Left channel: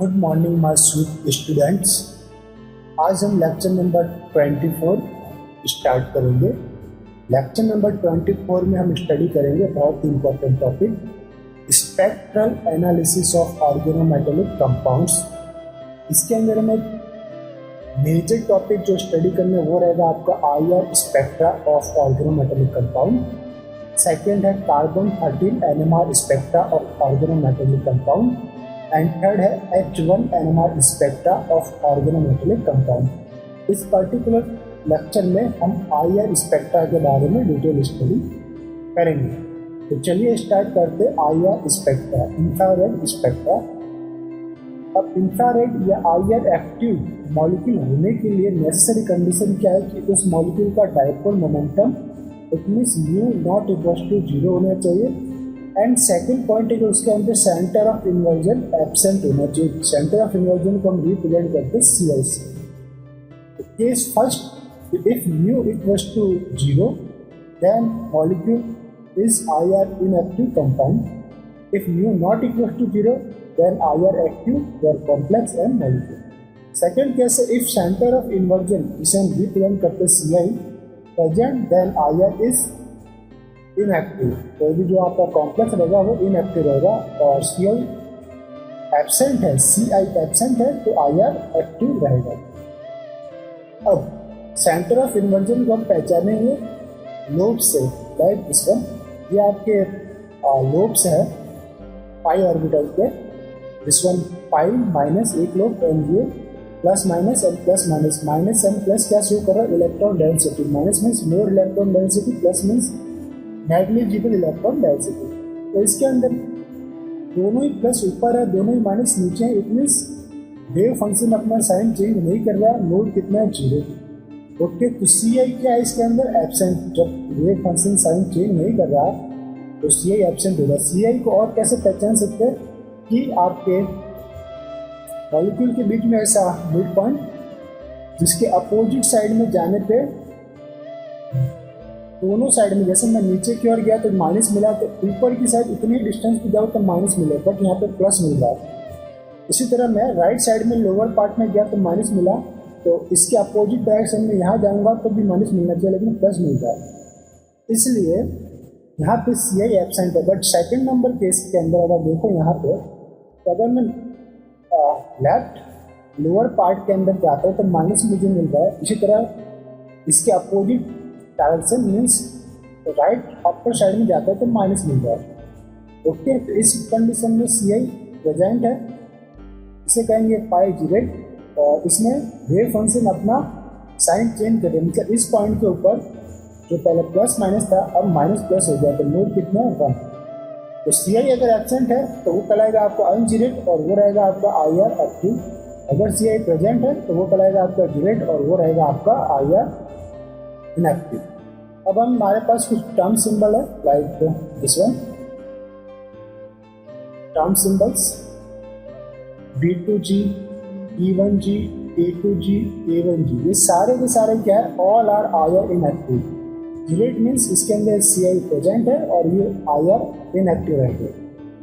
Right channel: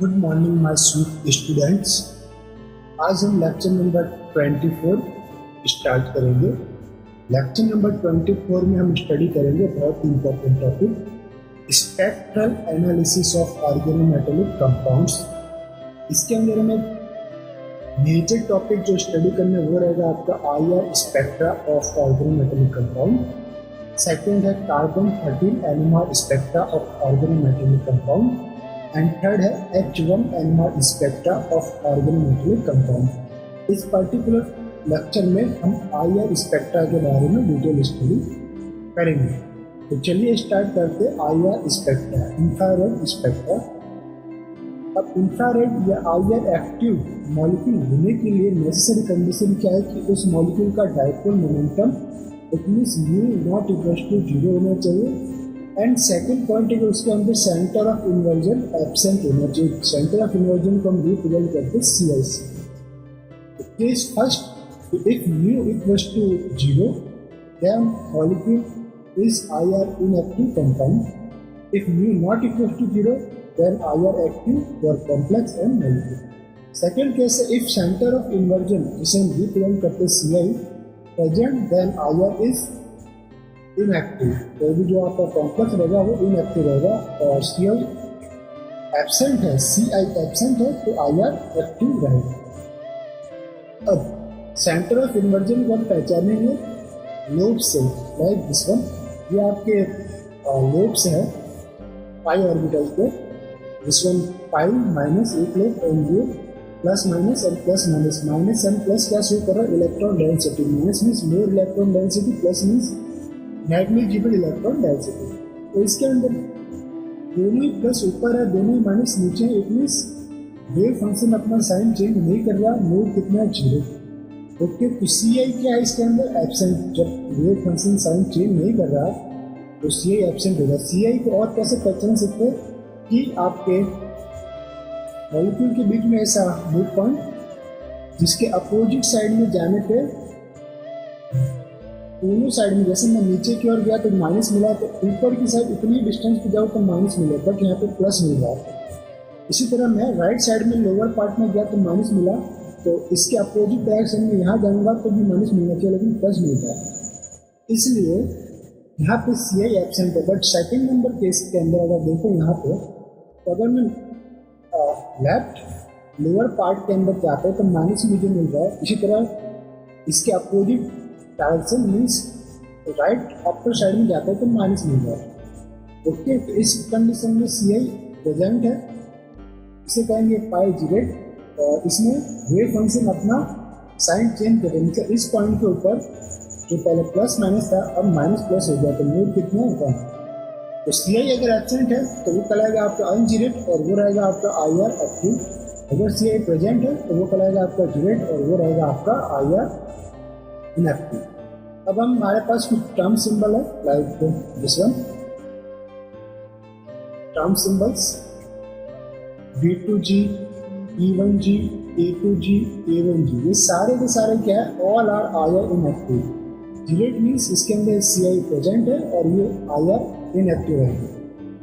Good morning my sweet students. आज हम lecture number 24 start करेंगे। लेक्चर नंबर 24 में हम स्टडी करेंगे बहुत important topic spectral analysis of organometallic compounds. इसके अंदर हमें मेजर टॉपिक जो स्टडी करने वो रहेगा आपका IR spectra of organometallic compound. Second है carbon 13 NMR spectra of organometallic compound and third है H1 NMR spectra of organometallic compound. इस पर्टिकुलर लेक्चर में हम आईआर स्पेक्ट्रा के बारे में डिटेल स्टडी करेंगे। तो चलिए स्टार्ट करते आईआर स्पेक्ट्रा, इंफ्रारेड स्पेक्ट्रा। अब इंफ्रारेड या आईआर एक्टिव मॉलिक्यूल होने के लिए नेसेसरी कंडीशन क्या है कि उस मॉलिक्यूल का dipole moment it means mu not equal to 0 होना चाहिए। एंड सेकेंड पॉइंट है कि उसके अंदर सेंटर ऑफ इन्वर्जन एब्सेंट होना चाहिए। सेंटर ऑफ इन्वर्जन को हम रिप्रेजेंट करते हैं CI से। Case first, if mu equals to 0 then molecule is IR inactive compound. If mu not equals to 0 then IR active और complex and molecule. Second case है if centre of inversion जिसे हम represent करते हैं CI present then IR is inactive. तो भी जो आपका कॉम्प्लेक्स रहेगा वो इनएक्टिव रहेगा और CI एब्सेंट है, CI एब्सेंट है तो IR एक्टिव रहेगा। अब सेंटर ऑफ इन्वर्जन को हम पहचानेंगे लोब से, लाइक दिस वन। ये आपके लोब्स है पाई ऑर्बिटल पे। दिस वन पाई माइनस एक लोब एंड ये plus minus and plus minus minus and plus क्या शो कर रहा है electron density. Minus means more electron density, plus means negligible electron density. तो इसके अंदर दोनों ही प्लस ऊपर है, दोनों ही माइनस नीचे है। इट मीन्स वेव फंक्शन अपना साइन चेंज नहीं कर रहा, नोड कितना है 0। ओके, तो CI क्या है इसके अंदर एब्सेंट। जब वेव फंक्शन साइन चेंज नहीं कर रहा तो CI एब्सेंट होगा। CI को और कैसे पहचान सकते हैं कि आपके मॉलिक्यूल के बीच में ऐसा मिड पॉइंट जिसके अपोजिट साइड में जाने पे दोनों साइड में, जैसे मैं नीचे की ओर गया तो माइनस मिला, तो ऊपर की साइड इतनी डिस्टेंस पे जाओ तो माइनस मिले, बट यहाँ पे प्लस मिल रहा है। इसी तरह मैं राइट साइड में लोअर पार्ट में गया तो माइनस मिला, तो इसके अपोजिट डायरेक्शन में यहाँ जाऊँगा तो भी माइनस मिलना चाहिए, लेकिन प्लस मिल रहा है। इसलिए यहाँ पे CI एब्सेंट है। बट सेकेंड नंबर केस के अंदर अगर देखो यहाँ पे, तो अगर मैं लेफ्ट लोअर पार्ट के अंदर जाता हूँ तो माइनस मुझे मिल रहा है। इसी तरह इसके opposite direction means right upper side में जाता है तो माइनस मिल रहा है। ओके, तो इस कंडीशन में CI प्रेजेंट है, इसे कहेंगे पाई जीरेट। और इसमें वेव फंक्शन अपना साइन चेंज करें, मतलब इस पॉइंट के ऊपर जो पहले प्लस माइनस था अब माइनस प्लस हो गया, तो नोड कितना है 1। तो CI अगर एब्सेंट है तो वो कहलाएगा आपका अनजीरेट और वो रहेगा आपका IR एक्टिव। अगर CI प्रेजेंट है तो वो कहलाएगा आपका जीरेट और वो रहेगा आपका IR इनएक्टिव। अब हम हमारे पास कुछ टर्म सिंबल है, like this one. Term symbols B2G, E1G, A2G, A1G, ये सारे के सारे क्या है, ऑल आर IR इनएक्टिव। जीरेट मीन्स इसके अंदर CI प्रेजेंट है और ये IR इनएक्टिव रहेगा।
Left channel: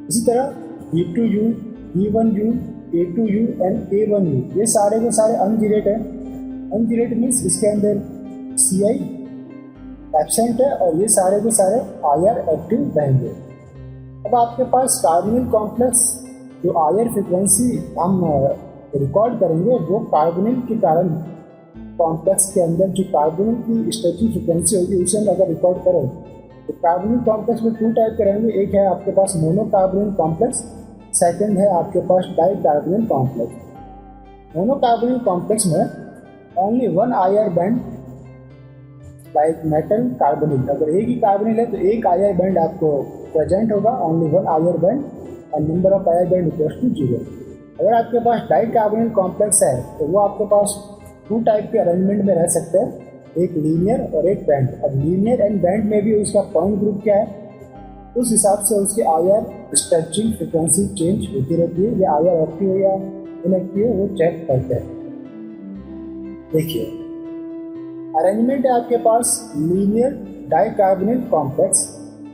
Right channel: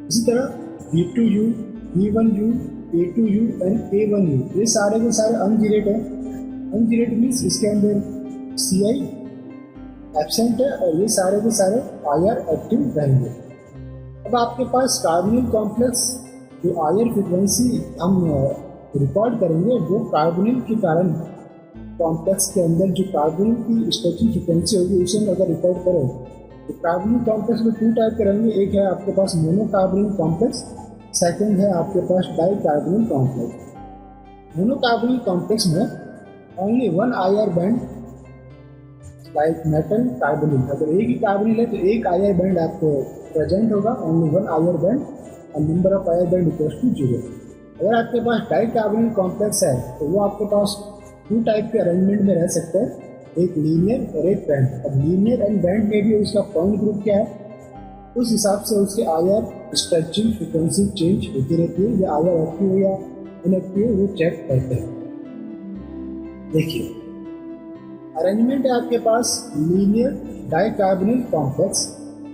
इसी तरह B2U, E1U, A2U and A1U, ये सारे के सारे अनजीरेट है। अनजीरेट मीन्स इसके अंदर CI एब्सेंट है और ये सारे के सारे IR एक्टिव रहेंगे। अब आपके पास कार्बोनिल कॉम्प्लेक्स जो IR फ्रिक्वेंसी हम रिकॉर्ड करेंगे वो कार्बोनिल के कारण कॉम्प्लेक्स के अंदर जो कार्बोनिल की स्ट्रेचिंग फ्रिक्वेंसी होगी उसे हम अगर रिकॉर्ड करें तो कार्बोनिल कॉम्प्लेक्स में 2 टाइप के रहेंगे। एक है आपके पास मोनोकार्बोनिल कॉम्प्लेक्स, सेकेंड है आपके पास डाइकार्बोनिल कॉम्प्लेक्स। मोनोकार्बोनिल कॉम्प्लेक्स में only 1 IR band like metal carbonyl. अगर एक ही कार्बोनिल है तो एक IR बैंड आपको प्रेजेंट होगा, ओनली 1 IR बैंड और number of IR band equals to 0। अगर आपके पास डाइकार्बोनिल कॉम्प्लेक्स है तो वो आपके पास 2 टाइप के अरेंजमेंट में रह सकते हैं, एक लीनियर और एक बैंड। अब लीनियर एंड बैंड में भी उसका पॉइंट ग्रुप क्या है उस हिसाब से उसके IR स्ट्रेचिंग फ्रिक्वेंसी चेंज होती रहती है, या IR एक्टिव हो या इनएक्टिव हो वो चेक करते हैं। देखिए अरेंजमेंट है आपके पास linear dicarbonyl complex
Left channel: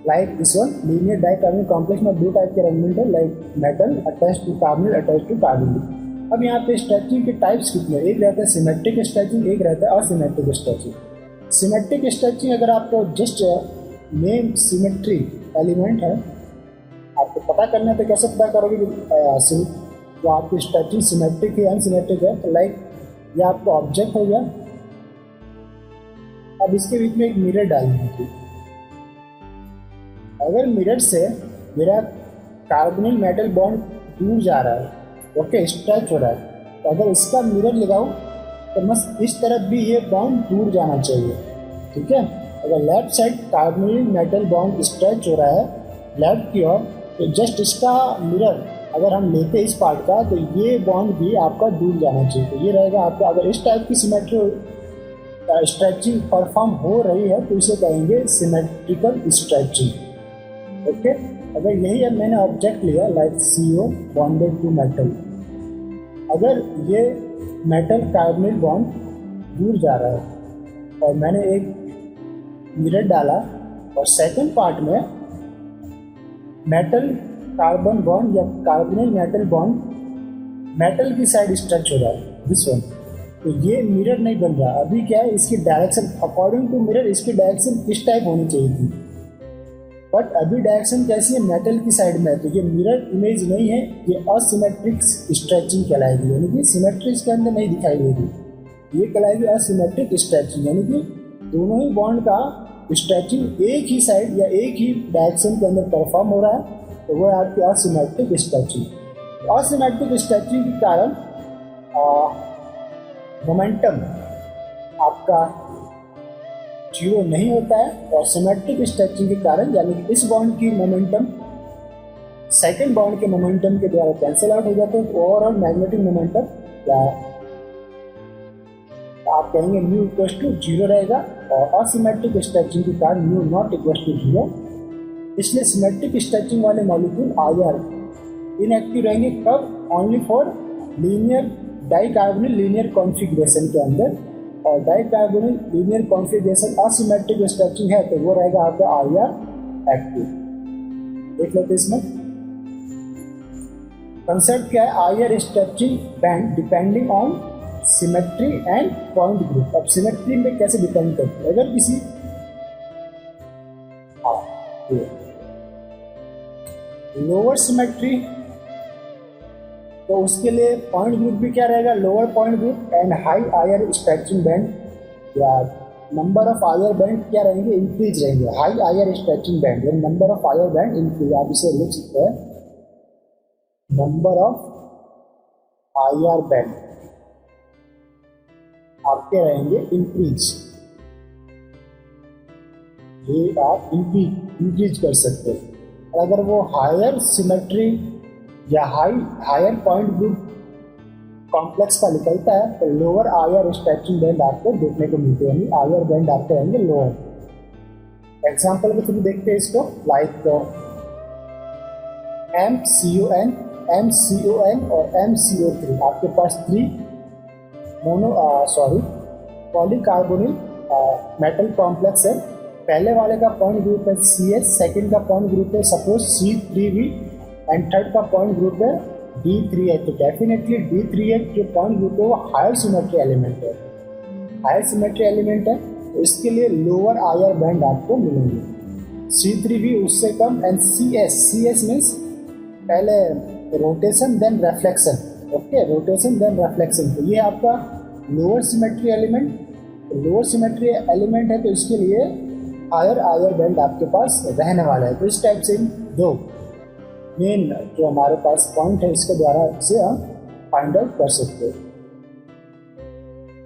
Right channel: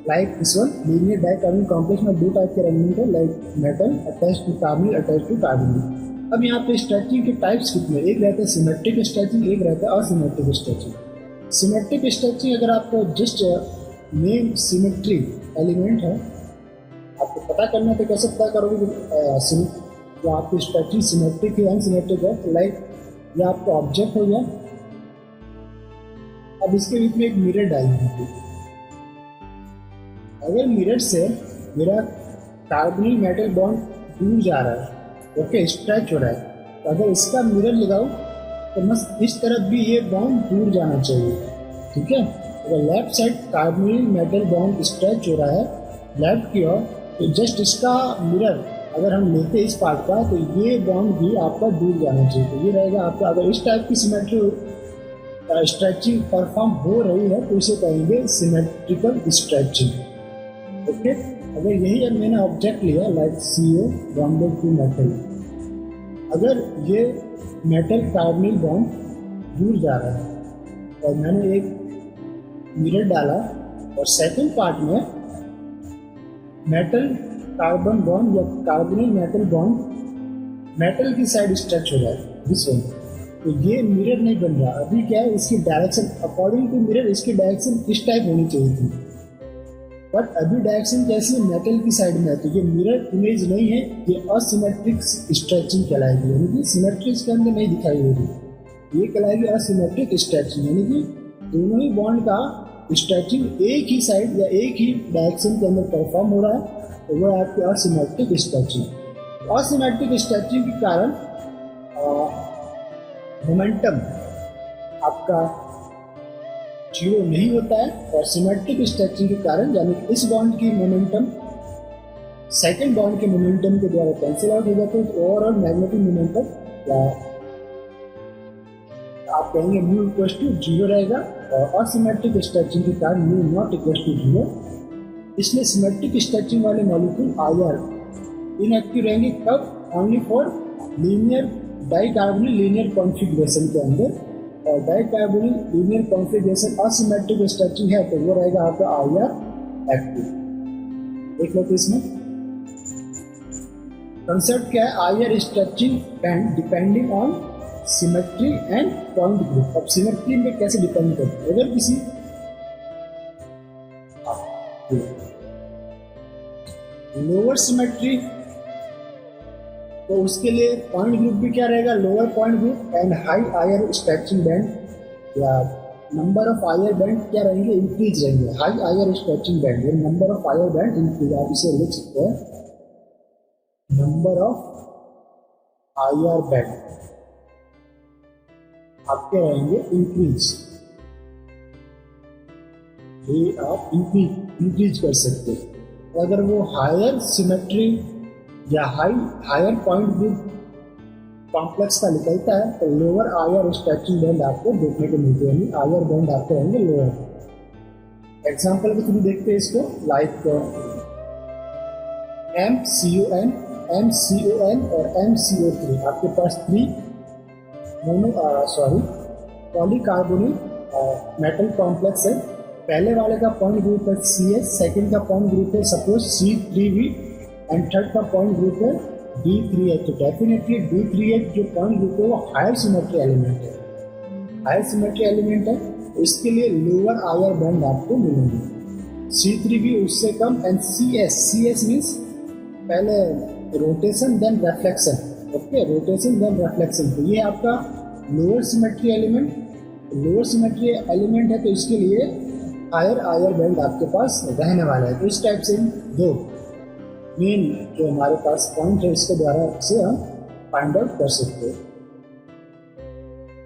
like this one linear dicarbonyl complex में दो टाइप के एलिमेंट है, like metal attach to carbonyl attach to carbonyl. अब यहाँ पे स्ट्रेचिंग के टाइप्स कितने, एक रहता है सिमेट्रिक स्ट्रेचिंग, एक रहता है असिमेट्रिक स्ट्रेचिंग। सिमेट्रिक स्ट्रेचिंग अगर आपको जस्ट मेन सिमेट्री एलिमेंट है आपको पता करना है तो कैसे पता करोगे तो आपकी स्ट्रेचिंग सिमेट्रिक है अनसिमेट्रिक है। तो लाइक ये आपका ऑब्जेक्ट हो गया, अब इसके बीच में एक मिरर डालना है। अगर मिरर से मेरा कार्बोनिल मेटल बॉन्ड दूर जा रहा है, ओके, स्ट्रेच हो रहा है, तो अगर इसका मिरर लगाओ तो मस्त इस तरफ भी ये बॉन्ड दूर जाना चाहिए, ठीक है। अगर left side carbonyl metal bond stretch हो रहा है लेफ्ट की ओर, तो जस्ट इसका मिरर अगर हम लेते हैं इस पार्ट का तो ये बॉन्ड भी आपका दूर जाना चाहिए। तो ये रहेगा आपका, अगर इस टाइप की सिमेट्री स्ट्रेचिंग परफॉर्म हो रही है तो इसे कहेंगे सिमेट्रिकल स्ट्रेचिंग, ओके। अगर यही अब मैंने ऑब्जेक्ट लिया like CO bonded to metal, अगर ये मेटल कार्बोनिल बॉन्ड दूर जा रहा है और मैंने एक मिरर डाला और सेकंड पार्ट में मेटल कार्बन बॉन्ड या कार्बोनिल मेटल बॉन्ड मेटल की साइड स्ट्रेच हो रहा है दिस वन, तो ये मिरर नहीं बन रहा। अभी क्या है, इसकी डायरेक्शन अकॉर्डिंग टू मिरर इसकी डायरेक्शन इस टाइप होनी चाहिए थी, बट अभी डायरेक्शन कैसी है, मेटल की साइड में है, तो ये मिरर इमेज नहीं है, ये असिमेट्रिक स्ट्रेचिंग कहलाएगी, यानी कि सिमेट्री इसके अंदर नहीं दिखाई देगी, ये कहलाएगी असिमेट्रिक स्ट्रेचिंग, यानी कि दोनों ही बॉन्ड का स्ट्रेचिंग एक ही साइड या एक ही डायरेक्शन के अंदर परफॉर्म हो रहा है, तो वो है आपकी असिमेट्रिक स्ट्रेचिंग। असिमेट्रिक स्ट्रेचिंग के कारण मोमेंटम आपका जीरो नहीं होता है, और सिमेट्रिक स्ट्रेचिंग के कारण यानी इस बॉन्ड की मोमेंटम सेकंड बॉन्ड के मोमेंटम के द्वारा कैंसिल आउट हो जाता है, तो ओवरऑल मैग्नेटिक मोमेंटम या आप कहेंगे म्यू इक्वल टू जीरो रहेगा, और असिमेट्रिक स्ट्रेचिंग के कारण mu not equal to zero. इसलिए सिमेट्रिक स्ट्रेचिंग वाले मॉलिक्यूल IR इनएक्टिव रहेंगे, कब, only for linear dicarbonyl linear configuration के अंदर, और dicarbonyl linear configuration asymmetric stretching है तो वो रहेगा आपका IR एक्टिव। देख लेते इसमें कंसेप्ट क्या है, IR stretching band depending on symmetry and point group. अब सिमेट्री में कैसे डिपेंड करती है, अगर किसी लोअर सिमेट्री तो उसके लिए पॉइंट ग्रुप भी क्या रहेगा, lower point group, and high IR stretching band या नंबर ऑफ IR बैंड क्या रहेंगे, इंक्रीज रहेंगे। हाई IR स्ट्रेचिंग बैंड या number of IR band increase, आप इसे लिख सकते हैं नंबर ऑफ IR बैंड आपके रहेंगे इंक्रीज, ये आप इंक्रीज कर सकते हैं। अगर वो हायर सिमेट्री या हायर पॉइंट ग्रुप कॉम्प्लेक्स का निकलता है तो लोअर IR स्ट्रेचिंग बैंड आपको देखने को मिलते हैं, यानी IR बैंड आपके रहेंगे लोअर। एग्जाम्पल के थ्रू देखते हैं इसको, लाइक MCON और MCO3 आपके पास 3 पॉलीकार्बोनिल मेटल कॉम्प्लेक्स है। पहले वाले का पॉइंट ग्रुप है CS, सेकंड का पॉइंट ग्रुप है सपोज C3V, एंड थर्ड का पॉइंट ग्रुप है D3H। तो डेफिनेटली D3H जो पॉइंट ग्रुप है वो हायर सिमेट्री एलिमेंट है, हायर सिमेट्री एलिमेंट है, तो इसके लिए लोअर IR बैंड आपको मिलेंगे। C3V उससे कम, एंड CS मीन्स पहले rotation then reflection, okay, rotation then reflection, तो ये आपका lower symmetry element, lower symmetry element है तो इसके लिए हायर IR बैंड आपके पास रहने वाला है। तो इस टाइप से दो मेन जो हमारे पास पॉइंट है इसके द्वारा इसे हम फाइंड आउट कर सकते हैं।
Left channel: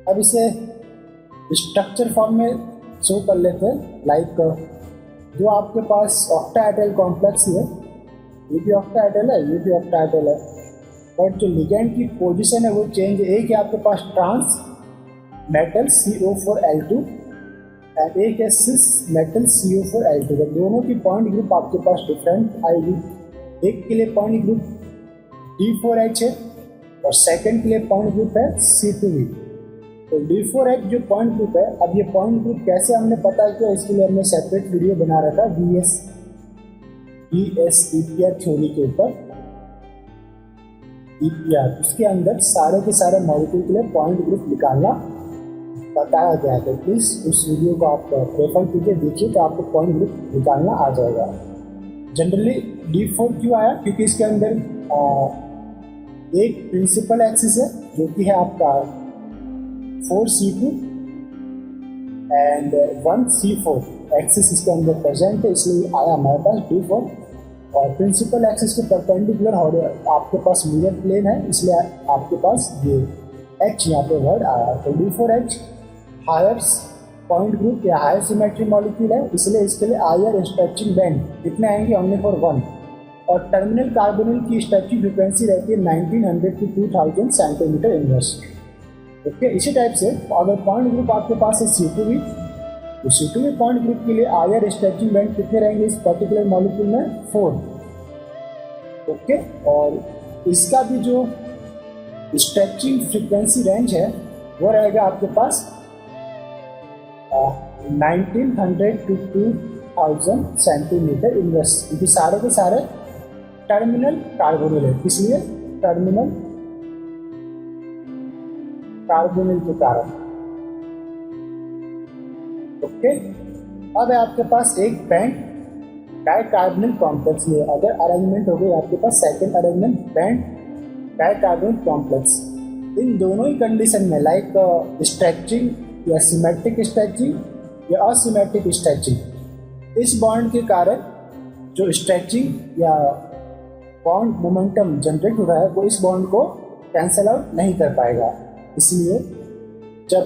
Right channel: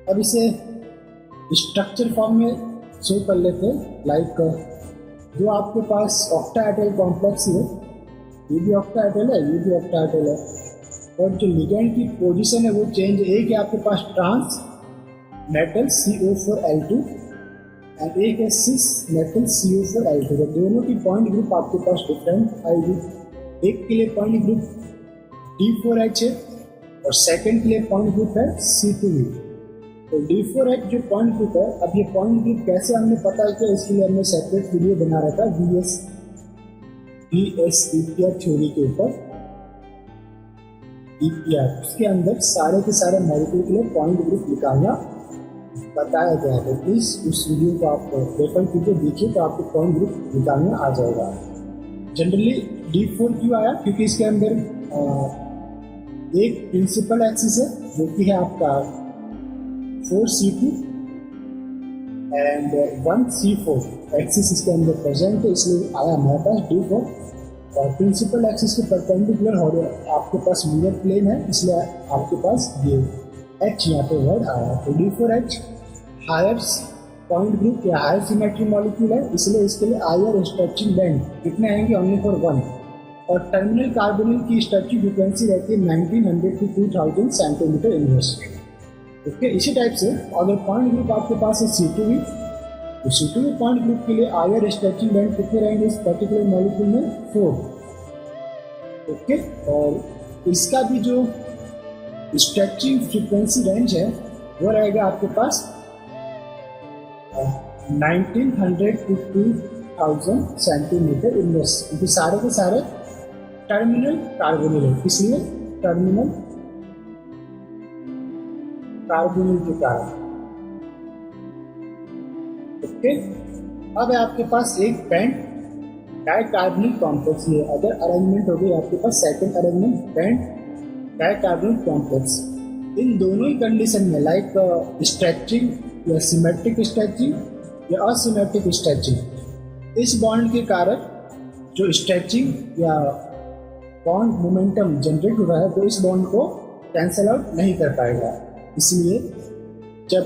अब इसे स्ट्रक्चर फॉर्म में शो कर लेते हैं, लाइक जो आपके पास ऑक्टाहेड्रल कॉम्प्लेक्स है, ये भी ऑक्टाहेड्रल है, ये भी ऑक्टाहेड्रल है, और जो लिगैंड की पोजीशन है वो चेंज, एक है आपके पास ट्रांस मेटल CO4L2 एंड एक है सिस मेटल CO4L2, तो दोनों की पॉइंट ग्रुप आपके पास डिफरेंट आएगी। एक के लिए पॉइंट ग्रुप D4H है और सेकंड के लिए पॉइंट ग्रुप है C2V। तो D4H जो पॉइंट ग्रुप है, अब ये पॉइंट ग्रुप कैसे हमने पता किया, इसके लिए हमने सेपरेट वीडियो बना रखा VS EPR थ्योरी के ऊपर, EPR उसके अंदर सारे के सारे मॉलिक्यूल के लिए पॉइंट ग्रुप निकालना बताया गया है। तो प्लीज़ उस वीडियो को आप प्रेफर कीजिए, देखिए तो आपको पॉइंट ग्रुप निकालना आ जाएगा। जनरली D4 क्यों आया? क्योंकि इसके अंदर एक प्रिंसिपल एक्सिस है जो कि है आपका 4C2 एंड 1C4 एक्सिस इसके अंदर प्रेजेंट है, इसलिए आया हमारे पास D4। और प्रिंसिपल एक्सिस के परपेंडिकुलर आपके पास मिरर प्लेन है, इसलिए आपके पास ये H यहाँ पे वर्ड आया। तो D4H हायर पॉइंट ग्रुप या हायर सिमेट्री मॉलिक्यूल है, इसलिए इसके लिए हायर स्ट्रेचिंग बैंड कितने आएंगे? Only for 1। और टर्मिनल कार्बोनिल की स्ट्रेचिंग फ्रिक्वेंसी रहती है 1900 to 2000 सेंटीमीटर इनवर्स। ओके, इसी टाइप से अगर पॉइंट ग्रुप आपके पास है C2V, तो C2V पॉइंट ग्रुप के लिए हायर स्ट्रेचिंग बैंड कितने रहेंगे इस पर्टिकुलर मॉलिक्यूल में? 4। ओके, और इसका भी जो स्ट्रेचिंग फ्रीक्वेंसी रेंज है वो रहेगा आपके पास 1900 to 2000 सेंटीमीटर इनवर्स, क्योंकि सारे के सारे टर्मिनल कार्बोनिल है, इसलिए टर्मिनल कार्बोनिल के कारण। ओके, अब है आपके पास एक बैंड डाइकार्बोनिल कॉम्प्लेक्स। ये अगर अरेंजमेंट हो गई आपके पास second arrangement bent dicarbonyl complex. इन दोनों ही कंडीशन में लाइक स्ट्रेचिंग या सिमेट्रिक स्ट्रेचिंग या असिमेट्रिक स्ट्रेचिंग, इस बॉन्ड के कारण जो स्ट्रेचिंग या बॉन्ड मोमेंटम जनरेट हो रहा है वो इस बॉन्ड को कैंसल आउट नहीं कर पाएगा। इसलिए जब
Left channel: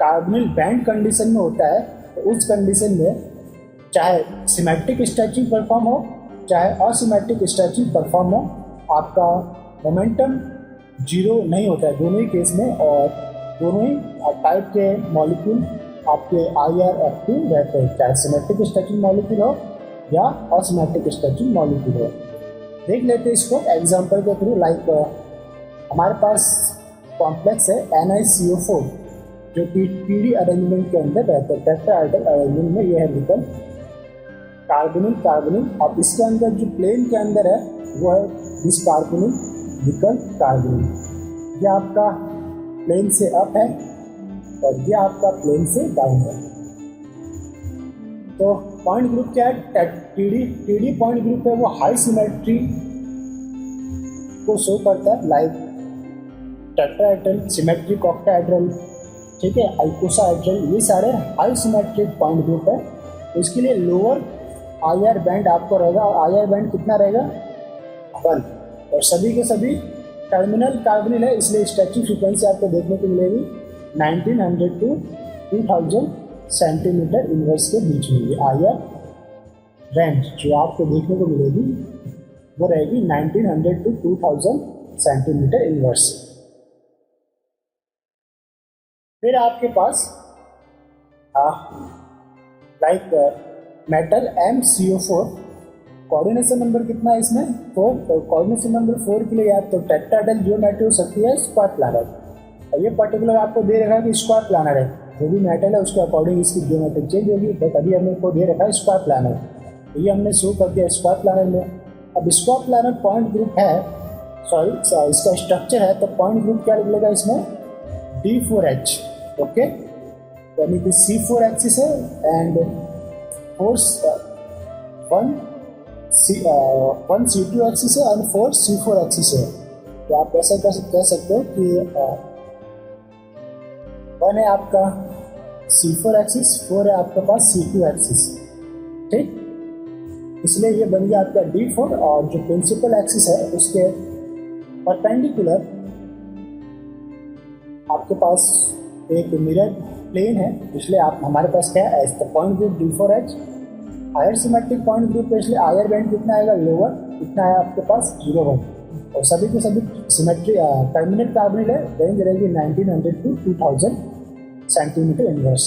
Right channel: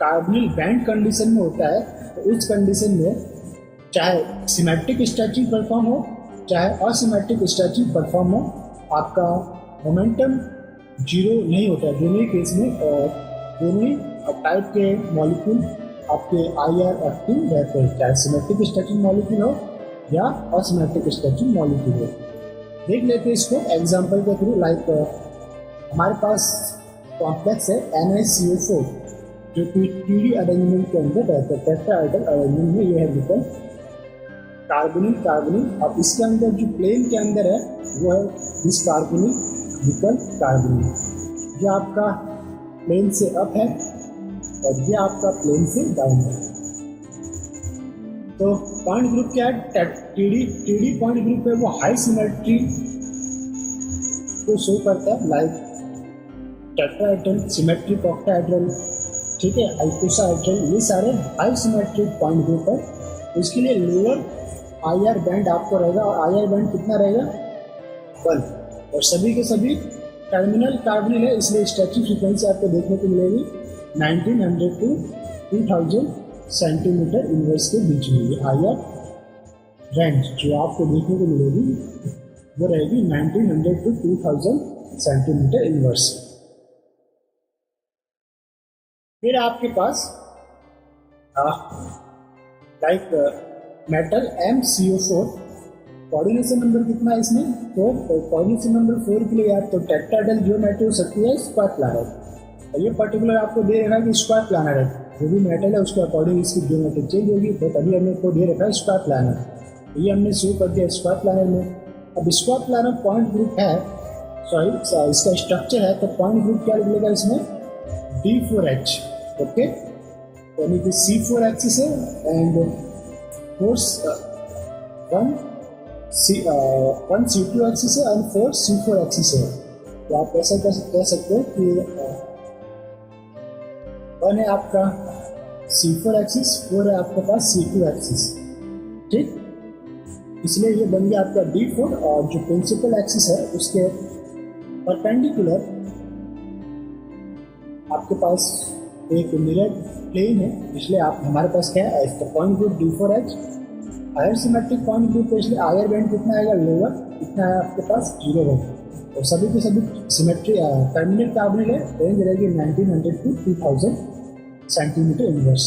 कार्बोनिल बैंड कंडीशन में होता है तो उस कंडीशन में चाहे सिमेट्रिक स्ट्रेचिंग परफॉर्म हो चाहे असिमेट्रिक स्ट्रेचिंग परफॉर्म हो, आपका मोमेंटम जीरो नहीं होता है दोनों ही केस में। और दोनों ही टाइप के मॉलिक्यूल आपके IR रहते हैं, चाहे सिमेट्रिक स्ट्रेचिंग मॉलिक्यूल हो या असिमेट्रिक स्ट्रेचिंग मॉलिक्यूल हो। देख लेते हैं इसको एग्जांपल के थ्रू। लाइक हमारे पास कॉम्प्लेक्स है NiCO4 जो कि TD अरेंजमेंट के अंदर रहता है, टेट्राहेड्रल अरेंजमेंट में यह है विकल्प कार्बोनिल कार्बोनिल। अब इसके अंदर जो प्लेन के अंदर है वो है दिस कार्बोनिल विकल्प कार्बोनिल। ये आपका प्लेन से अप है और ये आपका प्लेन से डाउन है। तो पॉइंट ग्रुप क्या है? TD पॉइंट ग्रुप है वो हाई सिमेट्री को शो करता है, लाइक टेट्राहेड्रल, सिमेट्रिक ऑक्टाहेड्रल, ठीक है, आइकोसाहेड्रल, ये सारे हाई सिमेट्रिक पॉइंट ग्रुप है। तो इसके लिए लोअर IR बैंड आपको रहेगा, और IR बैंड कितना रहेगा? 1। और सभी के सभी टर्मिनल कार्बोनिल है, इसलिए स्ट्रेचिंग फ्रीक्वेंसी आपको देखने को मिलेगी 1900 to 2000 सेंटीमीटर इनवर्स के बीच में। ये IR रेंज जो आपको देखने को मिलेगी वो रहेगी 1900 to 2000 सेंटीमीटर इनवर्स। फिर आपके पास like metal MCO4, coordination number कितना है इसमें? 4। और कोऑर्डिनेशन नंबर 4 के लिए आप तो टेट्राहेड्रल ज्योमेट्री हो सकती है स्क्वायर प्लानर, और ये पर्टिकुलर आपको दे रखा है कि स्क्वायर प्लानर है। जो भी मेटल है उसके अकॉर्डिंग इसकी ज्योमेट्री चेंज होगी, बट अभी हमने को दे रखा है स्क्वायर प्लानर, तो ये हमने शो कर दिया स्क्वायर प्लानर में। अब स्क्वायर प्लानर पॉइंट ग्रुप है, सॉरी इसका स्ट्रक्चर है, तो पॉइंट ग्रुप क्या लगेगा इसमें? D4H। ओके, यानी कि C4 एक्सिस है एंड 1 C2 एक्सिस है एंड 4 C4 एक्सिस है। तो आप ऐसा कह सकते हो कि 1 है आपका C4 एक्सिस, 4 है आपके पास C2 एक्सिस, ठीक। इसलिए ये बन गया आपका D4, और जो प्रिंसिपल एक्सिस है उसके परपेंडिकुलर आपके पास एक मिरर प्लेन है, इसलिए आप हमारे पास क्या है? तो point group D4H higher symmetric point group है, इसलिए हायर बैंड कितना आएगा? लोअर, कितना है आपके पास? 0 और सभी के सभी सिमेट्री टर्मिनल कार्बोनिल है, रेंज रहेगी 1900 to 2000 सेंटीमीटर इनवर्स।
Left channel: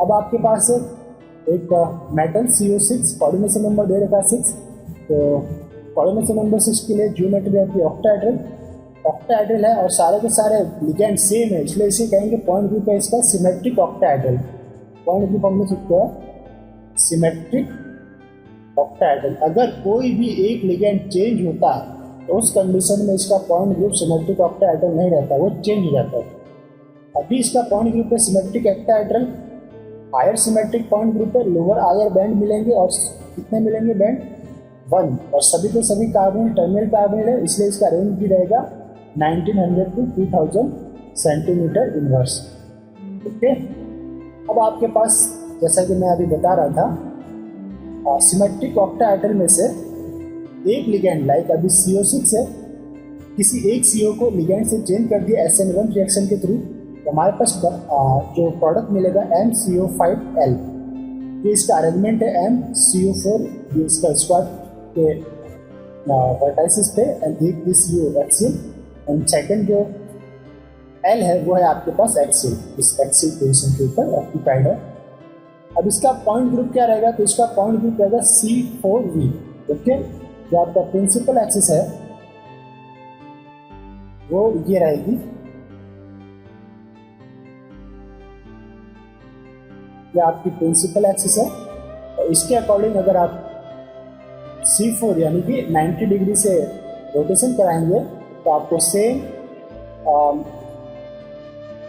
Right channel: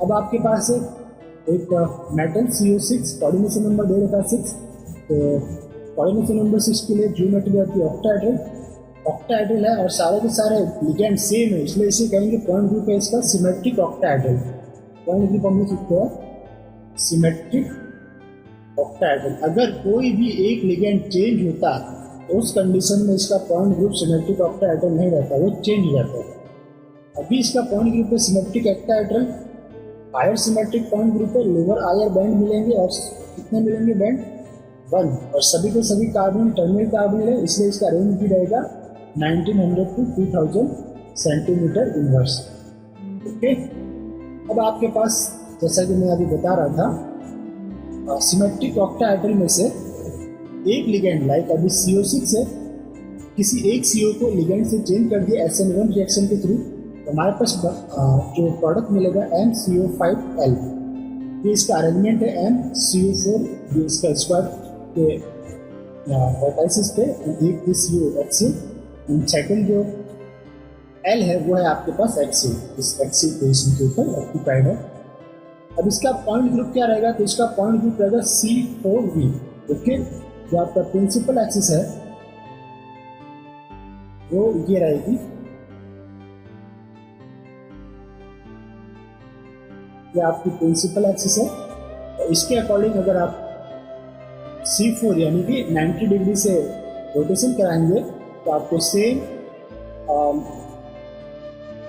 अब आपके पास एक मेटल CO6, कोऑर्डिनेशन नंबर दे रखा 6, तो कोऑर्डिनेशन नंबर 6 के लिए ज्योमेट्री आपकी ऑक्टाहेड्रल है, और सारे के सारे लिगेंड सेम है, इसलिए इसे कहेंगे पॉइंट ग्रुप है इसका सिमेट्रिक ऑक्टाहेड्रल। पॉइंट ग्रुप हम लिख सकते हैं सिमेट्रिक ऑक्टाहेड्रल। अगर कोई भी एक लिगेंड चेंज होता तो उस कंडीशन में इसका पॉइंट ग्रुप सिमेट्रिक ऑक्टाहेड्रल नहीं रहता, वो चेंज हो जाता है। अभी इसका पॉइंट ग्रुप है symmetric octahedral, higher symmetric point group है, लोअर हायर बैंड मिलेंगे और कितने मिलेंगे बैंड 1, और सभी के सभी कार्बन टर्मिनल कार्बन है, इसलिए इसका रेंज भी रहेगा 1900 to 2000 सेंटीमीटर इनवर्स। ओके, अब आपके पास जैसा कि मैं अभी बता रहा था सिमेट्रिक ऑक्टाहेड्रल में से एक लिगेंड लाइक अभी CO6 है, किसी एक CO को लिगेंड से चेंज कर दिया SN1 रिएक्शन के थ्रू, तो हमारे पास जो प्रोडक्ट मिलेगा MCO5L। ये इसका अरेंजमेंट है MCO4, ये इसका स्क्वायर के वर्टाइसिस पे, एंड एक this CO axial, and second जो L है वो है आपके पास एक्सियल, इस एक्सियल पोजीशन के ऊपर ऑक्यूपाइड है। अब इसका पॉइंट ग्रुप क्या रहेगा, तो इसका पॉइंट ग्रुप रहेगा C4V। ओके, जो आपका प्रिंसिपल एक्सिस है वो ये रहेगी, ये आपकी प्रिंसिपल एक्सिस है। तो इसके अकॉर्डिंग अगर आप C4 यानी कि 90 डिग्री से रोटेशन कराएंगे तो आपको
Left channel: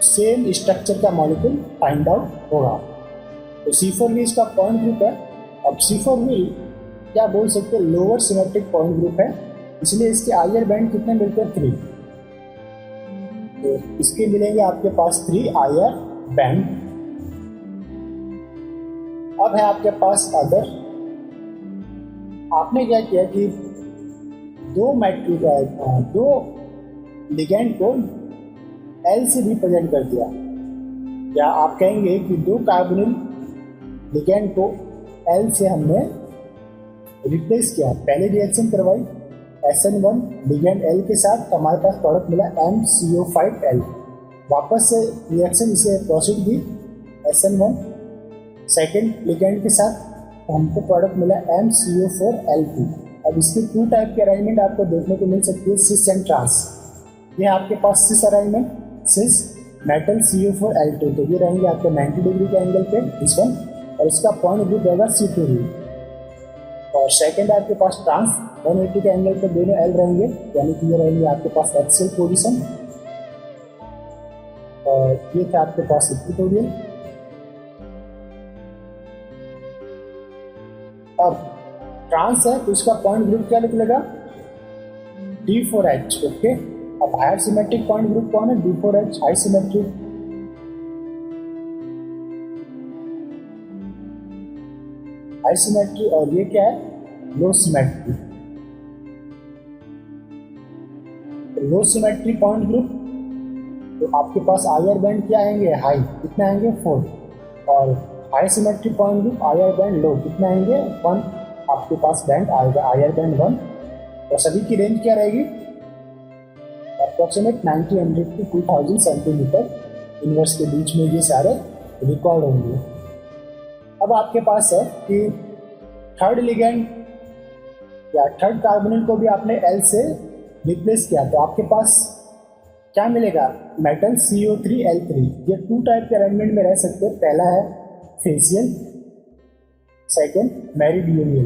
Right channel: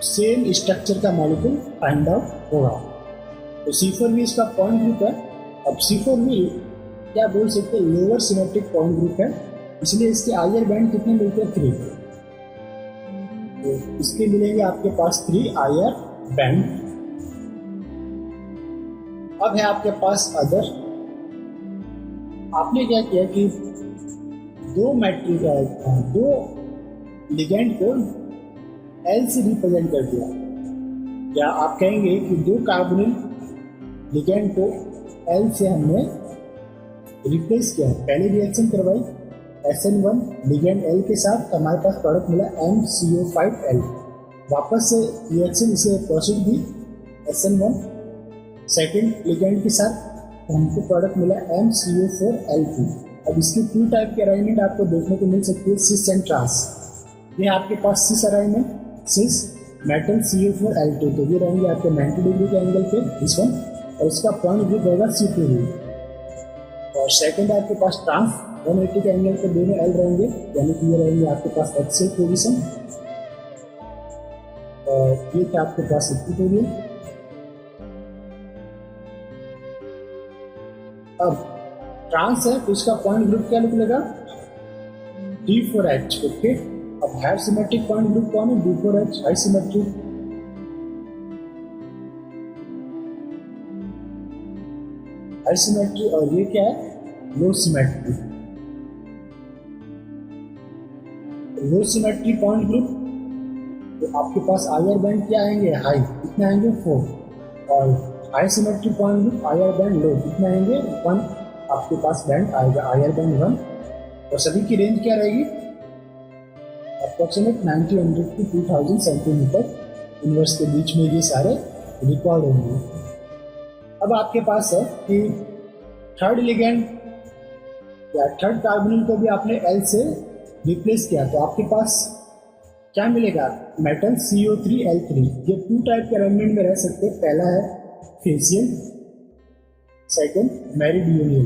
सेम स्ट्रक्चर का मॉलिक्यूल फाइंड आउट होगा। तो C4V इसका पॉइंट ग्रुप है। अब C4V क्या बोल सकते हैं, लोअर सिमेट्रिक पॉइंट ग्रुप है, इसलिए इसके हायर बैंड कितने मिलते हैं 3, तो इसके मिलेंगे आपके पास 3 हायर बैंड। अब है आपके पास अदर, आपने क्या किया कि दो लिगेंड को L से रिप्रेजेंट कर दिया, या आप कहेंगे कि 2 कार्बोनिल लिगेंड को L से हमने रिप्लेस किया। पहले रिएक्शन करवाई SN1 लिगेंड L के साथ, तो हमारे पास प्रोडक्ट मिला MCO5L। वापस से रिएक्शन इसे प्रोसीड दी SN1 सेकेंड लिगेंड के साथ, तो हमको प्रोडक्ट मिला MCO4L2। अब इसके 2 टाइप के अरेंजमेंट आपको देखने को मिल सकती है, सिस एंड ट्रांस। ये आपके पास सिस अरेंजमेंट, सिस मेटल CO4L2, तो ये रहेंगे आपके 90 डिग्री के एंगल पे इस वन, और इसका पॉइंट ग्रुप रहेगा C2V। और सेकंड आपके पास ट्रांस 180 के एंगल पे दोनों L रहेंगे, यानी कि ये रहेंगे आपके पास एक्सियल पोजीशन, और ये था आपके पास इक्वेटोरियल। अब ट्रांस है तो इसका पॉइंट ग्रुप क्या निकलेगा D4H। ओके, अब हायर सिमेट्रिक पॉइंट ग्रुप कौन है, D4H high symmetric. High symmetry, और ये क्या है लो सिमेट्री। लो सिमेट्री पॉइंट ग्रुप, तो आपके पास हायर बैंड क्या आएंगे हाई, कितने आएंगे 4, और high symmetry point group higher band low, कितने आएंगे 1, आपके पास बैंड आएगा हायर बैंड 1, और सभी की रेंज क्या रहेगी अप्रोक्सीमेट 1900 to 2000 सेंटीमीटर इनवर्स के बीच में ये सारे रिकॉर्ड होंगे। अब आपके पास है कि थर्ड लिगेंड या थर्ड कार्बोनिल को भी आपने L से रिप्लेस किया, तो आपके पास क्या मिलेगा मेटल CO3L3। ये 2 टाइप के अरेंजमेंट में रह सकते हैं, पहला है फेसियल, सेकंड मेरिडियनियल।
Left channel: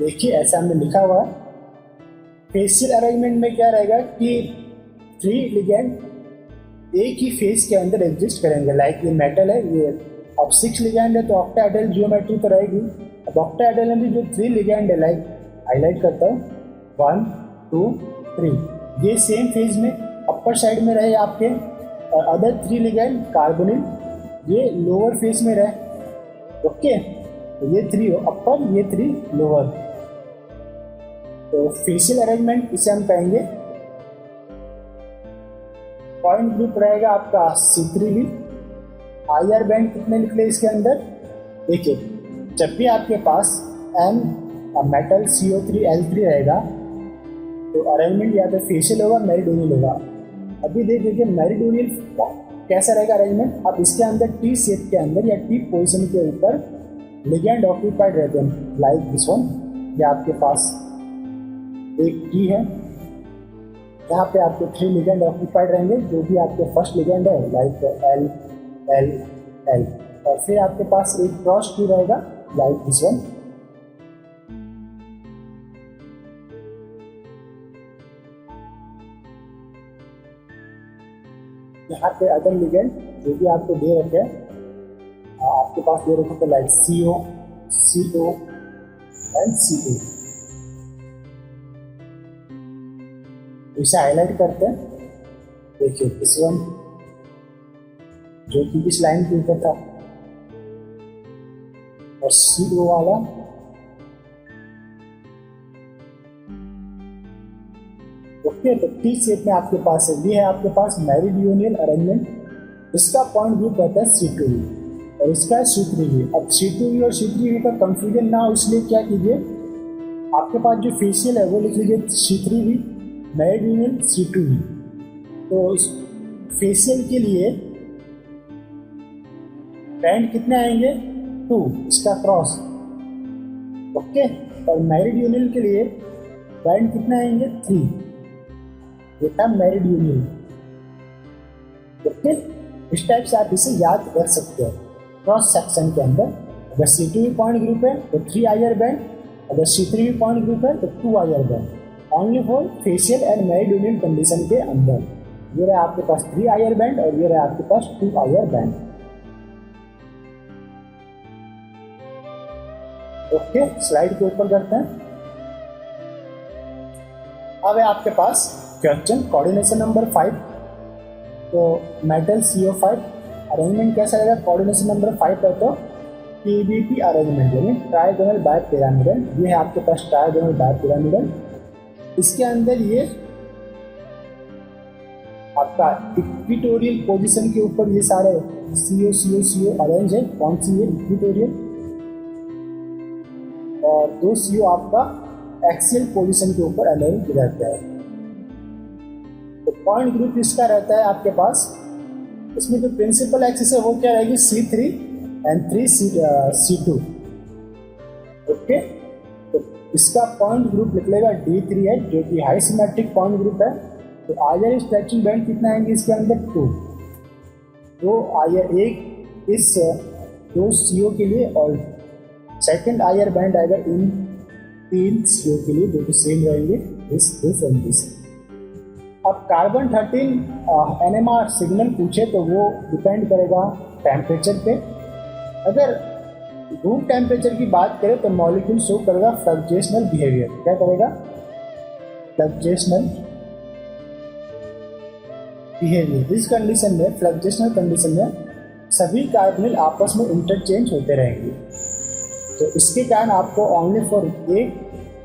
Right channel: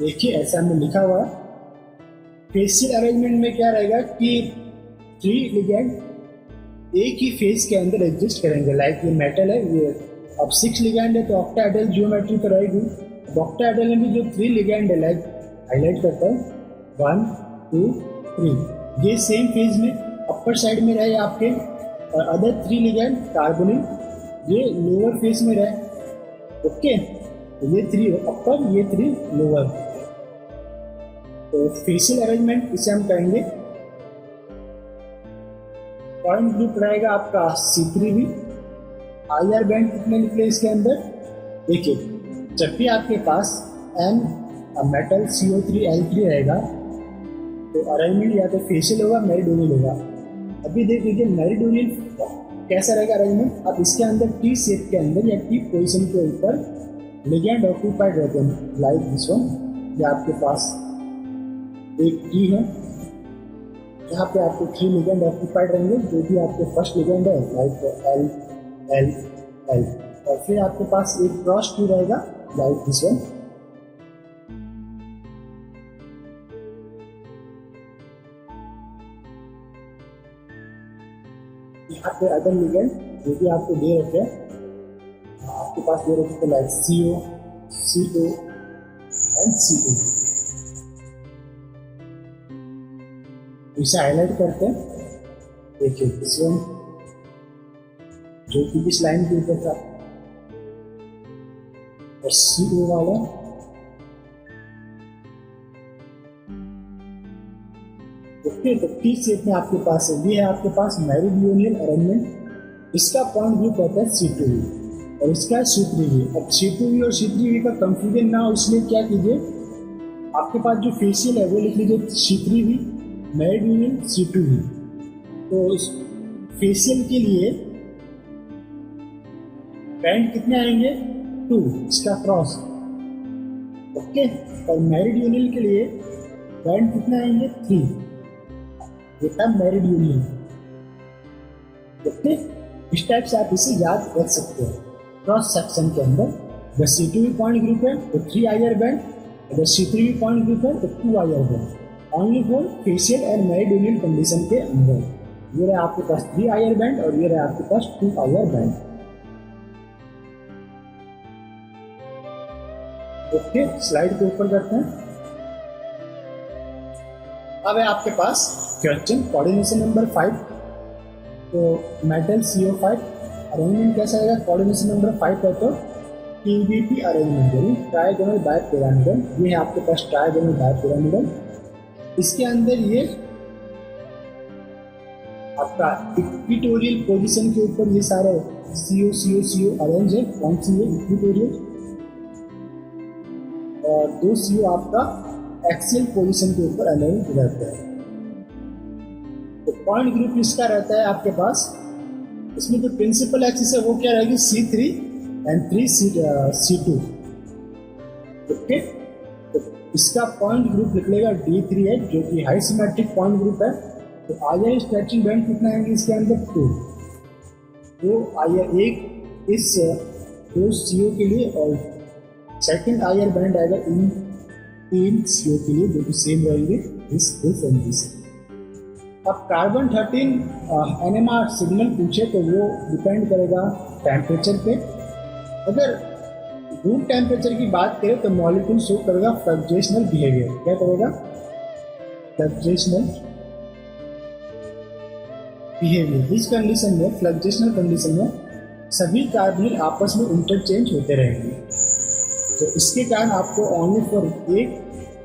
देखिए ऐसा हमने लिखा हुआ है। फेसियल अरेंजमेंट में क्या रहेगा कि 3 लिगेंड एक ही फेज के अंदर एग्जिस्ट करेंगे, लाइक ये मेटल है, ये अब 6 लिगेंड है तो ऑक्टाहेड्रल जियोमेट्री तो रहेगी। अब ऑक्टाहेड्रल में भी जो 3 लिगेंड है, लाइक हाईलाइट करता हूँ 1 2 3, ये सेम फेज में अपर साइड में रहे आपके, और अदर 3 लिगेंड कार्बोनिल ये लोअर फेज में रहे। ओके, तो ये 3 अपर, ये 3 लोअर, तो फेशियल अरेंजमेंट इसे हम कहेंगे। पॉइंट ग्रुप रहेगा आपका C3V। हायर बैंड कितने निकले इसके अंदर, देखिए जब भी आपके पास M मेटल CO3L3 रहेगा तो अरेंजमेंट या तो फेशियल होगा मेरिडियनियल होगा। अभी देख लीजिए मेरिडियनियल कैसा रहेगा अरेंजमेंट, अब इसके अंदर T शेप के अंदर या T पोजीशन के ऊपर लिगेंड ऑक्यूपाइड रहते हैं, लाइक दिस वन। या आपके पास एक T है जहाँ पे आपको 3 लिगेंड ऑक्यूपाइड रहेंगे, जो भी आपके फर्स्ट लिगेंड है, लाइक L एल, और फिर आपके पास एक क्रॉस टू रहेगा लाइक दिस वन। यहाँ पे अदर लिगेंड जो भी आपको दे रखे हैं, आपके पास दे रखे थे like CO, CO and CO। इसे हाईलाइट करते हैं, देखिए दिस वन जो कि इस लाइन के ऊपर था, और CO वाला ओके। तो टी शेप में आपके पास है, ये है आपके पास मेरिडियनल अरेंजमेंट। इसका पॉइंट व्यू कहता है C2V और इसका है C3V। अब C2V और C3V का कंफ्यूजन ना हो इसलिए क्या कीजिए, आपके पास जो फेशियल है वो लिख लीजिए C3V, मेरिडियनल C2V। तो इस फेशियल के लिए बैंड कितने आएंगे 2, इसका क्रॉस ओके। और मेरिडियनल के लिए बैंड कितने आएंगे 3, ये था मेरिडियनल ओके। इस टाइप से आप इसे याद रख सकते हैं। क्रॉस सेक्शन के अंदर अगर C2V पॉइंट ग्रुप है तो 3 IR बैंड, अगर C3V पॉइंट ग्रुप है तो 2 IR band, only for facial and meridional condition के अंदर। ये रहा आपके पास 3 IR बैंड और ये रहा आपके पास 2 IR बैंड ओके। स्लाइड के ऊपर करते हैं। अब है आपके पास क्वेश्चन कोऑर्डिनेशन नंबर 5। तो मेटल CO5 अरेंजमेंट कैसा रहेगा, कोऑर्डिनेशन नंबर 5 है तो PBP अरेंजमेंट यानी ट्राइगोनल बाय पिरामिडल। ये है आपके पास ट्राइगोनल बाय पिरामिडल। इसके अंदर ये आपका इक्विटोरियल पोजीशन के ऊपर ये सारे CO अरेंज है। कौन सी है इक्विटोरियल, और 2 CO आपका एक्सियल पोजीशन के ऊपर अरेंज रहता है। तो पॉइंट ग्रुप इसका रहता है आपके पास, इसमें जो प्रिंसिपल एक्सिस है वो क्या रहेगी C3 एंड 3C2 ओके। तो इसका पॉइंट ग्रुप निकलेगा D3 है जो कि हाई सिमेट्रिक पॉइंट ग्रुप है। तो आयर स्ट्रेचिंग बैंड कितना आएंगे इसके अंदर 2, तो आयर एक इस 2 CO के लिए और सेकंड आयर बैंड आएगा इन 3 CO के लिए जो कि सेम रहेंगे दिस एंड दिस। अब कार्बन 13 NMR सिग्नल पूछे तो वो डिपेंड करेगा टेम्परेचर पे। अगर रूम टेम्परेचर की बात करें तो मॉलिक्यूल शो करेगा फ्लक्चुएशनल बिहेवियर। क्या करेगा, फ्लक्चुएशनल बिहेवियर। इस कंडीशन में, फ्लक्चुएशनल कंडीशन में सभी कार्बोनिल आपस में इंटरचेंज होते रहेंगे। तो इसके कारण आपको ओनली फॉर एक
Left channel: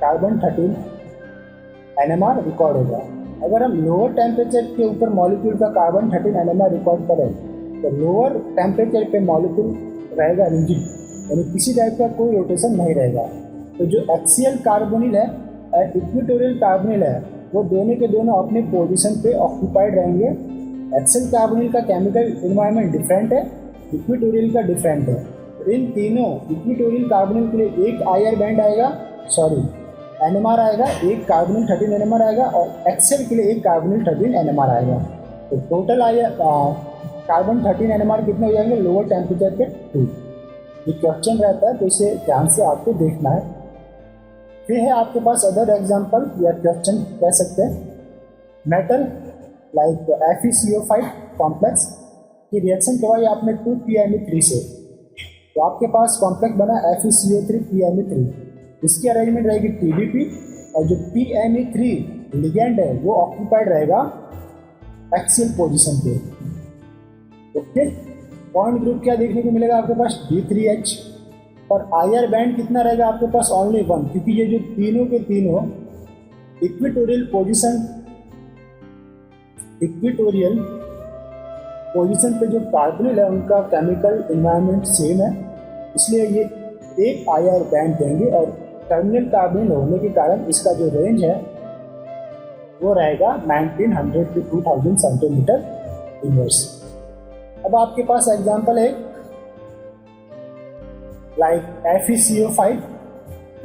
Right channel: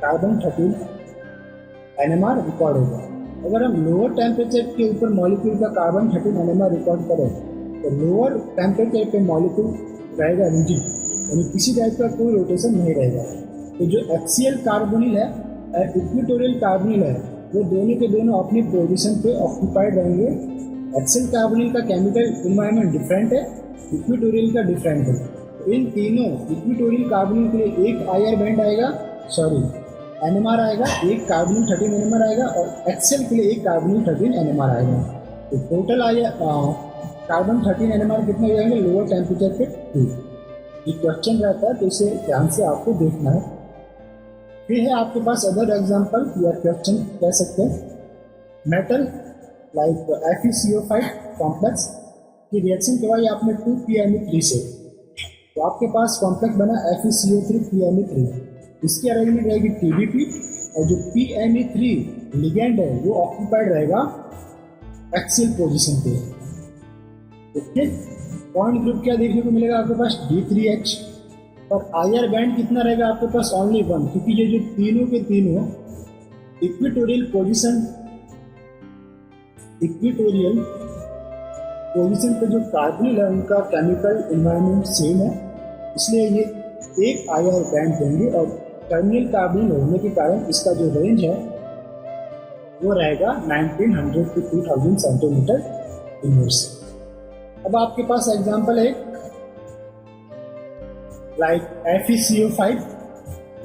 कार्बन 13 NMR रिकॉर्ड होगा। अगर हम लोअर टेम्परेचर के ऊपर मॉलिक्यूल का कार्बन 13 NMR रिकॉर्ड करें तो लोअर टेम्परेचर पे मॉलिक्यूल रहेगा रिजिड, यानी किसी टाइप का कोई रोटेशन नहीं रहेगा। तो जो एक्सियल कार्बोनिल है और इक्विटोरियल कार्बोनिल है वो दोनों के दोनों अपने पोजीशन पे ऑक्यूपाइड रहेंगे। एक्सियल कार्बोनिल का केमिकल एनवायरनमेंट डिफरेंट है, इक्विटोरियल का डिफरेंट है। तो इन तीनों इक्विटोरियल कार्बोनिल के लिए एक आयर बैंड आएगा, NMR आएगा, एक कार्बोनिल 13 NMR आएगा, और एक्सेल के लिए एक कार्बोनिल 13 NMR आएगा। तो टोटल आया कार्बन 13 NMR कितने हो जाएंगे लोअर टेम्परेचर पे 2। ये क्वेश्चन रहता है तो इसे ध्यान से आपको देखना है। फिर है आपके पास अदर एग्जांपल या क्वेश्चन कह सकते हैं। मेटल लाइक FeCO5 कॉम्प्लेक्स की रिएक्शन करवाई आपने 2PMe3 से, तो आपके पास कॉम्प्लेक्स बना FeCO3 PMe3। इसकी अरेंजमेंट रहेगी TBP, और जो PMe3 लिगेंड है वो ऑक्यूपाइड रहेगा एक्सियल पोजीशन पे ओके। पॉइंट ग्रुप क्या देखने को मिलेगा आपके पास D3H, और आयर बैंड कितना रहेगा आपके पास ओनली 1, क्योंकि ये जो तीनों के तीनों इक्विटोरियल पोजीशन पे जो कार्बोनिल है उनका केमिकल एनवायरनमेंट सेम है, इसलिए ये एक आयर बैंड देंगे। और टर्मिनल कार्बोनिल होने के कारण इसका जो रेंज है वो रहेगा 1900 to 2000 सेंटीमीटर इनवर्स। अब आपके पास एग्जांपल है लाइक FeCO5,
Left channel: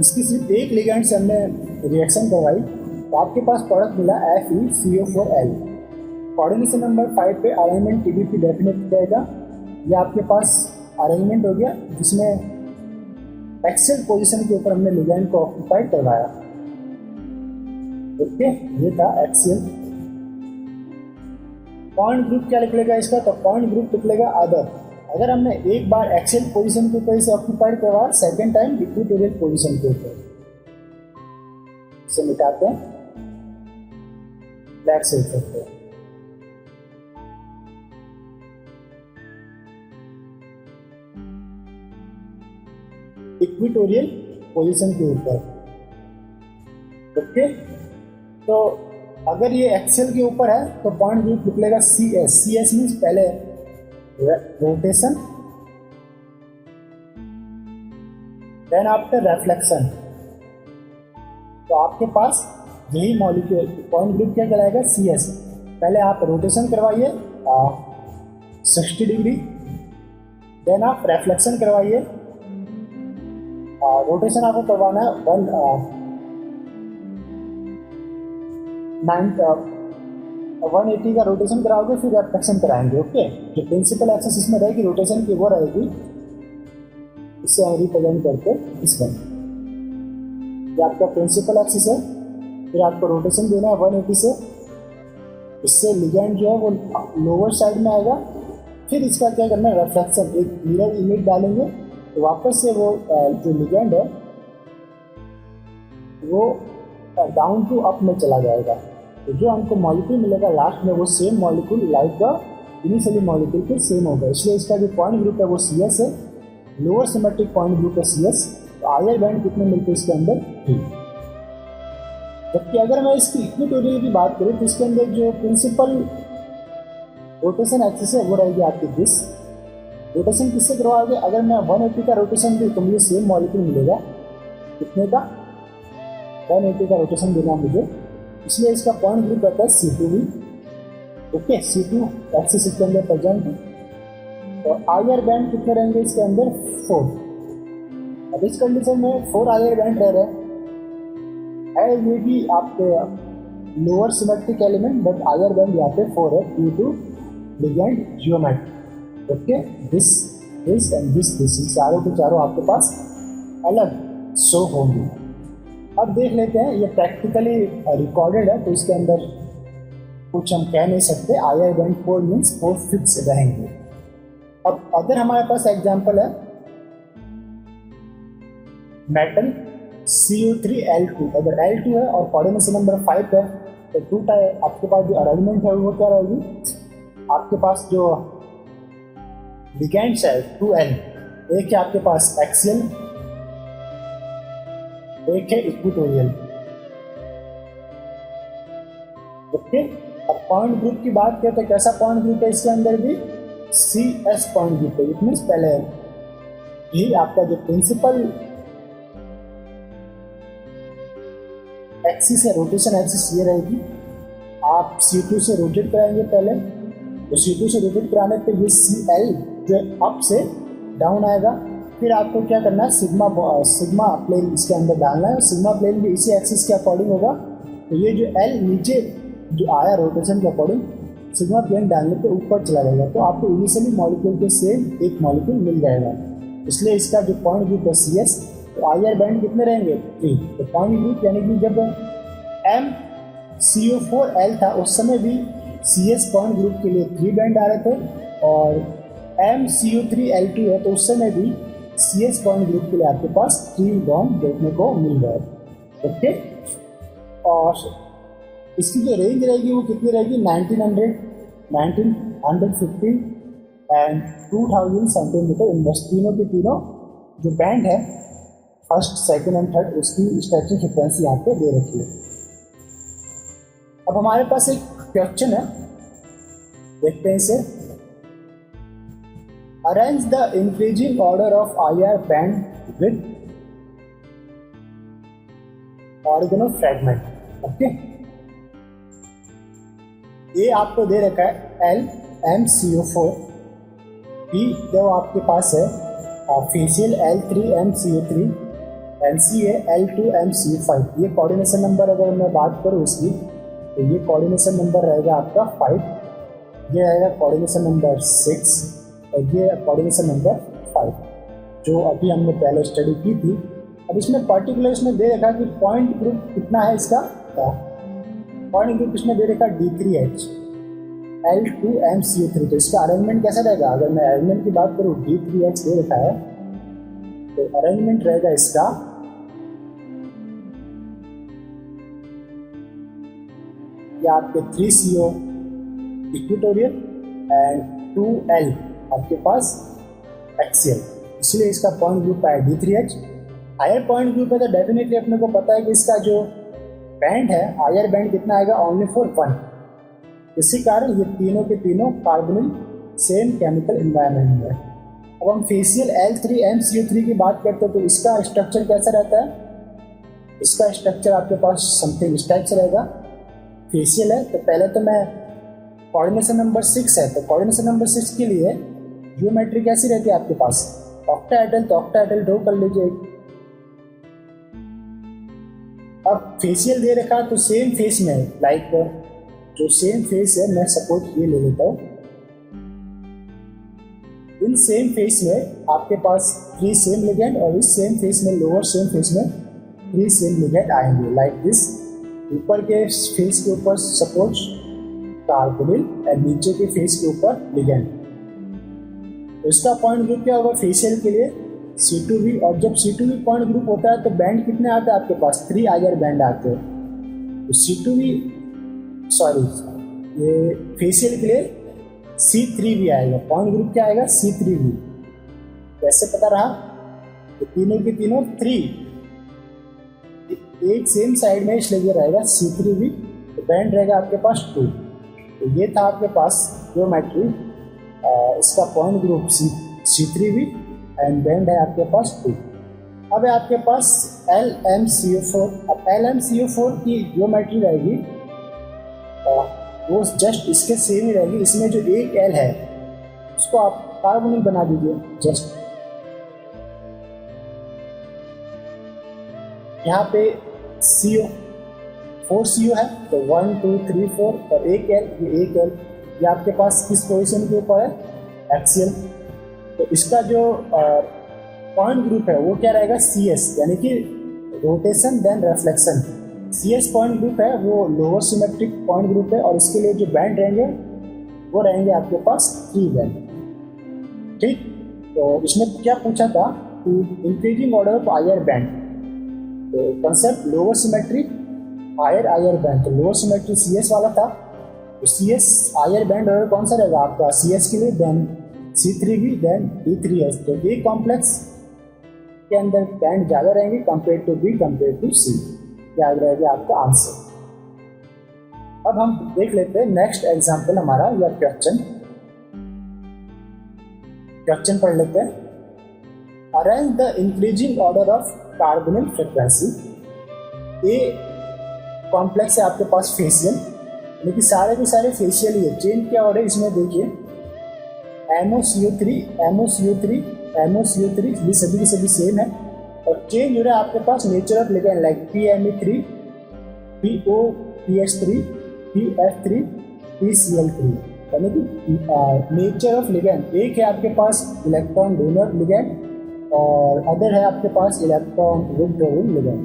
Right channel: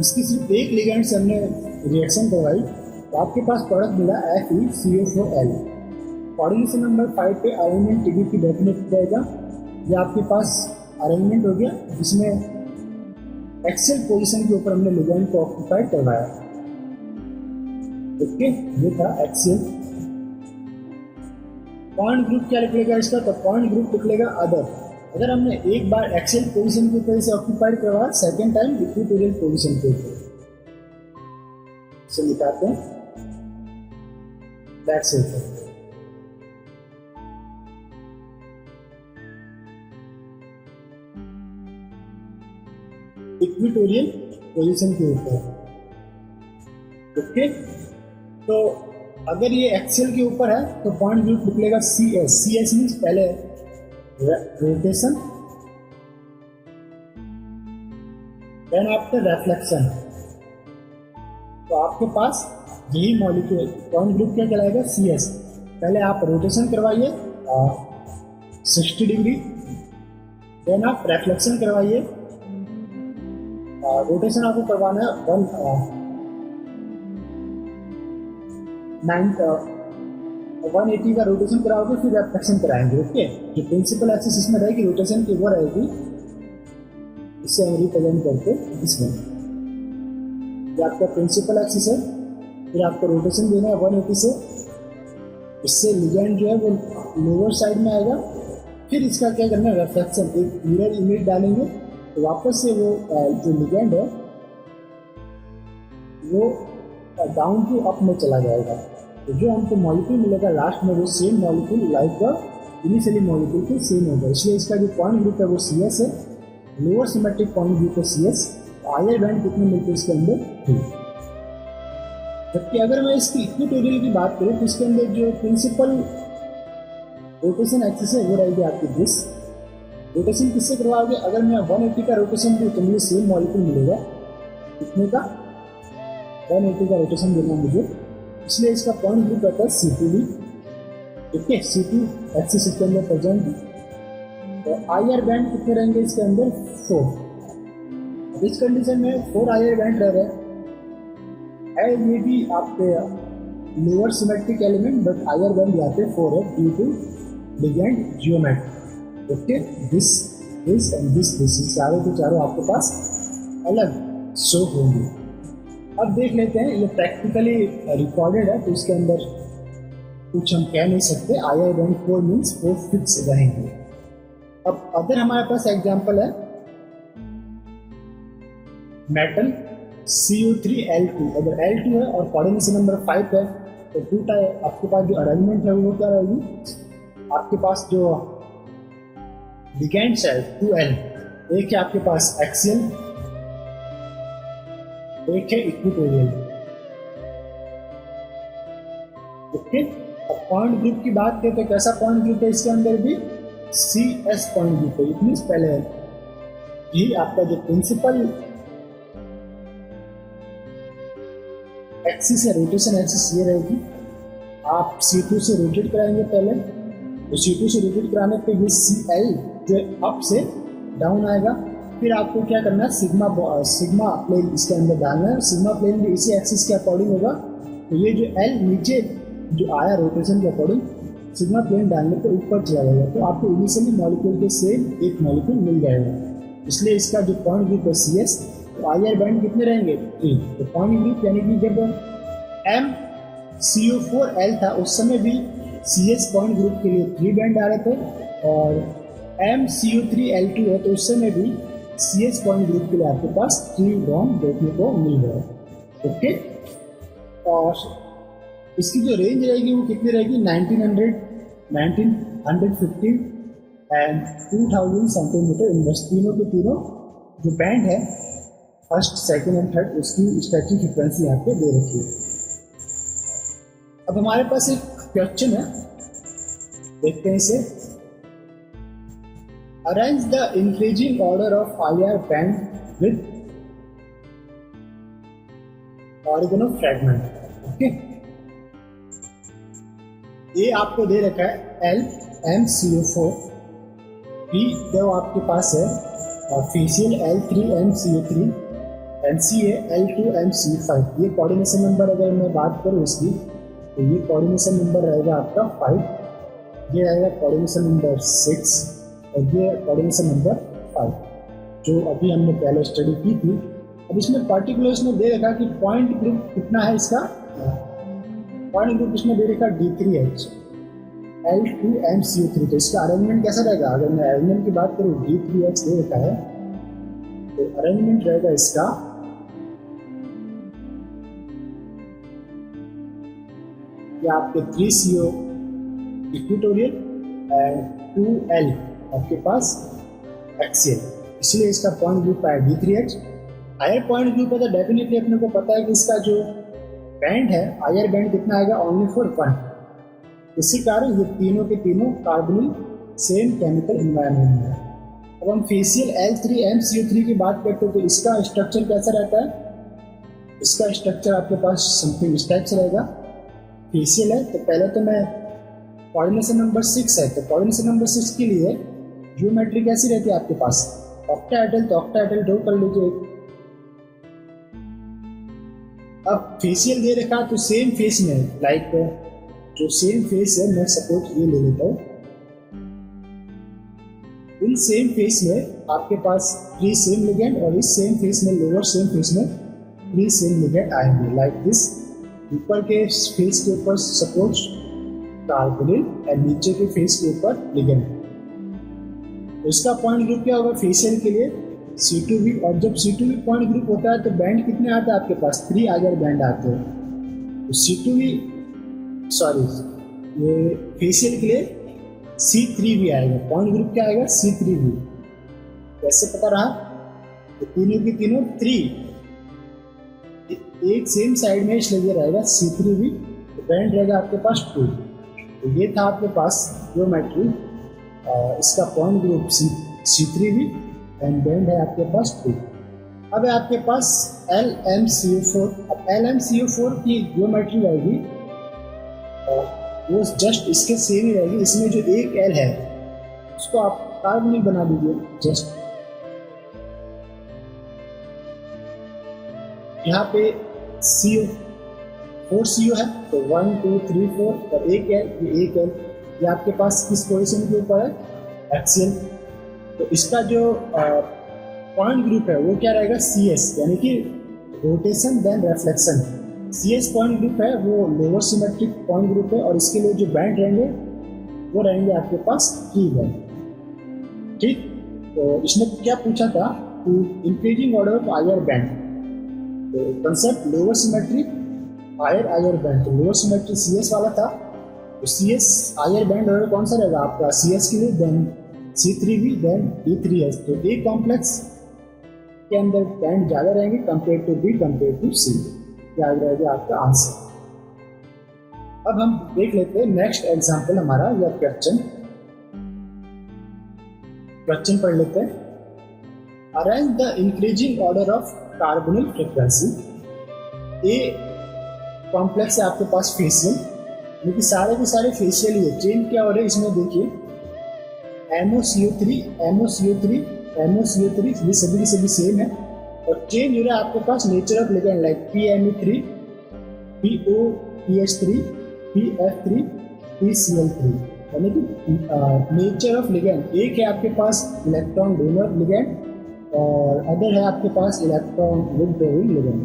इसकी सिर्फ एक लिगेंड से हमने रिएक्शन करवाई तो आपके पास प्रोडक्ट मिला FeCO4L। कोऑर्डिनेशन नंबर 5 पे अरेंजमेंट TBP डेफिनेट रहेगा, ये आपके पास अरेंजमेंट हो गया जिसमें एक्सेल पोजीशन के ऊपर हमने लिगेंड को ऑक्यूपाई करवाया। ओके, ये था एक्सेल। पॉइंट ग्रुप क्या लिख लेगा इसका, तो पॉइंट ग्रुप लिख लेगा अदर। अगर हमने एक बार एक्सेल पोजीशन के ऊपर इसे ऑक्यूपाइड करवाया, सेकंड टाइम इक्वेटोरियल पोजीशन के ऊपर इसे निकालते हैं, दैट्स इट। इक्वेटोरियल पोजीशन के ऊपर। ओके, तो अगर ये एक्सेल के ऊपर है तो पॉइंट ग्रुप लिख लेगा C S. C S means पहले रोटेशन, देन आफ्टर रिफ्लेक्शन। तो आपके पास यही मॉलिक्यूल पॉइंट ग्रुप क्या कहलाएगा, सी एस। पहले आप रोटेशन करवाइए 60 डिग्री, देन आप रिफ्लेक्शन करवाइए। रोटेशन आपको करवाना है 180 का रोटेशन कराओगे, फिर रिफ्लेक्शन कराएंगे। ओके, जो प्रिंसिपल एक्सिस इसमें रहेगी रोटेशन की वो रहेगी, इससे हम रिप्रेजेंट करते इसमें। ये आपका प्रिंसिपल एक्सिस है, फिर आपको रोटेशन देना है 180 से। इससे लिगेंड जो है वो लोअर साइड में आएगा। फिर इसका क्या करना है, रिफ्लेक्शन, एक मिरर इमेज डालेंगे तो वापस से वो जो लिगेंड है वो डाउन टू अप में चला जाएगा। तो जो हमको मॉलिक्यूल मिलेगा लास्ट में वो same molecule like the initially molecule के सेम होगा। इसलिए इसका जो पॉइंट ग्रुप है वो सी एस है, लोअर सिमेट्रिक पॉइंट ग्रुप है सी एस। तो आयर बैंड कितने मिलते हैं इसके अंदर, 3। जबकि अगर मैं इसकी इक्वेटोरियल की बात करूँ तो इसके अंदर जो प्रिंसिपल रोटेशन एक्सिस है वो रहेगी आपकी 20। रोटेशन किससे करवाओगे, अगर मैं 180 का रोटेशन दूँ तो मुझे सेम मॉलिक्यूल मिलेगा, कितने का, 180 का रोटेशन देगा मुझे। इसलिए इसका पॉइंट ग्रुप रहता है C2 भी। ओके, C2 एक्सिस इसके अंदर प्रेजेंट है। और आयर बैंड कितने रहेंगे इसके अंदर, 4। अब इस कंडीशन में 4 आयर बैंड रह रहे हैं। ये भी आपके lower symmetric element, but IR band यहाँ पे 4 है due to ligand geometry. Okay, this and this चारों के चारों आपके पास अलग शो होंगे। अब देख लेते हैं, ये प्रैक्टिकली रिकॉर्डेड है तो इसके अंदर कुछ हम कह नहीं सकते। आयर बैंड 4 मीन्स 4 फिक्स रहेंगे। अब अगर हमारे पास एग्जाम्पल है मेटल CU3L2, अगर L2 है और कोऑर्डिनेशन नंबर 5 है तो 2 टाइप आपके पास जो अरेंजमेंट है वो क्या रहेगी, आपके पास जो लिगेंड्स है 2L, एक है आपके पास एक्सियल, एक है इक्वेटोरियल। ओके, अब पॉइंट ग्रुप की बात करें तो कैसा पॉइंट ग्रुप है, इसके अंदर भी CS पॉइंट ग्रुप है। इट मीन्स पहले यही आपका जो प्रिंसिपल एक्सिस है, रोटेशन एक्सिस ये रहेगी। आप C2 से रोटेट कराएंगे पहले, तो C2 से रोटेट कराने पे ये CL जो अप से डाउन आएगा। फिर आपको क्या करना है, सिग्मा प्लेन इसके अंदर डालना है। सिग्मा प्लेन भी इसी एक्सिस के अकॉर्डिंग होगा। तो ये जो L नीचे जो आया रोटेशन के अकॉर्डिंग, सिग्मा प्लेन डालने पे ऊपर चला जाएगा। तो आपको इनिशियली मॉलिक्यूल के सेम एक मॉलिक्यूल मिल जाएगा। इसलिए इसका जो पॉइंट ग्रुप है CS, तो आयर बैंड कितने रहेंगे, 3। तो पॉइंट ग्रुप यानी कि जब MCO4L था उस समय भी CS पॉइंट ग्रुप के लिए 3 बैंड आ रहे थे, और MCO3L2 है तो उस समय भी CS पॉइंट ग्रुप के लिए आपके पास 3 बॉन्ड देखने को मिल रहा है। ओके, और इसकी जो रेंज रहेगी वो कितनी रहेगी, 1900, 1950 एंड 2000 सेंटीमीटर। इन बस तीनों की तीनों जो बैंड है फर्स्ट, सेकंड एंड थर्ड, उसकी स्ट्रेचिंग फ्रीक्वेंसी यहाँ पे दे रखी है। अब हमारे पास एक क्वेश्चन है, देखते हैं इसे। Arrange the increasing order of IR band with organo fragment. Okay, ये आपको दे रखा है LMCO4, B जो आपके पास है फेशियल L3MCO3, NCA L2MCO5। ये कोऑर्डिनेशन नंबर अगर मैं बात करूँ इसकी, तो ये कोऑर्डिनेशन नंबर रहेगा आपका 5, ये रहेगा कोऑर्डिनेशन नंबर 6, और ये कोऑर्डिनेशन नंबर 5 जो अभी हमने पहले स्टडी की थी। अब इसमें पर्टिकुलर इसमें दे रखा कि पॉइंट ग्रुप कितना है इसका, पॉइंट ग्रुप इसमें दे रखा D3H L2MCO3। तो इसका अरेंजमेंट कैसा रहेगा? अगर मैं अरेंजमेंट की बात करूँ, D3H दे रखा है तो अरेंजमेंट रहेगा इसका या आपके 3CO इक्वेटोरियल एंड 2L आपके पास एक्सियल, इसलिए इसका पॉइंट ग्रुप है D3H। हायर पॉइंट ग्रुप है तो डेफिनेटली अपने को पता है कि इसका जो बैंड है, हायर बैंड कितना आएगा, ओनली फॉर 1। इसी कारण ये तीनों के तीनों कार्बोनिल सेम केमिकल एनवायरनमेंट में है। अब हम फेसियल L3MCO3 की बात करते हैं तो इसका स्ट्रक्चर कैसा रहता है? इसका स्ट्रक्चर आपके पास समथिंग इस टाइप से रहेगा। फेसियल है तो पहले तो मैं कोऑर्डिनेशन नंबर 6 है, तो कोऑर्डिनेशन नंबर 6 के लिए ज्योमेट्री कैसी रहती है आपके पास? ऑक्टाहेड्रल, तो ऑक्टाहेड्रल ड्रॉ कर लीजिए। अब फेसियल दे रखा तो सेम फेस में, लाइक जो सेम फेस है, मैं सपोज ये ले लेता हूँ, इन सेम फेस में आपके पास 3 सेम लिगेंड और इस सेम फेस में, लोअर सेम फेस में 3 सेम लिगेंड आएंगे लाइक दिस। ऊपर के फेस के ऊपर सपोज कार्बोनिल और नीचे के फेस के ऊपर लिगेंड। तो इसका पॉइंट ग्रुप क्या होगा फेसियल के लिए? C2V। और जब C2V पॉइंट ग्रुप होता है तो बैंड कितने आते हैं आपके पास? 3 हायर बैंड आते हैं। तो C2V, सॉरी, ये फेसियल के लिए C3V आएगा। पॉइंट ग्रुप क्या आएगा? C3V। कैसे पता रहा? तो तीनों के तीनों 3 एक सेम साइड में इसलिए रहेगा C3V। तो बैंड रहेगा आपके पास 2। तो ये था आपके पास ज्योमेट्री, इसका point group C3V and band है आपके पास 2। अब है आपके पास LMCO4। अब LMCO4 की ज्योमेट्री रहेगी वो जस्ट इसके सेम ही रहेगी। इसमें जो एक L है उसको आप कार्बोनिल बना दीजिए जस्ट। यहाँ पे CO 4 CO है तो 1 2 3 4 और एक L ये आपके पास किस पोजीशन के ऊपर है? एक्सियल। तो इसका जो पॉइंट ग्रुप है वो क्या रहेगा? CS, यानी कि rotation then reflection. CS point group है वो लोअर सिमेट्रिक पॉइंट ग्रुप है और इसके लिए जो बैंड रहेंगे वो रहेंगे आपके पास 3 बैंड। ठीक, तो इसने क्या पूछा था कि increasing order of higher band. तो concept lower symmetric higher band, तो लोअर सिमेट्रिक CS वाला था। तो CS हायर बैंड ऑर्डर कौन सा रहेगा आपका? CS के लिए देन C3V देन D3H। तो A कॉम्प्लेक्स के अंदर बैंड ज़्यादा रहेंगे compare to B compare to C। याद रहेगा आपका आंसर। अब हम देख लेते हैं नेक्स्ट एग्जांपल हमारा, या क्वेश्चन पढ़ लेते हैं। Arrange the increasing order of carbonyl frequency. A complex है आपके पास फेसियल, लेकिन सारे के सारे फेसियल ही है। चेन क्या हो रहा है इसमें देखिए, MoCO3 MoCO3 MoCO3 ये सभी के सभी सेम है। और चेंज हो रहा है आपके पास nature of ligand like PMe3 POPH3 PF3 PCl3, यानी कि नेचर ऑफ लिगेंड। एक है आपके पास इलेक्ट्रॉन डोनर लिगेंड और अदर है आपके पास इलेक्ट्रॉन विथड्रॉइंग लिगेंड।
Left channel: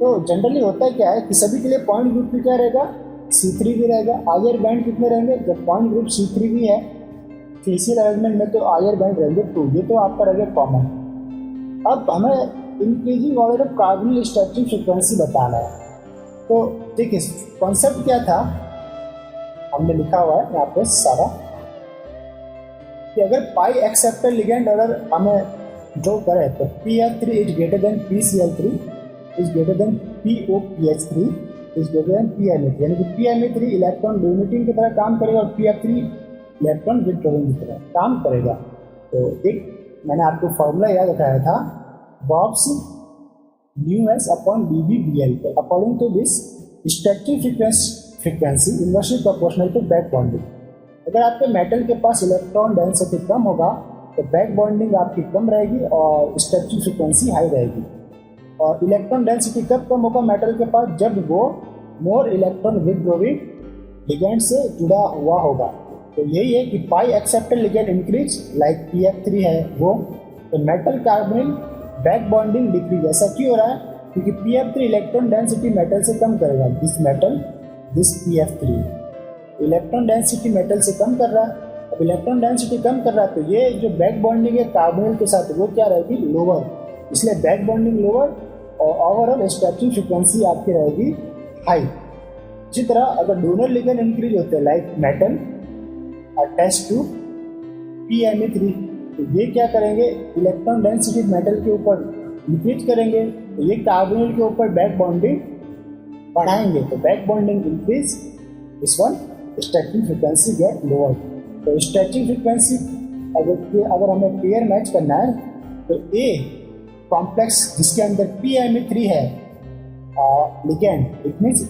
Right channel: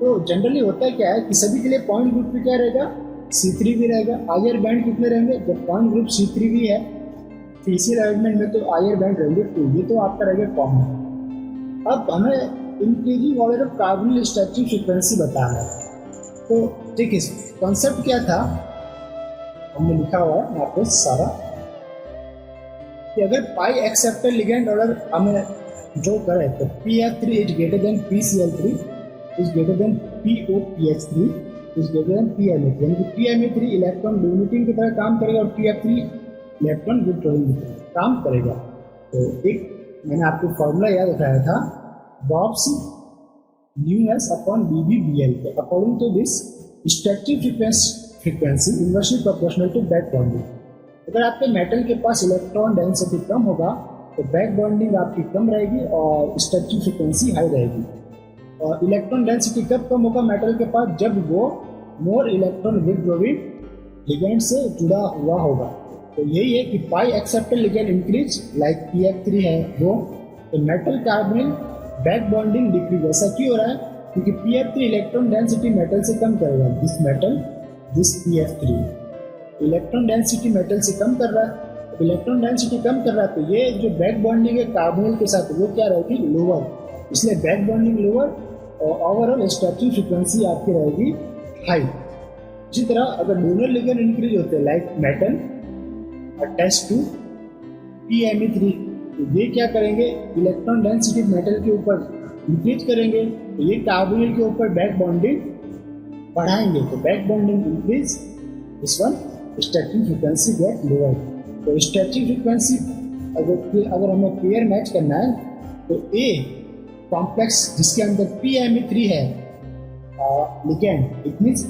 तो जनरली होता है क्या है कि सभी के लिए पॉइंट ग्रुप भी क्या रहेगा? C3V रहेगा। हायर बैंड कितने रहेंगे? जब पॉइंट ग्रुप C3V है फेसियल अरेंजमेंट में तो हायर बैंड रहेंगे 2। ये तो आपका रहेगा कॉमन। अब हमें increasing order of carbonyl structuring frequency बताना है। तो ठीक है, कॉन्सेप्ट क्या था हमने लिखा हुआ है यहाँ पे सारा, कि अगर पाई एक्सेप्टर लिगेंड ऑर्डर हमें ड्रॉ करें तो PF3 is greater than PCl3 is greater than POPH3 is greater than PMe3, यानी कि PMe3 इलेक्ट्रॉन डोनेटिंग की तरह काम करेगा और PF3 इलेक्ट्रॉन विथड्रॉइंग की तरह काम करेगा। तो एक मैंने आपको फॉर्मूला याद बताया था, बॉब्स µs upon BB/BL। According to this stretching frequency inversely proportional to back bonding. अगर आपके मेटल के पास इलेक्ट्रॉन डेंसिटी कम होगा तो बैक बॉन्डिंग आपकी कम रहेगी और स्ट्रक्चरिंग फ्रीक्वेंसी हाई रहेगी। और इलेक्ट्रॉन डेंसिटी कब कम होगा मेटल के पास? जब वो मोर इलेक्ट्रॉन विथड्रॉइंग लिगेंड से जुड़ा हुआ होगा। तो इलेक्ट्रॉन डेंसिटी कम होगा मेटल के पास जब वो मोर इलेक्ट्रॉन विथड्रॉइंग लिगेंड से जुड़ा हुआ होगा। तो यही है कि पाई acceptor ligand increase like PF3 है वो, तो metal carbonyl back bonding decrease. ऐसा क्यों हो रहा है? क्योंकि PF3 इलेक्ट्रॉन डेंसिटी मेटल से कम करेगा, this PF3 electron density metal से कम कर रहा है। अब इलेक्ट्रॉन डेंसिटी कम कर रहा है तो ये जो बैक बॉन्डिंग है कार्बोनिल के साथ वो क्या रहेगी? लोअर, इसलिए बैक बॉन्डिंग लोअर और ओवरऑल स्ट्रेचिंग फ्रीक्वेंसी आपकी रहेगी हाई। इसी तरह अगर डोनर लिगेंड इंक्रीज होते हैं like metal attach to PMe3, तो ये क्या करेंगे? इलेक्ट्रॉन डेंसिटी मेटल के ऊपर इंक्रीज करेंगे, तो ये कार्बोनिल के ऊपर बैक बॉन्डिंग बढ़ाएंगे, तो back bonding increase, this one stretching frequency get lower. तो स्ट्रेचिंग फ्रीक्वेंसी अगर हमें पेयर मैच करना है तो ए कॉम्प्लेक्स जिसके अंदर PMe3 है ligand, it means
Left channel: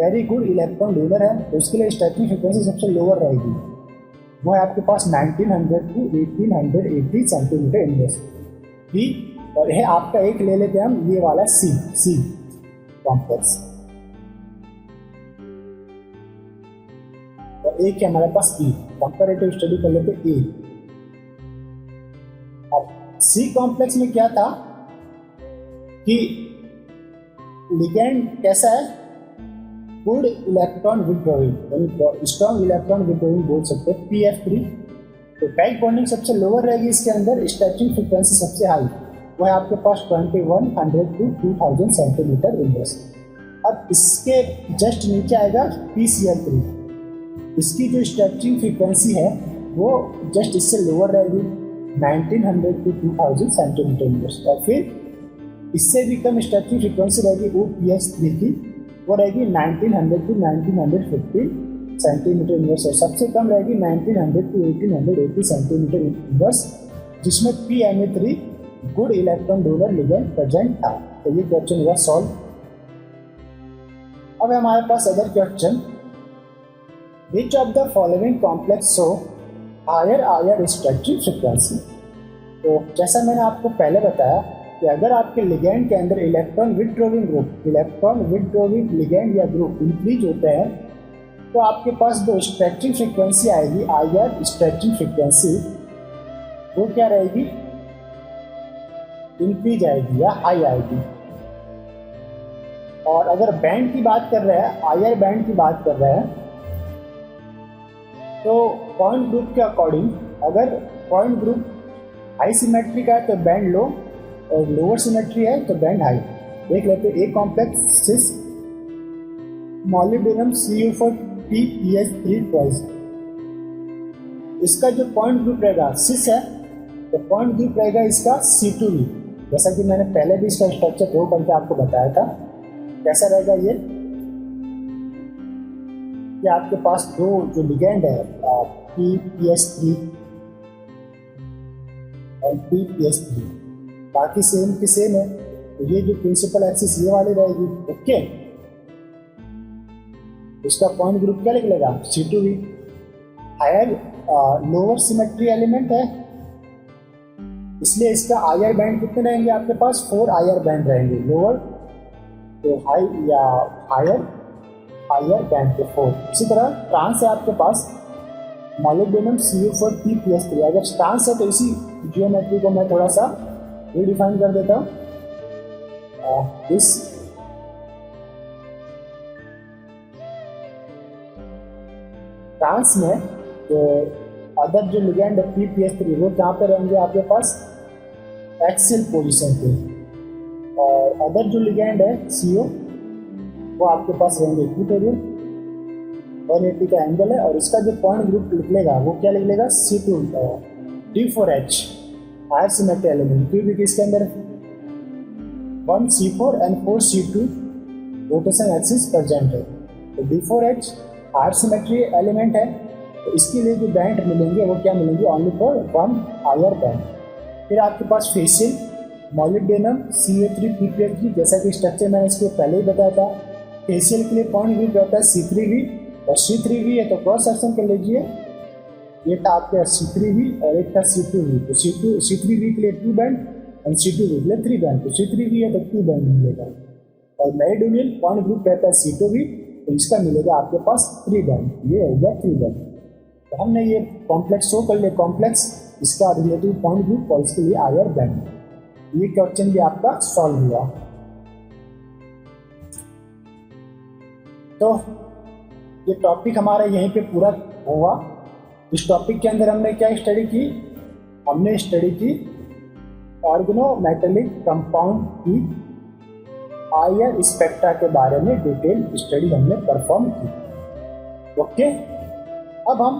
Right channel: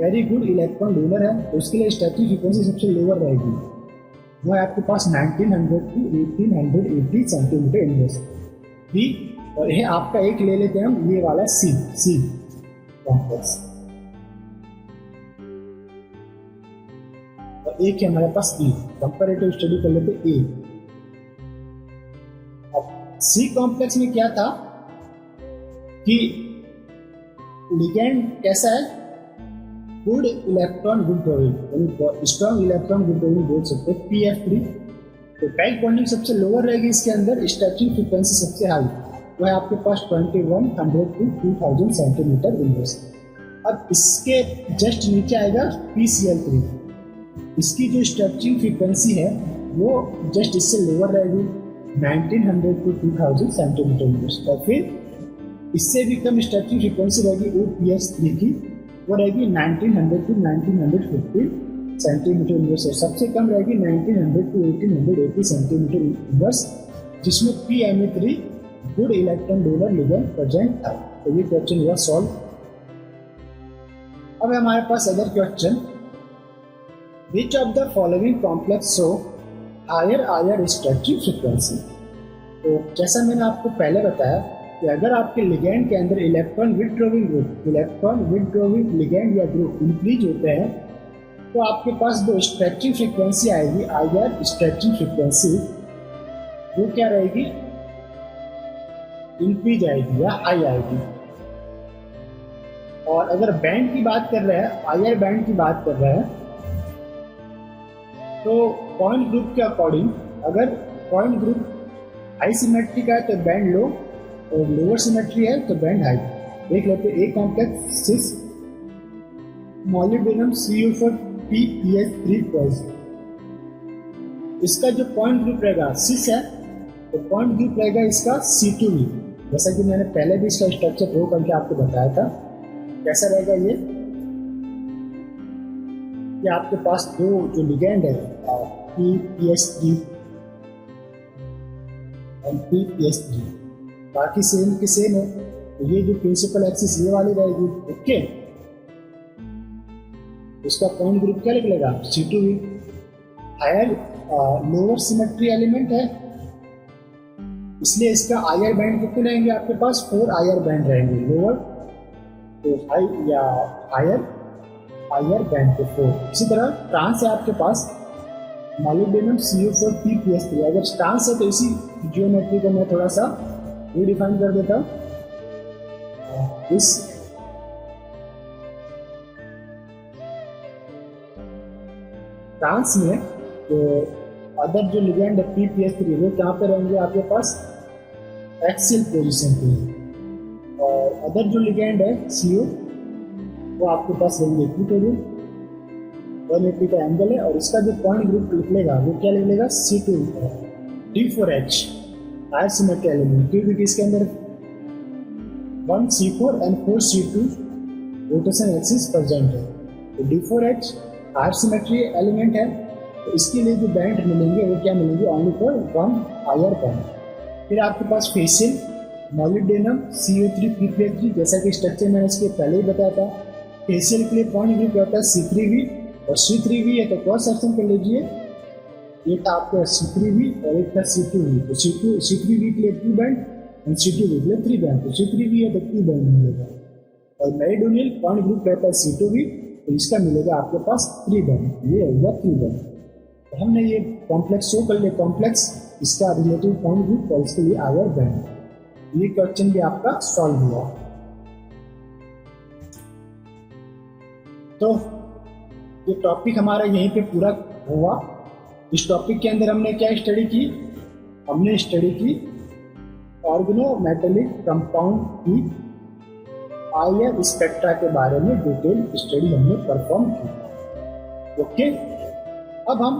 very good electron donor है, तो उसके लिए स्ट्रेचिंग फ्रीक्वेंसी सबसे लोअर रहेगी, वो है आपके पास 1900 to 1880 सेंटीमीटर इनवर्स। ठीक, और यह आपका एक ले लेते हैं हम, ये वाला सी कॉम्प्लेक्स, और एक है हमारे पास ई। कंपैरेटिव स्टडी कर लेते ए। अब सी कॉम्प्लेक्स में क्या था कि लिगेंड कैसा है? गुड इलेक्ट्रॉन विड्रॉइंग, यानी स्ट्रॉन्ग इलेक्ट्रॉन विड्रॉइंग बोल सकते हैं PF3। तो बैक बॉन्डिंग सबसे लोअर रहेगी इसके अंदर, स्ट्रेचिंग फ्रीक्वेंसी सबसे हाई, वो है आपके पास 2100 to 2000 सेंटीमीटर इनवर्स। अब इसके जस्ट नीचे आएगा PCl3, इसकी जो स्ट्रेचिंग फ्रीक्वेंसी है वो जस्ट इससे लोअर रहेगी 1900 to 2000 सेंटीमीटर इनवर्स। और फिर इससे भी कम स्ट्रेचिंग फ्रीक्वेंसी रहेगी OPS3 की, वो रहेगी 1900 to 1950 सेंटीमीटर इनवर्स, और सबसे कम रहेगी 1900 to 1880 सेंटीमीटर इनवर्स, जिसमें PMe3 good electron donor ligand present था। तो ये क्वेश्चन हुआ सॉल्व। अब हमारे पास other question, which of the following complex show higher stretching frequency. तो जैसा मैंने आपको पहले बताया कि अगर आपके लिगेंड के अंदर इलेक्ट्रॉन विड्रॉइंग लिगेंड या ग्रुप इंक्रीज होते हैं तो आपके पास जो स्ट्रेचिंग फ्रीक्वेंसी आएगी, हायर स्ट्रेचिंग फ्रीक्वेंसी, वो क्या रहेगी? इंक्रीज आएगी या हाई आएगी। और अगर बैंड की बात कर रहे हैं, हायर बैंड की बात कर रहे हैं, तो पॉइंट ग्रुप के अकॉर्डिंग अगर पॉइंट ग्रुप हाई सिमेट्री का है तो बैंड लो, और लोअर सिमेट्री है तो बैंड हाई। देख लेते हैं a complex cis molybdenum CU4PPS3 twice, इसका जो पॉइंट ग्रुप रहेगा सिस है, तो पॉइंट ग्रुप रहेगा इसका C2V। जैसा कि मैंने पहले भी इसका स्ट्रक्चर ड्रॉ करके आपको बताया था। कैसा रहेगा ये कि आपके पास दो जो लिगेंड है PPS3 और PPS3, बाकी सेम की सेम है, तो ये जो प्रिंसिपल एक्सिस ये वाली रहेगी। ओके, इसका पॉइंट ग्रुप क्या निकलेगा? C2V। Higher lower symmetry element है, इसलिए इसका आयर बैंड कितने रहेंगे आपके पास? 4 आयर बैंड रहेंगे। लोअर तो हाई या हायर बैंड के 4। इसी तरह ट्रांस है आपके पास मॉलिब्डेनम CU4PPS3। अगर ट्रांस है तो इसी जियोमेट्री को मैं थोड़ा सा रिडिफाइन कर देता हूँ। इस ट्रांस में जो अदर जो लिगेंड है PPS3 वो कहाँ पे रहेंगे आपके पास? एक्सियल पोजीशन पे, और अदर जो लिगेंड है CO वो आपके पास रहेंगे इक्विटोरियल, 180 का एंगल है, और इसका जो पॉइंट ग्रुप निकलेगा वो क्या निकलेगा? C2 D4H higher symmetry element, क्योंकि इसके अंदर 1C4 and 4C2 rotation axis present है। तो D4H हायर सिमेट्री एलिमेंट है, तो इसके लिए जो बैंड मिलेंगे वो क्या मिलेंगे? Only for 1 higher band. फिर आपके पास फेसियल मॉलिब्डेनम CU3PPS3, जैसा कि स्ट्रक्चर मैंने इसके पहले ही बताया था। फेसियल के लिए पॉइंट ग्रुप रहता है C3V, और C3V है तो क्रॉस सेक्शन कर लीजिए, ये था आपका C3V और एक था C2V। तो C3V के लिए 2 बैंड और C2V के लिए 3 बैंड, तो C3V है तो 2 बैंड मिलेगा। और मेरिडोनियल पॉइंट ग्रुप रहता है C2V, तो इसका मिलेगा आपके पास 3 बैंड, ये हो गया 3 बैंड। तो हमने ये कॉम्प्लेक्स शो कर लिया कॉम्प्लेक्स, इसका रिलेटिव पॉइंट ग्रुप और इसके लिए आयर बैंड। ये क्वेश्चन भी आपका सॉल्व हुआ। तो ये टॉपिक हमारा यहीं पे पूरा हुआ। इस टॉपिक के अंदर हमने क्या स्टडी की? हमने स्टडी की ऑर्गेनोमेटेलिक कंपाउंड की आयर स्पेक्ट्रा के बारे में डिटेल स्टडी हमने परफॉर्म की। ओके, अब हम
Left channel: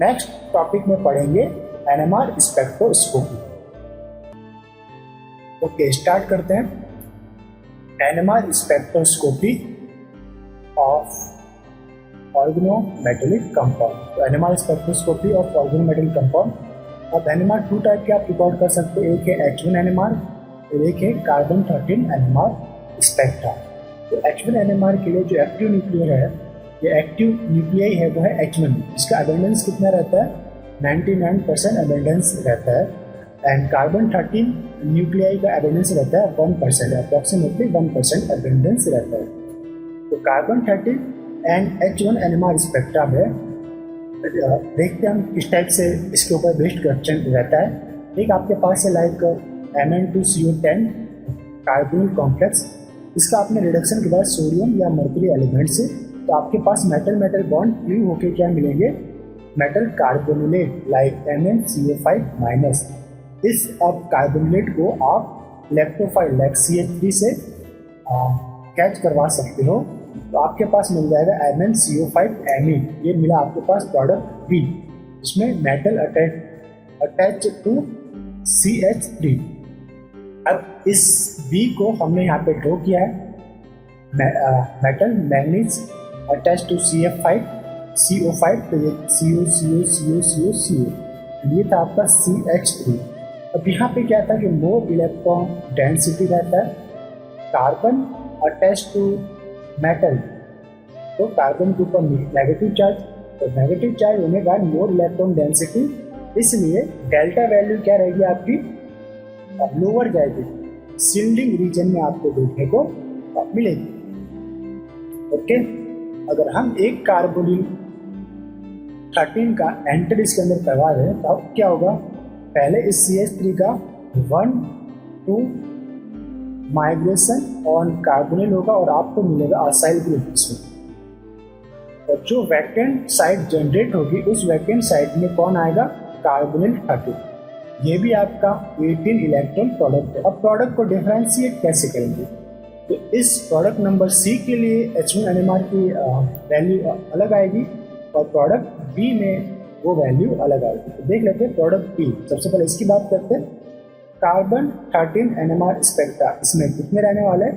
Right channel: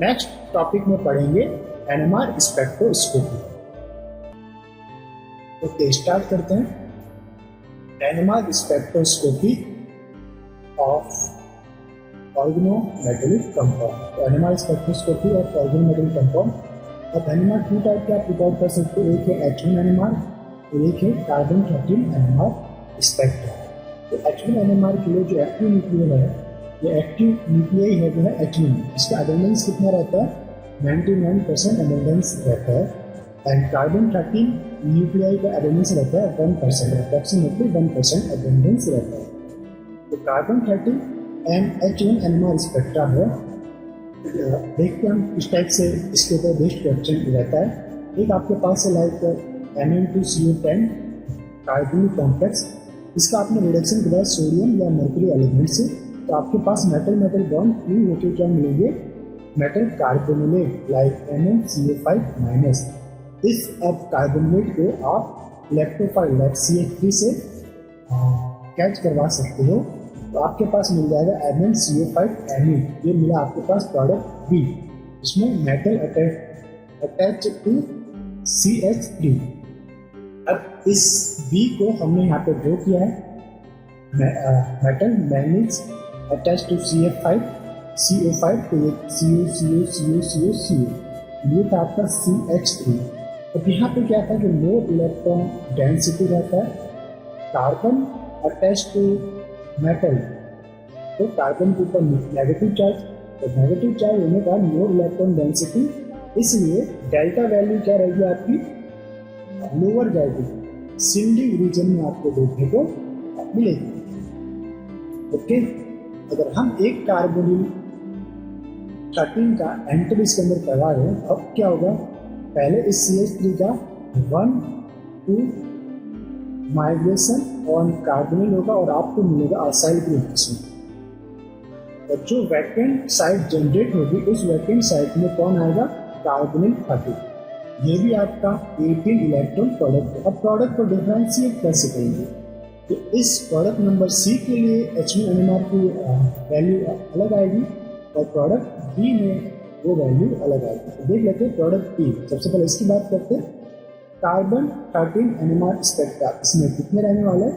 नेक्स्ट टॉपिक में पढ़ेंगे एनएमआर स्पेक्ट्रोस्कोपी। ओके, स्टार्ट करते हैं। NMR spectroscopy of organometallic compound. तो NMR spectroscopy of organometallic compound. अब एनएमआर 2 टाइप के आप रिकॉर्ड कर सकते हैं, एक है H1 एनएमआर और एक है कार्बन 13 एनएमआर स्पेक्ट्रा। तो H1 एनएमआर के लिए जो एक्टिव न्यूक्लियर है, ये एक्टिव न्यूक्लियाई है वो है H1। इसका अबेंडेंस कितना रहता है? 99% अबेंडेंस रहता है। एंड कार्बन 13 न्यूक्लियाई का अबेंडेंस रहता है 1%, अप्रॉक्सीमेटली 1% अबेंडेंस रहता है। तो carbon 13 and H1 NMR spectra में देखते हैं हम किस टाइप से इसके ऊपर बेस्ड क्वेश्चन रहता है। एक आपके पास है लाइक Mn2CO10 कार्बोनिल कॉम्प्लेक्स। इसका आपने रिडक्शन के बाद सोडियम या मर्क्यूरी एलिमेंट से, तो आपके पास मेटल मेटल बॉन्ड फ्री होके क्या मिलेंगे? Metal carbonylate like MnCO5-। इस अब कार्बोनिलेट को आप इलेक्ट्रोफाइल लाइक CH3 से कैच करवा सकते हो, तो आपके पास मिल जाएगा MnCO5Me। ये मिला आपके पास प्रोडक्ट B, इसमें मेटल अटैच टू CH3। अब इस B को हमने यहाँ पे ड्रॉ किया है, metal manganese attach to CO5, तो ये CO। ये था आपका CH3। अब यहाँ पे क्या था कि मोर इलेक्ट्रॉन डेंसिटी रहता है, कार्बन अटैच टू मेटल, तो कार्बन के ऊपर नेगेटिव चार्ज, तो नेगेटिव चार्ज होने के बाद मोर इलेक्ट्रॉन डेंसिटी, इसलिए डेल्टा वैल्यू क्या रहेगी आपकी? लोअर जाएगी, शिल्डिंग रीजन में आपको देखने को मिलेगी। ओके, अगर हम एक कार्बोनिल 13 का एंटर इसके अंदर करवा रहे हैं तो अब क्या होगा? पहले इस CH3 का 1-2 माइग्रेशन ऑन कार्बोनिल होगा और आपको मिलेगा असाइल ग्रुप इसमें। और जो वैकेंट साइट जनरेट होगी उस वैकेंट साइट में कौन आएगा? कार्बोनिल 13। ये भी आपका 18 इलेक्ट्रॉन प्रोडक्ट है। अब प्रोडक्ट को डिफरेंशिएट कैसे करेंगे? तो इस प्रोडक्ट नंबर C के लिए H1 एनएमआर की वैल्यू अलग आएगी और प्रोडक्ट B में वो वैल्यू अलग आएगी। तो देख लेते हैं प्रोडक्ट B। सबसे पहले इसकी बात करते हैं। कार्बन 13 एनएमआर स्पेक्ट्रा, इसमें कितने रहने वाले हैं?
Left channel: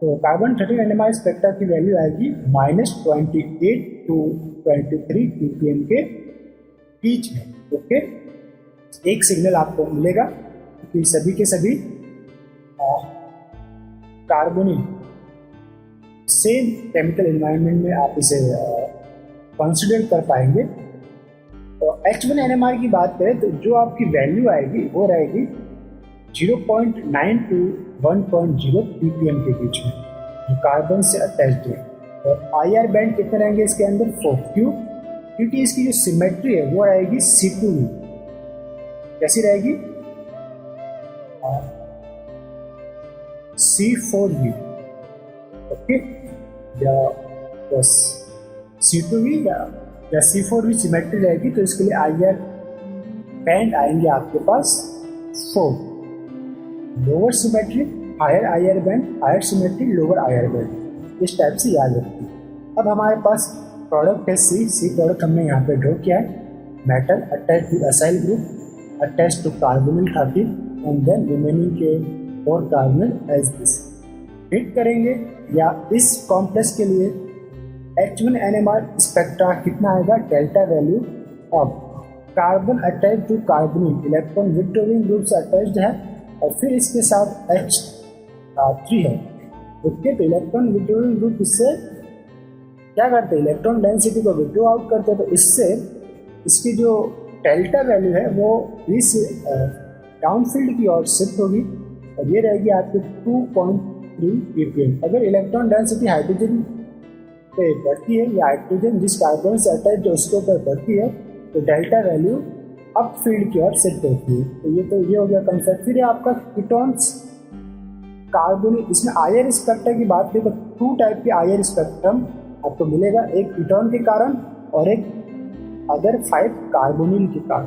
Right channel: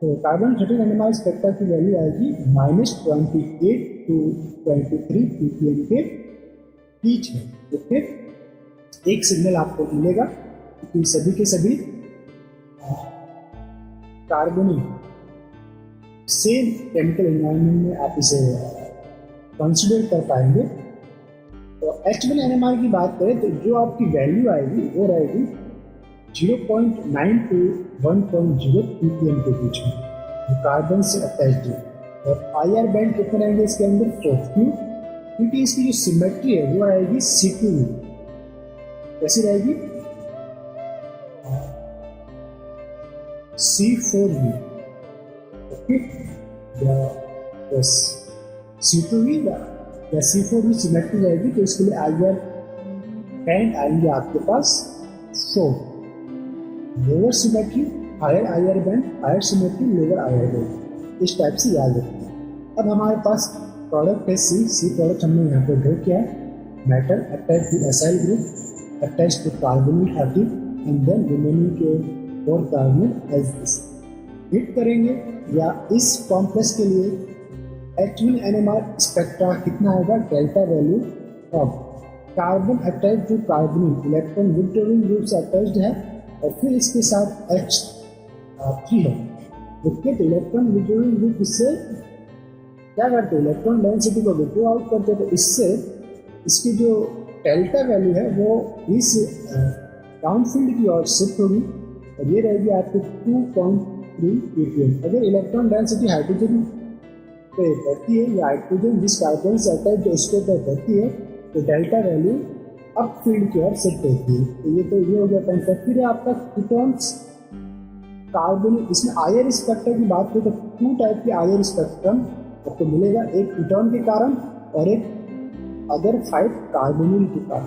तो कार्बन 13 एनएमआर स्पेक्ट्रा की वैल्यू आएगी -28 to 23 ppm के बीच में। ओके, एक सिग्नल आपको मिलेगा कि सभी के सभी कार्बोनिल सेम केमिकल एनवायरनमेंट में आप इसे कंसिडर कर पाएंगे। तो H1 एनएमआर की बात करें तो जो आपकी वैल्यू आएगी वो रहेगी 0.9 to 1.0 ppm के बीच में, जो कार्बन से अटैच्ड है। और आईआर बैंड कितने रहेंगे इसके अंदर? 4। क्यों? क्योंकि इसकी जो सिमेट्री है वो रहेगी C2V। कैसी रहेगी? C4V। ओके, या बस C2V या C4V सिमेट्री रहेगी, तो इसके लिए आईआर बैंड आएंगे आपके पास 4। Lower symmetry higher IR band, higher symmetry lower IR band, इस टाइप से याद रखिए। अब हमारे पास प्रोडक्ट है C प्रोडक्ट हमने यहाँ पे ड्रॉ किया है। Metal attach to acyl group attach to carbonyl 13 and then remaining के 4 कार्बोनिल एज दिस। हिट करेंगे या इस कॉम्प्लेक्स के लिए H1 एनएमआर स्पेक्ट्रा कितना आएगा? Delta value of carbon attach to carbonyl, electron withdrawing group से अटैच्ड है और फिर इसके साथ H3 है। ओके, तो इलेक्ट्रॉन विड्रॉइंग ग्रुप इससे क्या करते हैं? इलेक्ट्रॉन डेंसिटी को विड्रॉ आउट करते हैं, तो इससे इसकी जो डेल्टा वैल्यू है वो इस डाउनफील्ड की ओर शिफ्ट होगी और ये रहेगी आपके 2.3 ppm। अगर इलेक्ट्रॉन डेंसिटी हाइड्रोजन पे बढ़ती है या हाइड्रोजन जिस कार्बन से अटैच जो उसके ऊपर बढ़ती है तो डेल्टा वैल्यू अप फील्ड की ओर शिफ्ट होती है। तो ये हो गया कंसेप्ट। फिर आपका कीटोन्स कार्बोनिल, इसमें आयर स्पेक्ट्रम की बात करें तो 2 टाइप के आयर स्पेक्ट्रम आपको मिलेगा, एक कीटोन के कारण और एक अदर 5 कार्बोनिल के कारण।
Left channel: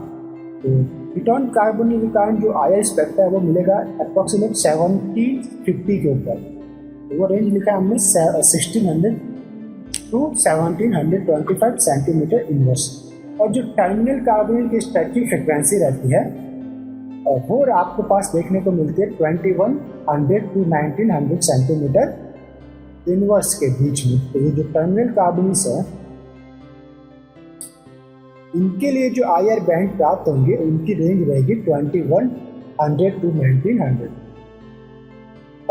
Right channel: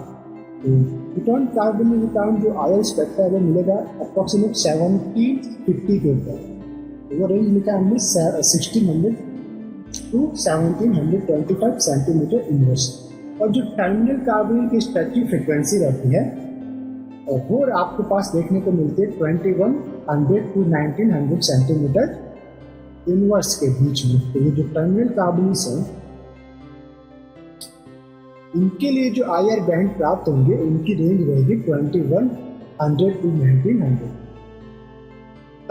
तो कीटोन कार्बोनिल के कारण जो आयर स्पेक्ट्रम है वो मिलेगा अप्रोक्सीमेट 1750 के ऊपर। वो रेंज लिखा है हमने 1600 to 1725 सेंटीमीटर इनवर्स। और जो टर्मिनल कार्बोनिल की स्टैटिक फ्रिक्वेंसी रहती है और वो आपके पास देखने को मिलती है 2100 to 1900 सेंटीमीटर इनवर्स के बीच में। तो ये जो टर्मिनल कार्बोनिल्स है इनके लिए जो आयर बैंड प्राप्त होंगे उनकी रेंज रहेगी 2100 to 1900।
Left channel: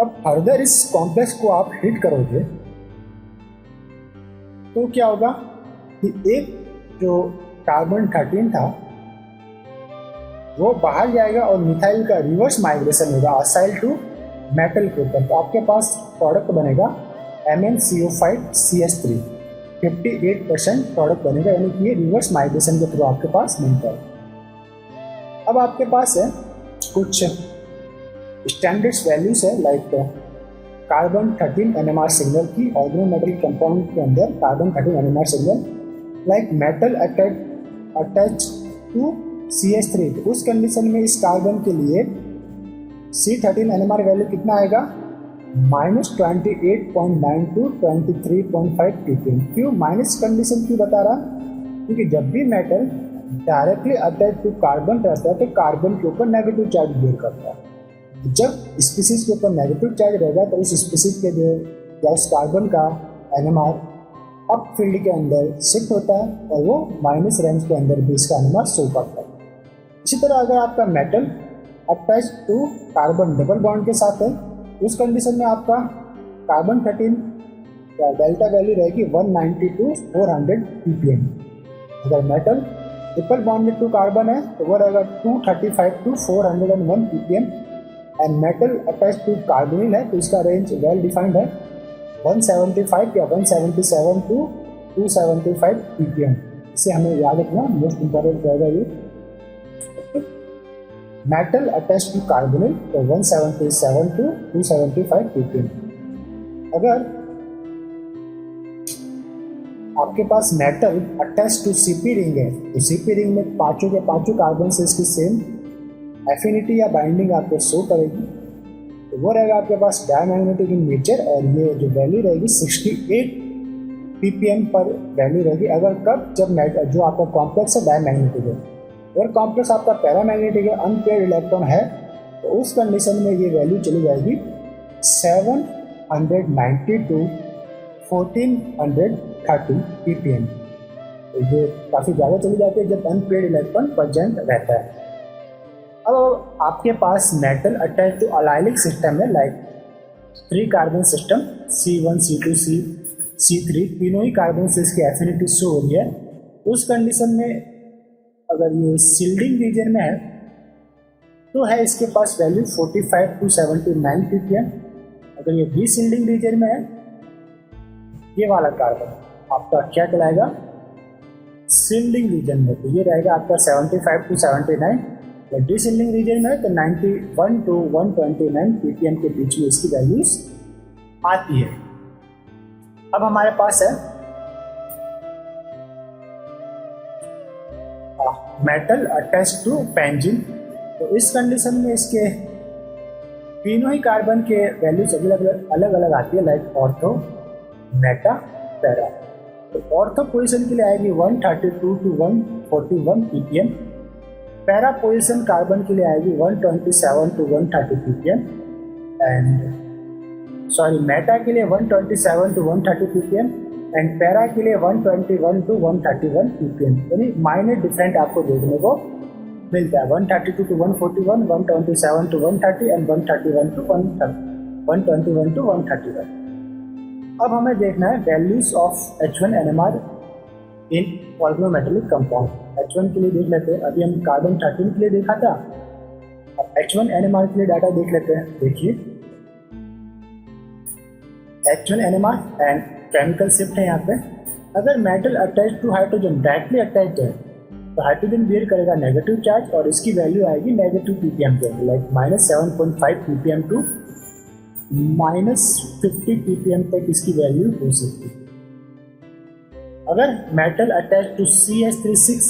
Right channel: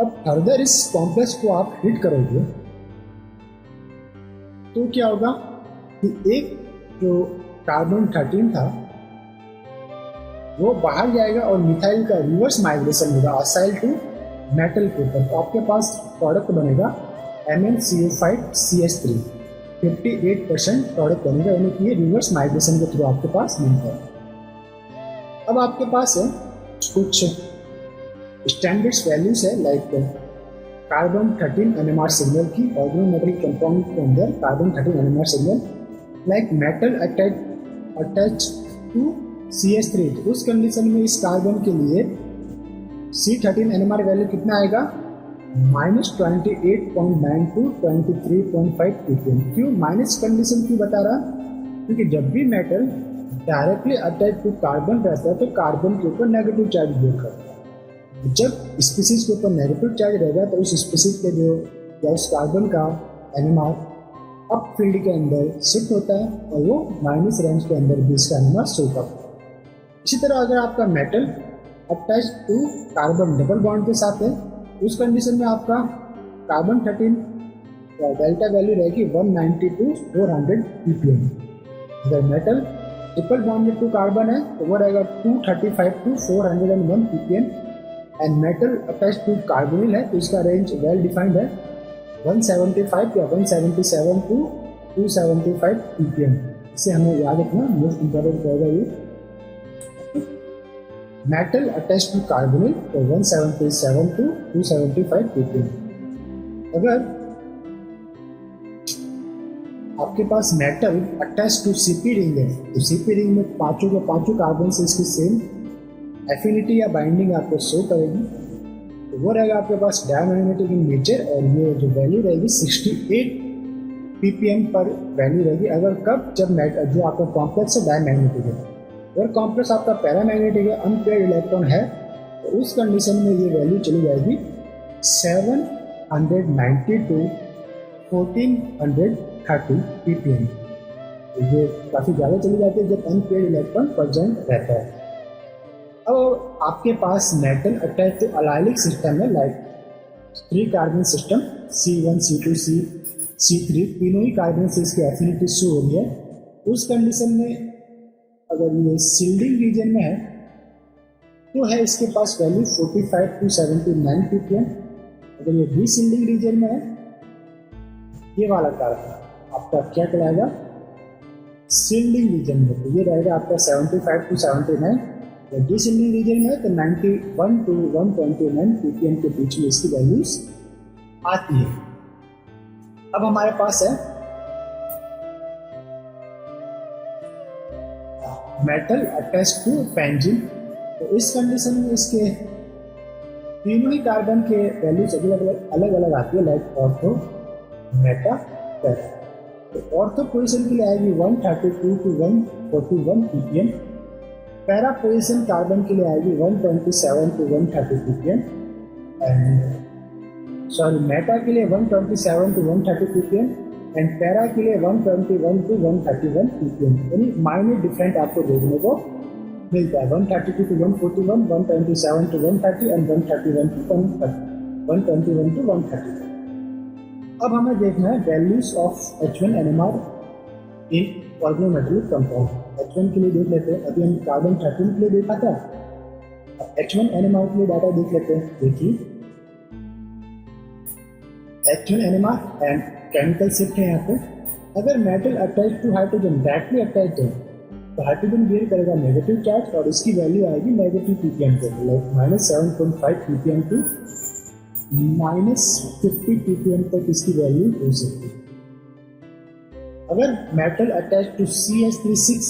अब फर्दर इस कॉम्प्लेक्स को आप हिट करोगे तो क्या होगा कि एक जो कार्बन 13 था वो बाहर जाएगा और मिथाइल का रिवर्स माइग्रेशन होगा असाइल टू मेटल के ऊपर। तो आपके पास प्रोडक्ट बनेगा MnCO5CH3, 58% प्रोडक्ट बनेगा, यानी कि ये रिवर्स माइग्रेशन के थ्रू आपके पास मिलता है। अब आपके पास है कुछ स्टैंडर्ड्स वैल्यूज है, लाइक कार्बन 13 NMR सिंगल की ऑर्गेनोमेटल कंपाउंड के अंदर carbon 13 NMR signal like metal attach to CH3। तो उस कंडीशन में इस कार्बन के लिए C13 NMR वैल्यू कितना आएगा -28.9 to 23.5 ppm। क्यों माइनस कंडीशन क्यों बता रहा? क्योंकि जब भी metal directly attach to carbon रहता है तो कार्बन के ऊपर नेगेटिव चार्ज बियर करता है। जब स्पीसीज के ऊपर नेगेटिव चार्ज रहेगा तो उस स्पीसीज के जो या उस कार्बन का NMR अप फील्ड के अंदर शिफ्ट होता है और वो माइनस रेंज के अंदर भी इसका NMR शो करता है। इसी तरह अगर आपका metal attach to carbon double bond के साथ है उस कंडीशन में आपका कार्बन 13 डेल्टा वैल्यू रहेगी 190 to 400 ppm। अगर metal triple bond to carbon है तो वो रहेगा 235 to 401 ppm। And metal attach to carbonyl है तो इसका रेंज वेल डिफाइंड है 175 या 177 to 275 ppm। इसे हमें याद रखना, मोस्ट इंपॉर्टेंट रहेगा ये। मेटल अटैच टू कार्बोनिल तो 177 to 275 ppm। अगर आपके पास metal attach to CP ring है तो CP रिंग में पांचों के पांचों कार्बन से इसकी सेम एफिनिटी या बाइंडिंग आपको शो करेगी। तो वो रहेगा आपके पास डायमैग्नेटिक इन नेचर और ये जो वैल्यू रहेगी 68 ppm पर वैल्यू रहेगी। अगर कब जब जो आपका कॉम्प्लेक्स है डायमैग्नेटिक है, अगर कॉम्प्लेक्स आपका पैरामैग्नेटिक है अनपेयर्ड इलेक्ट्रॉन है तो उस कंडीशन में ये वैल्यू चली जाएगी 790 to 1430 ppm। तो ये काफ़ी ज़्यादा चली जाती है जब अनपेयर्ड इलेक्ट्रॉन प्रेजेंट रहता है। अब आपके पास metal attach to allylic system है, like 3 carbon system C1 C2 C3 तीनों ही कार्बन से इसकी एफिनिटी शो हो रही है। उस कंडीशन में अगर ये सील्डिंग रीजन में है तो है इसके पास वैल्यू 45 to 79 ppm। अगर ये डी सील्डिंग रीजन में है ये वाला कार्बन आपका क्या कहलाएगा सील्डिंग रीजन में, तो ये रहेगा आपका 75 to 79। और डी सील्डिंग रीजन में है तो 91 to 129 ppm के बीच में इसकी वैल्यूज आती है। अब हमारे पास है मेटल अटैच टू बेंजीन। तो इस कंडीशन में इसके तीनों ही कार्बन के वैल्यूज अलग अलग आती है, लाइक ऑर्थो मेटा पैरा। तो ऑर्थो पोजीशन के लिए आएगी 132 to 141 ppm। Para position carbon के लिए आएगी 127 to 130 ppm। एंड मेटा के लिए 127 to 130 ppm एंड पैरा के लिए 121 to 131 ppm। यानी माइनर डिफरेंट आपको देखने को मिलता है 132 to 141, 127 to 130 and 131 to 121 to 131। अब हमें देखना है values of H1 NMR in organometallic compound. H1 के लिए देख लेते हैं, अभी हम कार्बन 13 के लिए देखा था, अब H1 NMR के लिए डाटा देख लेते हैं। देखिए H1 NMR and chemical shift है यहाँ पे। अगर metal attach to hydrogen directly attach है तो हाइड्रोजन बियर करेगा नेगेटिव चार्ज और इसकी वैल्यू आएगी नेगेटिव ppm के, लाइक -7.5 ppm टू -50 ppm तक इसकी वैल्यू हो सकती है। अगर मेटल अटैच टू CH3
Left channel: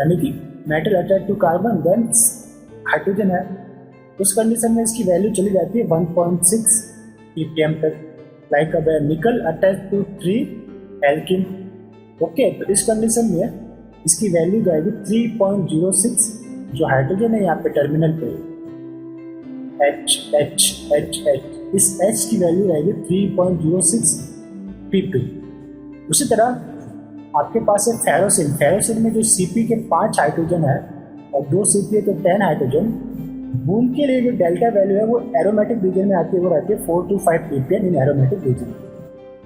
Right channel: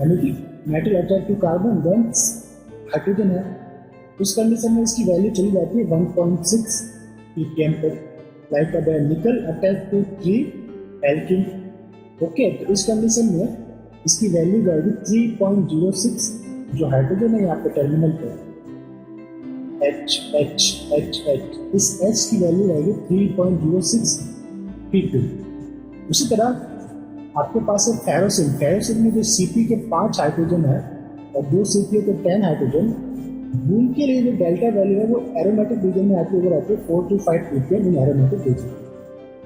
यानी कि metal attach to carbon then hydrogen है, उस कंडीशन में इसकी वैल्यू चली जाती है 1.6 ppm तक। लाइक अब निकल अटैच टू 3 एल्किन, ओके, तो इस कंडीशन में इसकी वैल्यू जाएगी 3.06, जो हाइड्रोजन है यहाँ पे टर्मिनल पे H H H H, इस H की वैल्यू रहेगी 3.06 pp। उसी तरह आपके पास है फेरोसिन। फेरोसिन में जो Cp के 5 हाइड्रोजन है और 2 Cp है तो 10 हाइड्रोजन, उनके लिए जो डेल्टा वैल्यू है वो एरोमेटिक रीजन में आती है, वो रहती है 4 to 5 ppm in aromatic region.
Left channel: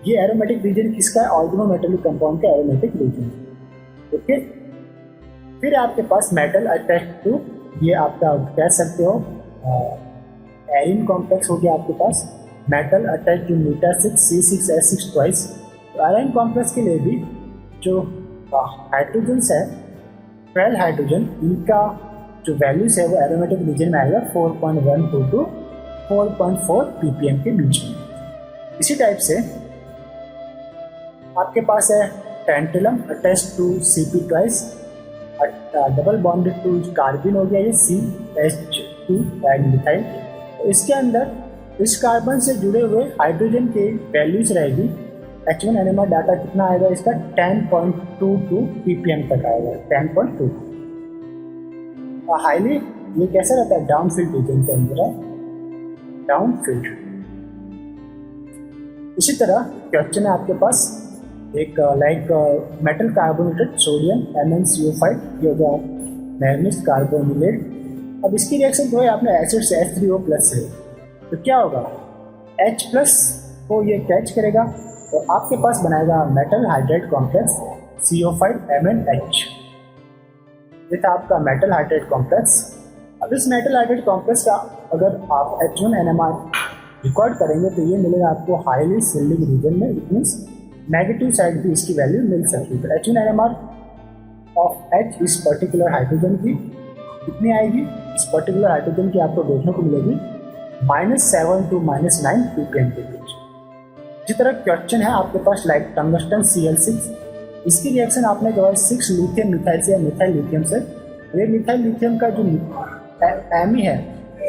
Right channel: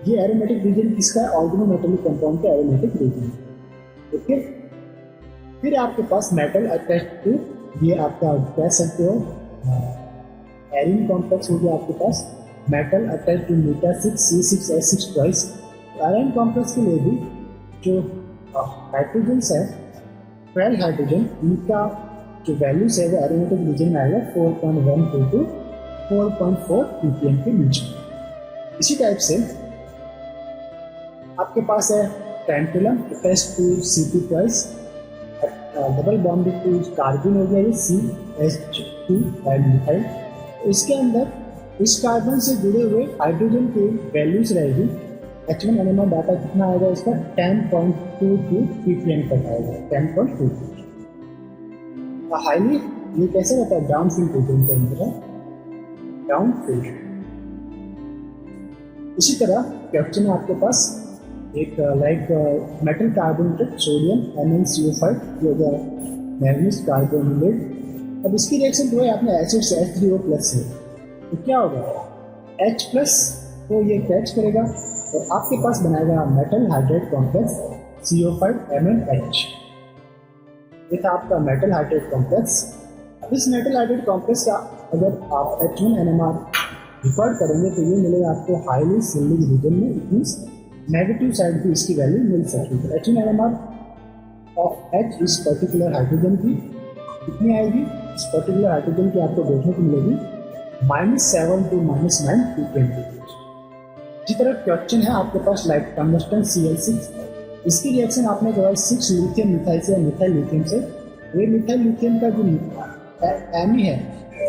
ये एरोमेटिक रीजन किसका है? ऑर्गेनोमेटेलिक कंपाउंड का एरोमेटिक रीजन, ओके। फिर आपके पास मेटल अटैच टू, ये आपका कह सकते हो एरिन कॉम्प्लेक्स हो गया आपके पास, मेटल अटैच टू μ6 ट्वाइस। तो आयरन कॉम्प्लेक्स के लिए भी जो हाइड्रोजन्स है 12 हाइड्रोजन, इनका जो वैल्यूज है वो एरोमेटिक रीजन में आएगा 4.12 to 4.4 ppm के बीच में। इसी टाइप से आपके पास है tantalum attach to Cp twice, double bonded to carbon हो गया ये CH2 डाइमिथाइल। इसके अंदर इस कार्बन से जुड़े हुए हाइड्रोजन के वैल्यूज रहेगी। H1 NMR डाटा कितना आएगा इसका? 10.22 ppm तक आएगा, 10.2। हाईली ये कैसा रहता है? डाउन फील्ड रीजन के अंदर है, डाउन फील्ड। इसी तरह क्वेश्चन है आपके पास एक like metal carbonated sodium MnCO5, ये हो गया मैग्नीज कार्बोनिलेट। अब इसकी रिएक्शन जो है आपने एसिड से H3O+ से, तो क्या होगा? H+ को ये कैच करेगा और आपके पास बनाएगा मेटल हाइड्राइड कॉम्प्लेक्स CO5MnH। ये था आपका मेटल हाइड्राइड कॉम्प्लेक्स। अब इस मेटल हाइड्राइड कॉम्प्लेक्स का अगर आप H1 NMR रिकॉर्ड करेंगे तो ये मिलेगा आपको हाईली सिल्डिंग रीजन में। इट मीन्स नेगेटिव साइड भी इसकी वैल्यू मिल सकती है। H1 NMR ऑफ H इस पर्टिकुलर हाइड्रोजन की कितनी आएगी? इस पर्टिकुलर हाइड्रोजन की आपको देखने को मिलेगी -7 to -9 ppm के बीच। इसी तरह क्वेश्चन है आपके पास लाइक टंगस्टन Cl6, इसकी रिएक्शन आपने करवाई 6 लिथियम मिथाइल से या मिथाइल लिथियम से। ये मिथाइल लिथियम का जो Me है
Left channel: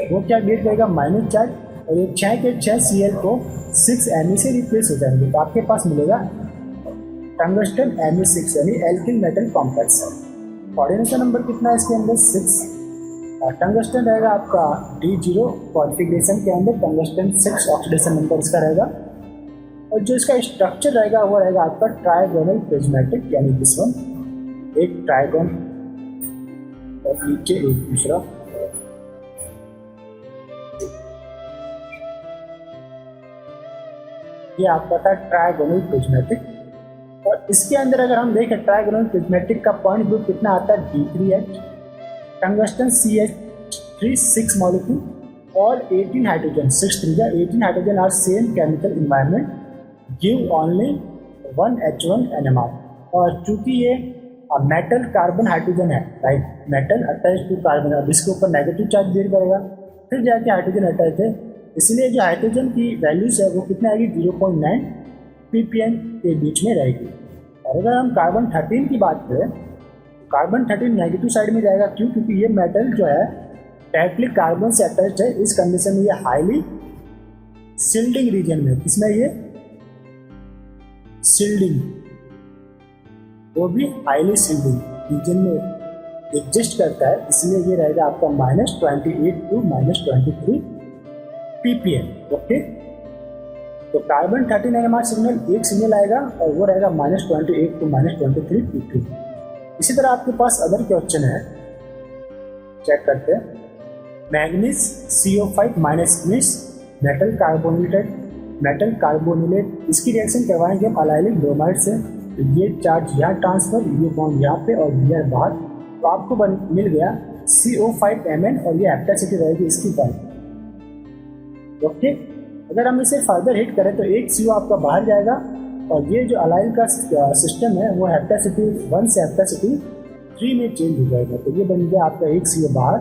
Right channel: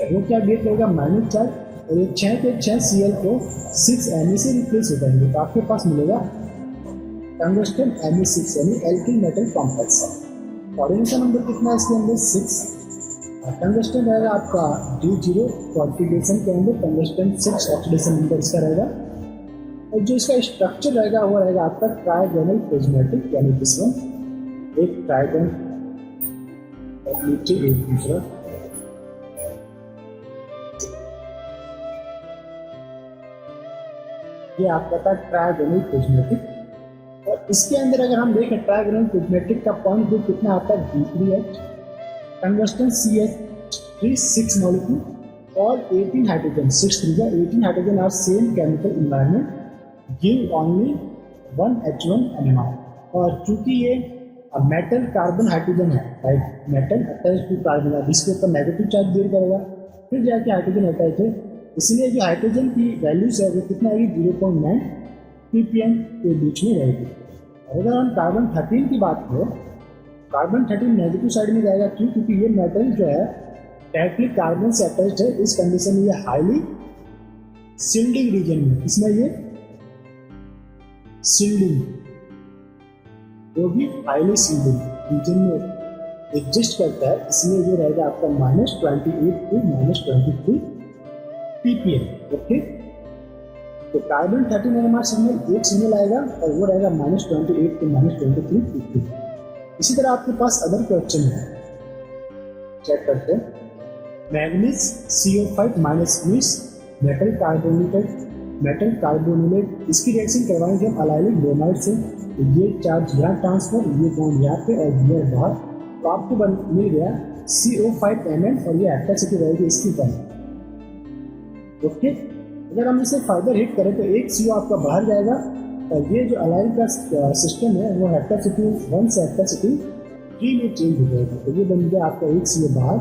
वो क्या बियर करेगा? माइनस चार्ज, और ये 6 के 6 Cl को 6 Me से रिप्लेस हो जाएंगे, तो आपके पास मिलेगा टंगस्टन Me6 यानी alkyl metal complex. Coordination number कितना है इसके अंदर? 6। और टंगस्टन रहेगा आपका D0 कॉन्फिगरेशन के अंदर, टंगस्टन 6 ऑक्सीडेशन नंबर इसका रहेगा। और जो इसका स्ट्रक्चर रहेगा वो रहेगा आपका ट्राइगोनल प्रिज्मेटिक, यानी दिस वन, एक ट्राइगोन और नीचे एक दूसरा। ये आपका था ट्राइगोनल प्रिज्मेटिक। और इसके अंदर अगर हम देखें ट्राइगोनल प्रिज्मेटिक का पॉइंट ग्रुप कितना आता है? D3H। टंगस्टन CH3 6 मॉलिक्यूल और 18 hydrogen, 6 3 18 hydrogen are same chemical environment give only 1 H1 NMR। और चूंकि ये मेटल कार्बन हाइड्रोजन है, right, metal attach to carbon, अब इसके ऊपर नेगेटिव चार्ज बियर करेगा, फिर जाके हाइड्रोजन अटैच है, इसलिए जो हाइड्रोजन की वैल्यूज है वो कितना आएगी? 0.9 ppm के बीच में रहेगी। और अगर हम कार्बन 13 की बात करें, कार्बन 13 नेगेटिव साइड में जाएगा। क्यों? क्योंकि ये मेटल जो है डायरेक्टली कार्बन से अटैच्ड है। इस कंडीशन में ये हाईली सिल्डिंग रीजन में, इसमें ये सिल्डिंग, वो भी हाईली सिल्डिंग रीजन में एग्जिस्ट करता है, इसलिए ये रहेगा आपका -28 to -23 ppm, ओके। तो कार्बन 13 NMR सिग्नल एक सिग्नल आएगा और वो रहेगा -28 to -23 ppm। इसी तरह आपके पास अदर क्वेश्चन है, चेक करते हैं। मैग्नीज CO5 मीन्स मेटल कार्बोनिलेट, इसकी रिएक्शन करवाएंगे अलाइलिक ब्रोमाइड से। ये चार्ज यहाँ ट्रांसफर, ये बॉन्ड यहाँ पे और ये बाहर, तो आपको मिल गया CO5Mn और ये एक्टिविटी रहेगी इसकी पर, ओके। अगर हम इसे फर्दर हिट करें तो एक CO आपका बाहर जाएगा और ये जो अलाइन का सिस्टम है वो हेप्टासिटी 1 से हेप्टासिटी 3 में चेंज हो जाएगा। तो ये बन गया आपका एक CO बाहर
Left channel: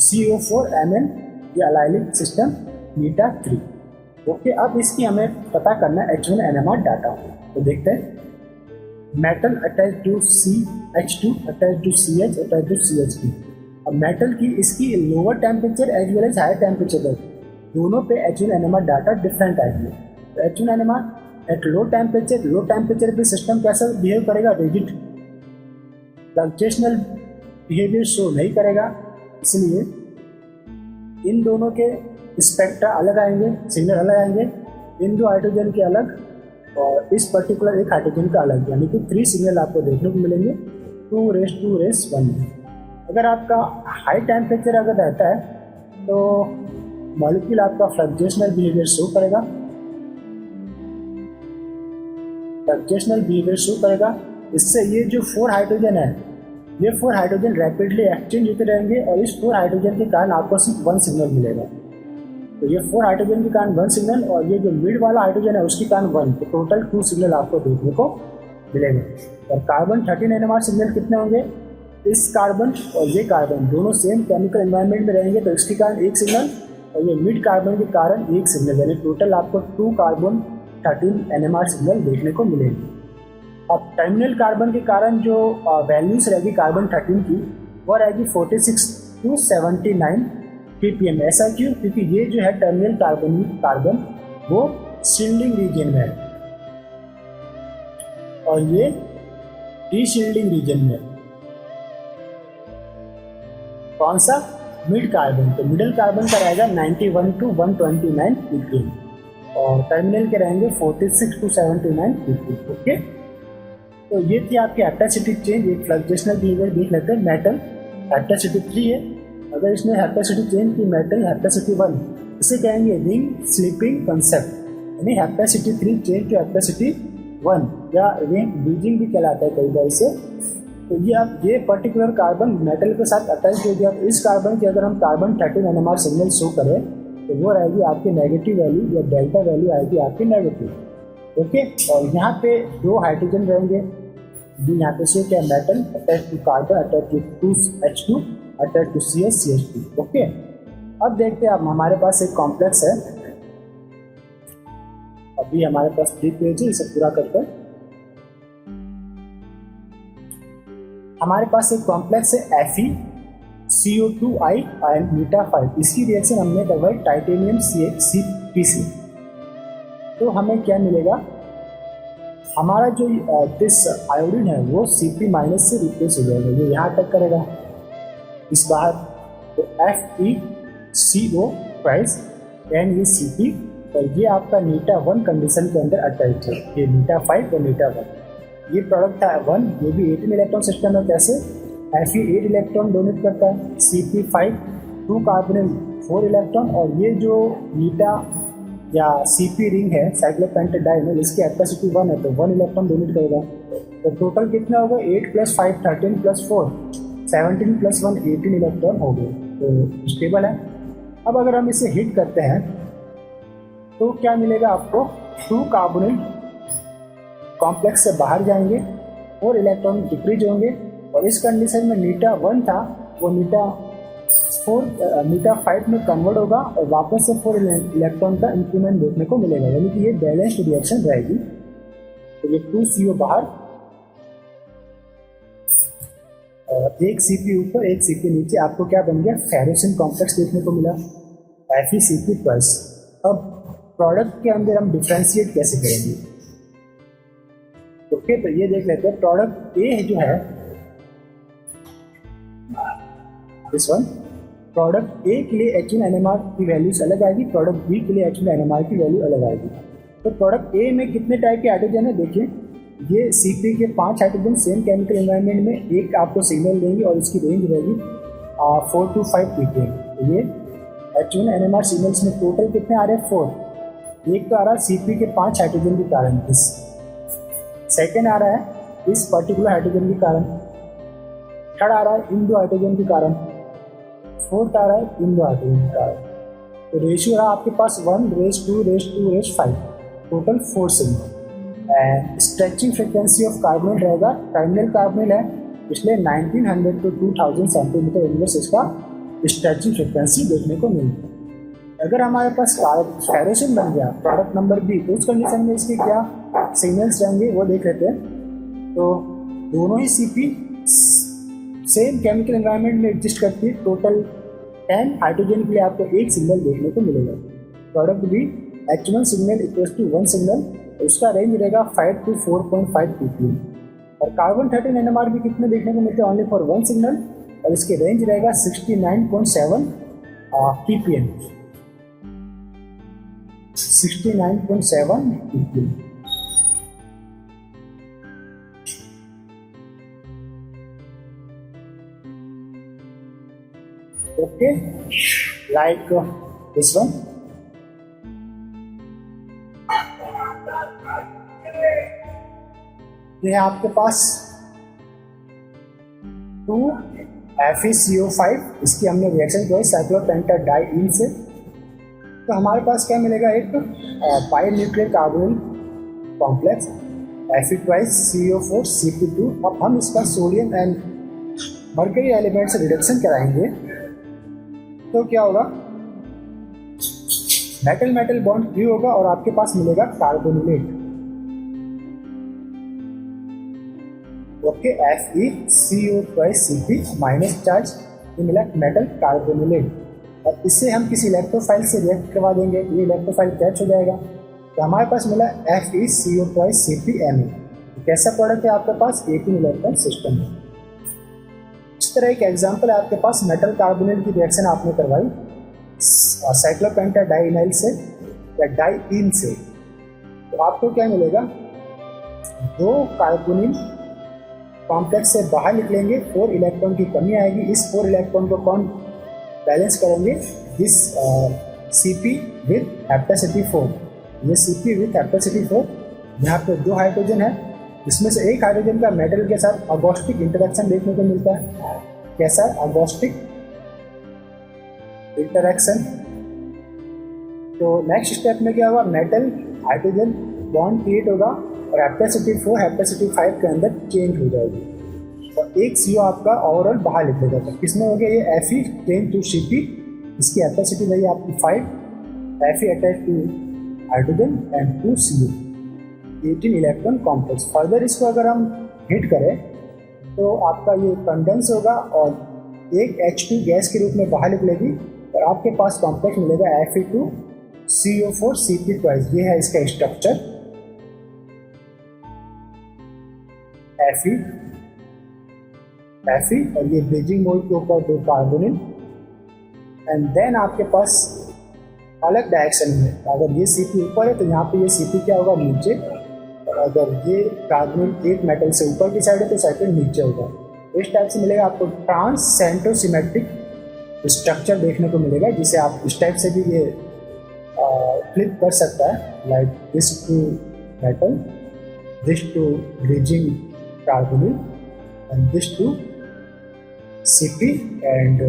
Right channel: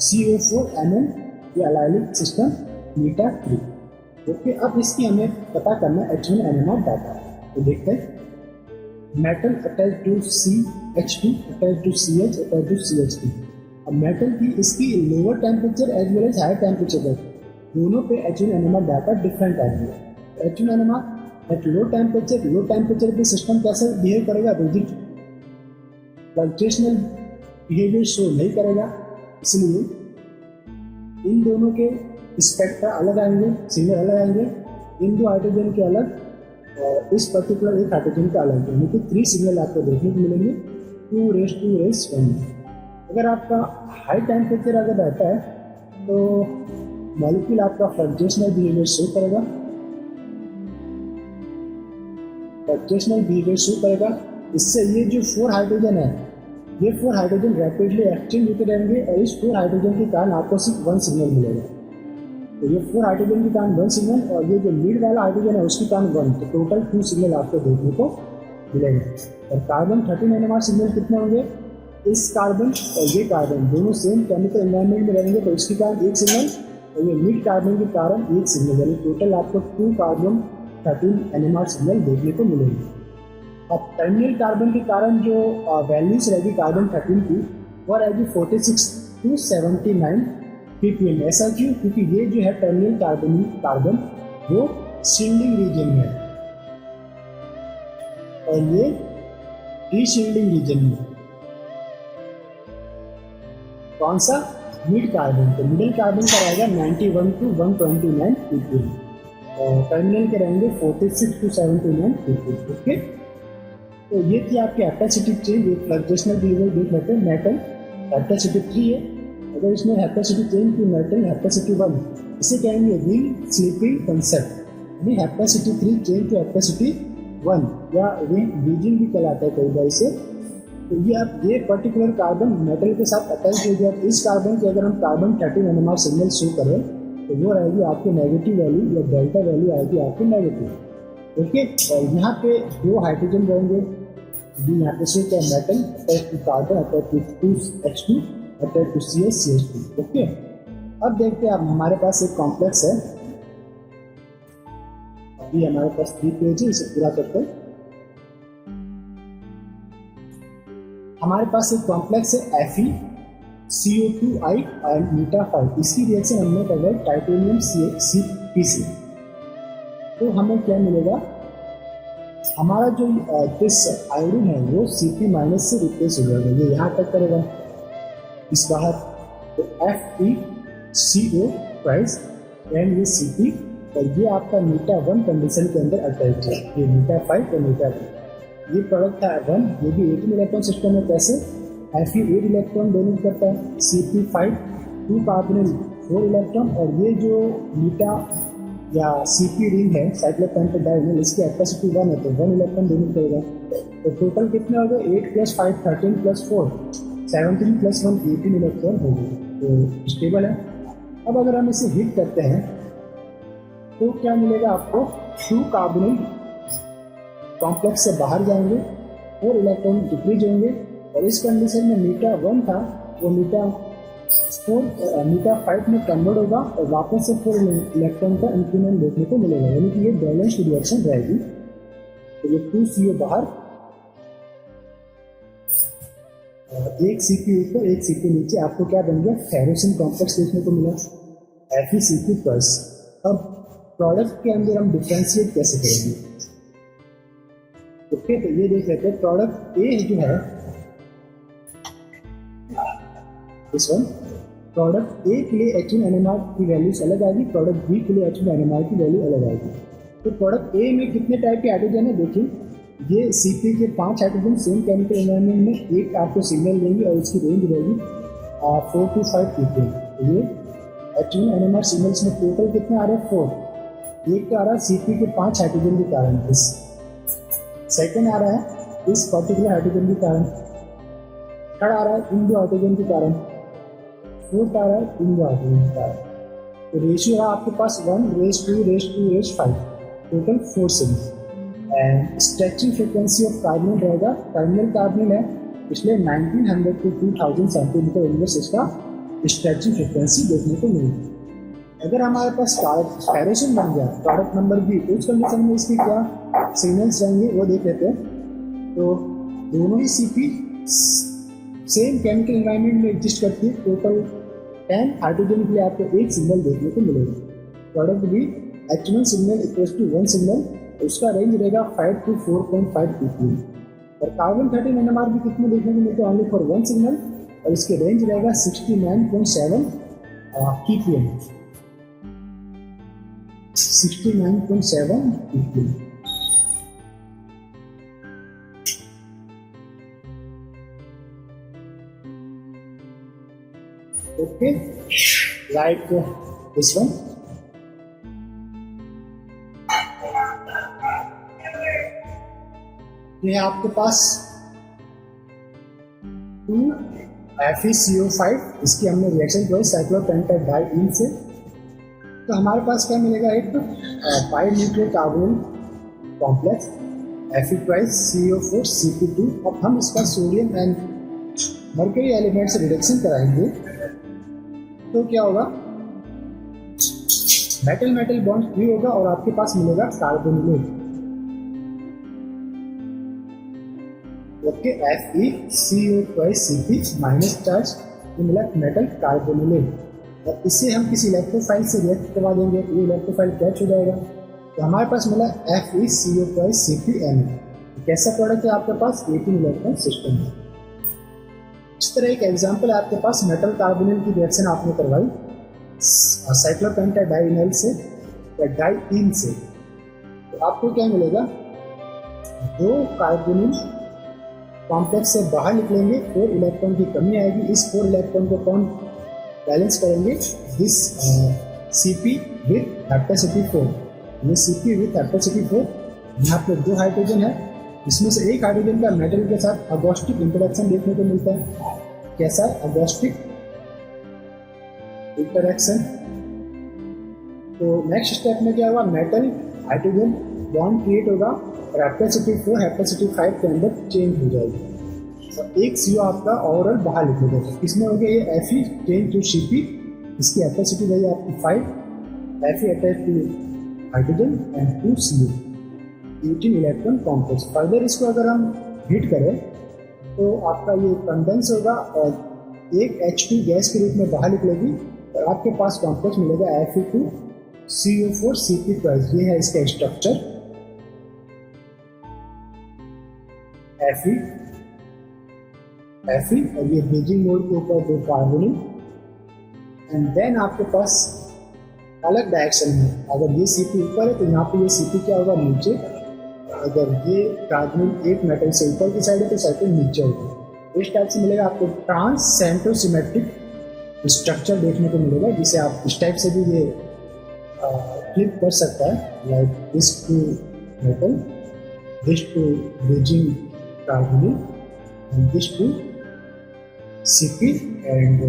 CO4Mn, ये अलाइनिक सिस्टम मीटा 3। ओके, अब इसकी हमें पता करना है H1 NMR डाटा। तो देखते हैं, metal attach to CH2 attach to CH attach to CH3। अब मेटल की इसकी lower temperature as well as higher temperature है, दोनों पे H1 NMR डाटा डिफरेंट आएंगे। तो H1 NMR at low temperature पे सिस्टम कैसा बिहेव करेगा, रिजिड फ्लक्चुएशनल बिहेवियर शो नहीं करेगा, इसलिए इन दोनों के स्पेक्ट्रा अलग आएंगे, सिग्नल अलग आएंगे, इन दो हाइड्रोजन के अलग और इस पर्टिकुलर एक हाइड्रोजन का अलग, यानी कि 3 सिग्नल आपको देखने को मिलेंगे 2⁻⁴ में। अगर आपका हाई टेम्परेचर अगर रहता है तो मॉलिक्यूल आपका फ्लक्चुएशनल बिहेवियर शो करेगा, इससे ये जो 4 हाइड्रोजन है, ये 4 हाइड्रोजन रैपिडली एक्सचेंज होते रहेंगे और इस 4 हाइड्रोजन के कारण आपको सिर्फ 1 सिग्नल मिलेगा। तो ये 4 हाइड्रोजन के कारण 1 सिग्नल और ये जो मिड वाला हाइड्रोजन है उसके कारण 1, तो टोटल 2 सिग्नल आपको देखने को मिलेंगे। और कार्बन 13 NMR सिग्नल कितने होंगे, इस कार्बन और ये कार्बन दोनों सेम केमिकल एनवायरनमेंट में रहेंगे तो इसके कारण 1 सिग्नल और ये मिड कार्बन के कारण 1 सिग्नल, यानी टोटल आपको 2 कार्बन 13 NMR सिग्नल देखने को मिलेंगे। और टर्मिनल कार्बन के कारण जो वैल्यूज रहेगी कार्बन 13 की वो रहेगी 46 to 79 ppm। ऐसा क्यों, क्योंकि ये जो है टर्मिनल कार्बन वो शील्डिंग रीजन में है और ये डीशील्डिंग रीजन में। कौन सा, मिड कार्बन, तो मिडल कार्बन का रहेगा 91 to 129 ppm और टर्मिनल के रहेंगे 46 to 79 ppm। ओके, तो ये थी आपकी हेप्टासिटी चेंज, एक फ्लक्चुएशनल बिहेवियर देख लेते हैं। मेटल हेप्टासिटी 3 है, अगर इसने हेप्टासिटी चेंज की मेटल हेप्टासिटी 1, इसे कहेंगे रिंग स्लीपिंग कंसेप्ट, यानी हेप्टासिटी 3 चेंज टू हेप्टासिटी 1 या रिंग बीजिंग भी कहलाता है कई बार इसे। तो ये अब ये पर्टिकुलर कार्बन मेटल के साथ अटैच हो गया, तो इस कार्बन के अगर हम कार्बन 13 NMR सिग्नल शो करें तो वो रहेगी आपकी नेगेटिव वैल्यू या डेल्टा वैल्यू आएगी आपकी नेगेटिव। ओके, और यहाँ पे 2 हाइड्रोजन रहेंगे, यहाँ पे शो क्या, metal attach to carbon attach to H2 attach to CH2। Okay, अब देखते हैं, अब हमारे पास एक कॉम्प्लेक्स है, अभी हमारे पास 3 पेज है, इसे पूरा करते हैं। हमारे पास एक कॉम्प्लेक्स है FeCO2I आयन मीटा 5, इसकी रिएक्शन हमने करवाई टाइटेनियम CpC। तो हमें क्या मिलेगा, हमारा जो दिस आयोडीन है वो Cp- से रिप्लेस हो जाएगा, ये यहाँ तक करेगा इस बार, तो FeCO प्राइस एंड ये Cp और ये आपका मीटा 1 कंडीशन के अंदर अटैच है, ये मीटा 5 और मीटा 1। ये प्रोडक्ट है 1, ये भी 18 इलेक्ट्रॉन सिस्टम है, कैसे, Fe 8 इलेक्ट्रॉन डोनेट करता है, Cp5 2 कार्बोनिल 4 इलेक्ट्रॉन और ये जो मीटा या Cp रिंग है साइक्लोपेंटाडाइन, इसकी कैपेसिटी 1 है तो 1 इलेक्ट्रॉन डोनेट करेगा। तो टोटल कितना होगा, 8 + 5 13 + 4 17 + 1 18 इलेक्ट्रॉन हो गए, तो स्टेबल है। अब अगर हम इसे हीट करते हैं तो क्या मिलेगा आपको, 2 कार्बोनिल कॉम्प्लेक्स से बाहर जाएंगे और इलेक्ट्रॉन डिक्रीज होंगे और इस कंडीशन में मीटा 1 था वो मीटा 5 में कन्वर्ट होगा और वापस से 4 इलेक्ट्रॉन का इंक्रीमेंट देखने को मिलेगा, यानी कि ये बैलेंस्ड रिएक्शन रहेगी। तो ये 2 CO बाहर, एक Cp ऊपर एक Cp नीचे, आपको क्या बन गया, फेरोसिन कॉम्प्लेक्स देखने को मिला FeCp+। अब प्रोडक्ट के अंदर हम डिफ्रेंशिएट कैसे करेंगे, ओके, तो ये देख लेते हैं। प्रोडक्ट ए जो है दिस वन, प्रोडक्ट ए के लिए H1 NMR की वैल्यूज अलग आएगी, प्रोडक्ट बी के लिए H1 NMR की वैल्यू अलग आएगी। तो प्रोडक्ट ए में कितने टाइप के हाइड्रोजन है, देखिए ये Cp के 5 हाइड्रोजन सेम केमिकल एनवायरनमेंट में एक आपको सिग्नल देंगे और इसकी रेंज रहेगी 4 to 5 ppm। तो ये H1 NMR सिग्नल्स में टोटल कितने आ रहे हैं, 4। एक तो आ रहा है Cp के 5 हाइड्रोजन के कारण, इस सेकेंड आ रहा है इस पर्टिकुलर हाइड्रोजन के कारण, थर्ड आ रहा है इन 2 हाइड्रोजन के कारण, फोर्थ आ रहा है इन 2 हाइड्रोजन के कारण। तो रेशियो रहा आपके पास 1:2:5, total 4 signal. And stretching frequency of carbon रहेगा, टर्मिनल कार्बन है इसलिए 1900 to 2000 सेंटीमीटर इनवर्स इसका स्ट्रेचिंग फ्रिक्वेंसी देखने को मिलती है। अगर हमारे पास फेरोसिन बन गया प्रोडक्ट नंबर बी, तो उस कंडीशन में इसके क्या सिग्नल्स रहेंगे वो देख लेते हैं। तो दोनों ही सीपी सेम केमिकल एनवायरनमेंट में एग्जिस्ट करती है। टोटल 10 हाइड्रोजन के लिए आपको एक सिग्नल देखने को मिलेगा। Product B H1 signal equals to 1 signal, उसका रेंज रहेगा 5 to 4.5 ppm। और कार्बन 13 NMR भी कितने देखने को मिलते हैं, ओनली फॉर 1 सिग्नल, और इसके रेंज रहेगा 69.7 ppm। 69.7 ppm। Okay, like this one. ये आपके पास 2FeCO5, इसकी हमने रिएक्शन किया साइक्लोपेंटाडाइईन से, तो हमारे पास क्या मिलेगा, एक बाइन्यूक्लियर कार्बोनिल कॉम्प्लेक्स Fe2CO4Cp2। अब हम इसका सोडियम एंड मर्करी एलिमेंट से रिडक्शन कराएंगे तो क्या होगा, मेटल मेटल बॉन्ड फ्री होगा और आपके पास मिलेगा कार्बोनिलेट। ओके, FeCO2Cp माइनस चार्ज, ये मिला मेटल कार्बोनिलेट। अब इससे हम किसी इलेक्ट्रोफाइल से रिएक्ट करवा देंगे तो ये इलेक्ट्रोफाइल कैच हो जाएगा, तो हमारे पास मिला FeCO2CpMe। कैसा प्रोडक्ट है आपके पास, 18 इलेक्ट्रॉन सिस्टम है। इस तरह एक एग्जांपल है आपके पास, मेटल कार्बोनिल की रिएक्शन आपने करवाई साइक्लोपेंटाडाइईनाइल से या डाइईन से, तो आपको क्या मिलेगा, 2 कार्बोनिल कॉम्प्लेक्स से बाहर निकलेंगे, 4 इलेक्ट्रॉन की कमी आएगी। इस 4 इलेक्ट्रॉन को कौन बैलेंस करेंगे, दिस Cp विथ हेप्टासिटी 4। ये Cp विथ हेप्टासिटी 4, यहाँ पे 2 हाइड्रोजन है, इसमें से एक हाइड्रोजन का मेटल के साथ अगोस्टिक इंटरेक्शन देखने को मिलता है। कैसा है अगोस्टिक इंटरेक्शन। तो नेक्स्ट स्टेप में क्या होगा, मेटल हाइड्रोजन बॉन्ड क्रिएट होगा और हेप्टासिटी 4 हेप्टासिटी 5 के अंदर चेंज हो जाएगी, और एक CO आपका ओवरऑल बाहर निकलेगा। तो किसमें हो गया, ये Fe चेंज टू Cp, इसकी हेप्टासिटी वही आपकी 5, Fe attach to hydrogen and 2 CO, 18 electron complex. Further इसको अगर हम हिट करें तो आपका ये कंडेंस होगा और एक H2 गैस के रूप में बाहर निकलेगी और आपके पास कॉम्प्लेक्स मिलेगा Fe2CO4Cp2। ये है इसका स्ट्रक्चर, Fe और ये ब्रिजिंग मोड के ऊपर 2 कार्बोनिल, एंड देन आपके पास अलग डायरेक्शन में, अगर ये Cp ऊपर है तो यहाँ पे ये Cp क्या होगा, नीचे। अगर ये कार्बोनिल एक मेटल से ऊपर की साइड है तो साइकिल नीचे होगा। इस टाइप से मिलेगा आपको ट्रांस सेंट्रोसिमेट्रिक स्ट्रक्चर देखने को मिलेगा, जिसे आप इस टाइप से भी ये फ्लिप कर सकता है, like this to metal, this to bridging carbonyl and this to Cp and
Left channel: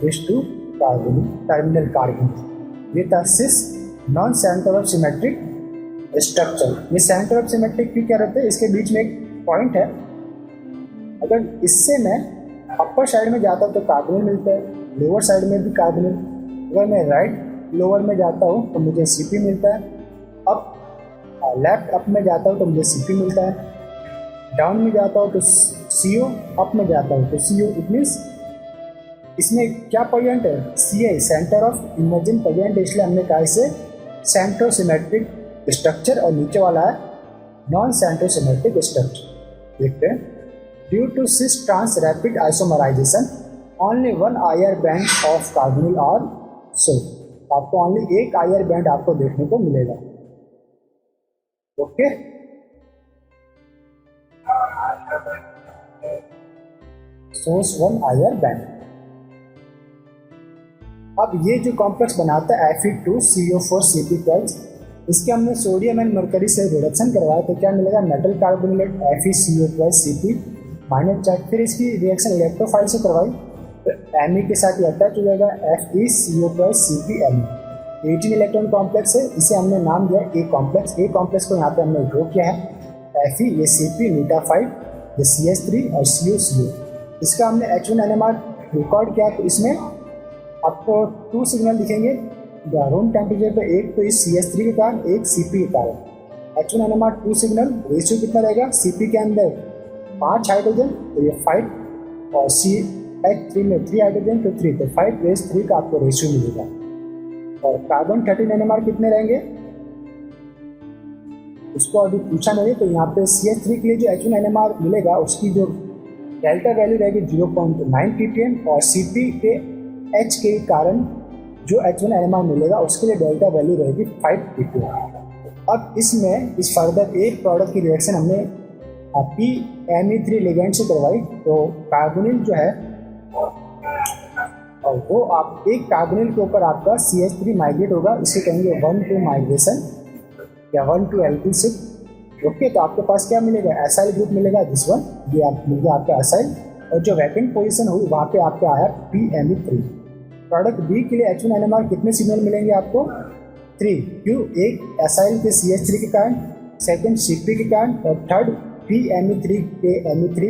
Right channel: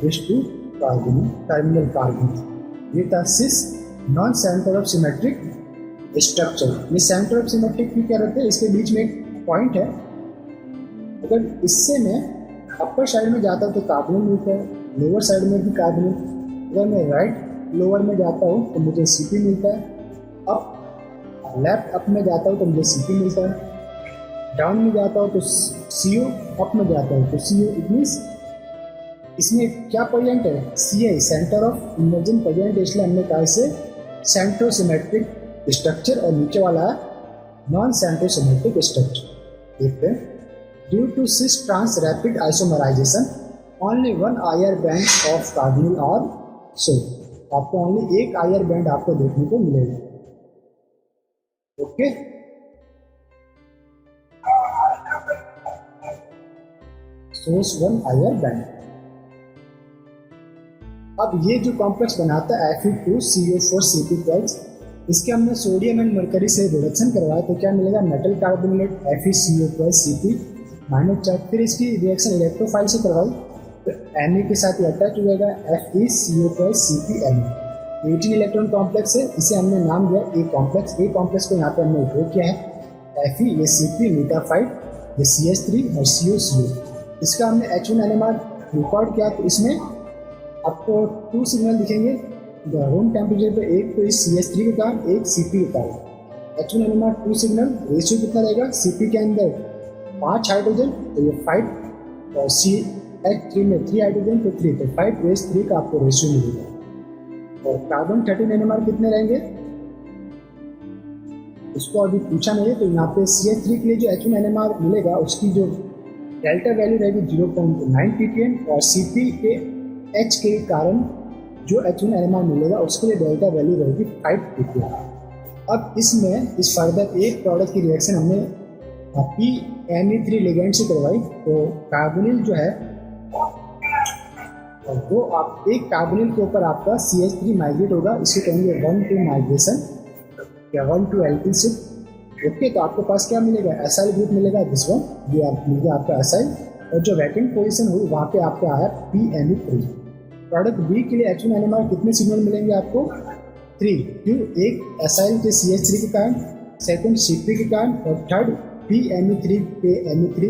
this to carbonyl terminal carbonyl. ये था cis non centre of symmetric structure. ये सेंटर ऑफ सिमेट्रिक क्यों क्या रहते हैं, इसके बीच में एक पॉइंट है, अगर इससे मैं अपर साइड में जाता हूँ तो कार्बोनिल मिलता है, लोअर साइड में भी कार्बोनिल। अगर मैं राइट लोअर में जाता हूँ तो मुझे Cp मिलता है, अप लेफ्ट अप में जाता हूँ तो मुझे Cp मिलता है, डाउन में जाता हूँ तो CO, अप में जाता हूँ तो CO। इट मीन्स इसमें क्या पॉइंट है, Ca centre of immersion point, इसलिए हमने कहा इसे सेंट्रोसिमेट्रिक स्ट्रक्चर, और नीचे वाला है नॉन सेंट्रोसिमेट्रिक स्ट्रक्चर। देखते हैं, due to cis trans rapid isomerization only 1 IR band of carbonyl are so, आपको ओनली एक IR बैंड आपको देखने को मिलेगा। ओके, सोर्स 1 IR बैंड। अब ये जो कॉम्प्लेक्स बनाता है Fe2CO4Cp12, इसके हमने सोडियम एंड मरकरी से रिडक्शन करवाया तो क्या मिलेगा, मेटल कार्बोनिलेट FeCO2Cp माइनस चार्ज। फिर इसकी रिएक्शन इलेक्ट्रोफाइल से करवाई तो Me के साथ अटैच हो जाएगा FeCO2CpMe। 18 इलेक्ट्रॉन कॉम्प्लेक्स है, इसे हमने नाम दिया ए कॉम्प्लेक्स। ए कॉम्प्लेक्स को यहाँ पे हमने ड्रॉ किया है Fe, ये Cp, मीटाफाइट, ये CH3 और CO। इसका हमने H1NMR रिकॉर्ड किया तो इसमें आपको 2 सिग्नल दिखेंगे रूम टेम्परेचर पे, एक तो इस CH3 के कारण, एक Cp के कारण। H1NMR 2 सिग्नल, रेशियो कितना रहेगा, Cp के अंदर 5 हाइड्रोजन तो ये 5 और CH3 में 3 हाइड्रोजन तो 3, तो 5:3 का आपको रेशियो मिलेगा। और कार्बन 13 NMR कितने रहेंगे उसको अभी पूछा नहीं है, तो यहाँ पे CH3 के लिए जो H1NMR मिलेगा उसकी जो डेल्टा वैल्यू रहेगी 0.9 ppm और Cp के H के कारण जो H1NMR मिलेगा उसके लिए डेल्टा वैल्यू रहेगी 5 ppm। अब इसमें इस फर्दर एक प्रोडक्ट की रिएक्शन हमने PMe3 लिगेंड से करवाई, तो कार्बोनिल जो है और वो आप एक कार्बोनिल के ऊपर आपका CH3 माइग्रेट होगा, इसे कहेंगे 1-2 माइग्रेशन या 1-2 एल्किल शिफ्ट। ओके, तो आपके पास क्या मिलेगा, एसाइल ग्रुप मिलेगा, दिस वन, ये आप मिल गया आपका एसाइल, और जो वैकेंट पोजीशन हुई वहाँ पे आपका आया PMe3। प्रोडक्ट बी के लिए H1NMR कितने सिग्नल मिलेंगे आपको, 3, क्यों, एक एसाइल के CH3 के कारण, सेकंड Cp के कारण और थर्ड PMe3 के Me3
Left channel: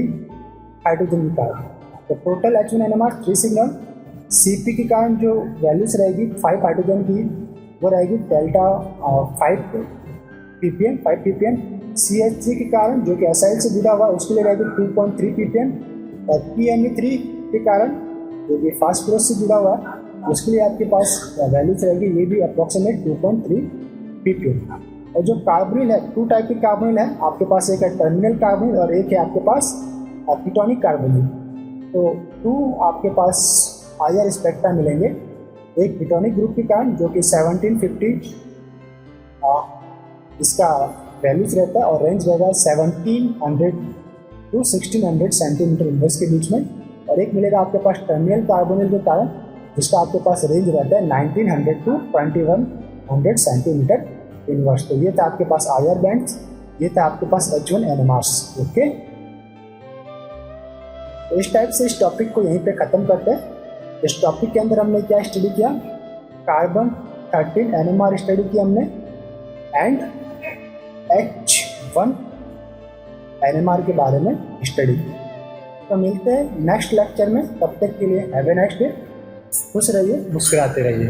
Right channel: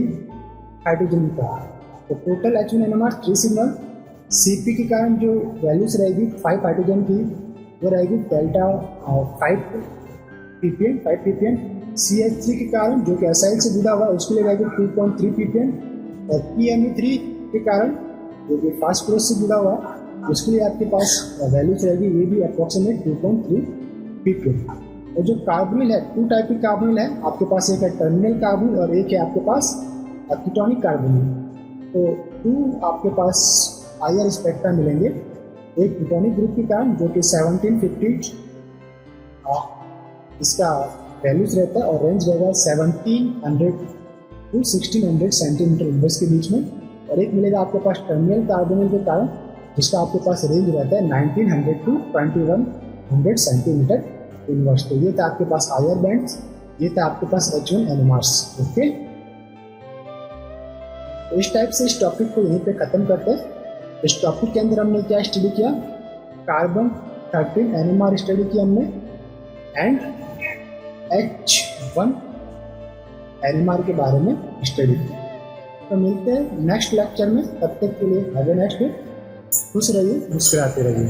हाइड्रोजन के कारण। तो टोटल H1NMR 3 सिग्नल। Cp के कारण जो वैल्यूज रहेगी 5 हाइड्रोजन की वो रहेगी डेल्टा 5 ppm। CH3 के कारण जो कि एसाइल से जुड़ा हुआ उसके लिए रहेगी 2.3 ppm और PMe3 के कारण जो कि फास्फोरस से जुड़ा हुआ उसके लिए आपके पास वैल्यूज रहेगी ये भी अप्रॉक्सीमेट 2.3 ppm। और जो कार्बोनिल है, 2 टाइप के कार्बोनिल है आपके पास, एक है टर्मिनल कार्बोनिल और एक है आपके पास कीटोनिक कार्बोनिल। तो 2 आपके पास हायर स्पेक्ट्रा मिलेंगे, एक कीटोनिक ग्रुप के कारण जो कि 1750 इसका वैल्यूज रहता है और रेंज रहेगा 1700 to 1600 सेंटीमीटर इनवर्स के बीच में, और एक मिलेगा आपके पास टर्मिनल कार्बोनिल के कारण जिसका आपके पास रेंज रहता है 1900 to 2100 सेंटीमीटर इनवर्स। तो ये था आपके पास आयर बैंड्स, ये था आपके पास H1NMRs। ओके, तो इस टाइप से इस टॉपिक को यहीं पे ख़त्म करते हैं। इस टॉपिक के अंदर हमने क्या स्टडी किया, कार्बन 13 NMR स्टडी की हमने एंड H1NMR के बारे में स्टडी की। तो मिलते हैं नेक्स्ट लेक्चर में, तब तक के लिए हैव ए नाइस डे, खुश रहिए, मुस्कुराते रहिए।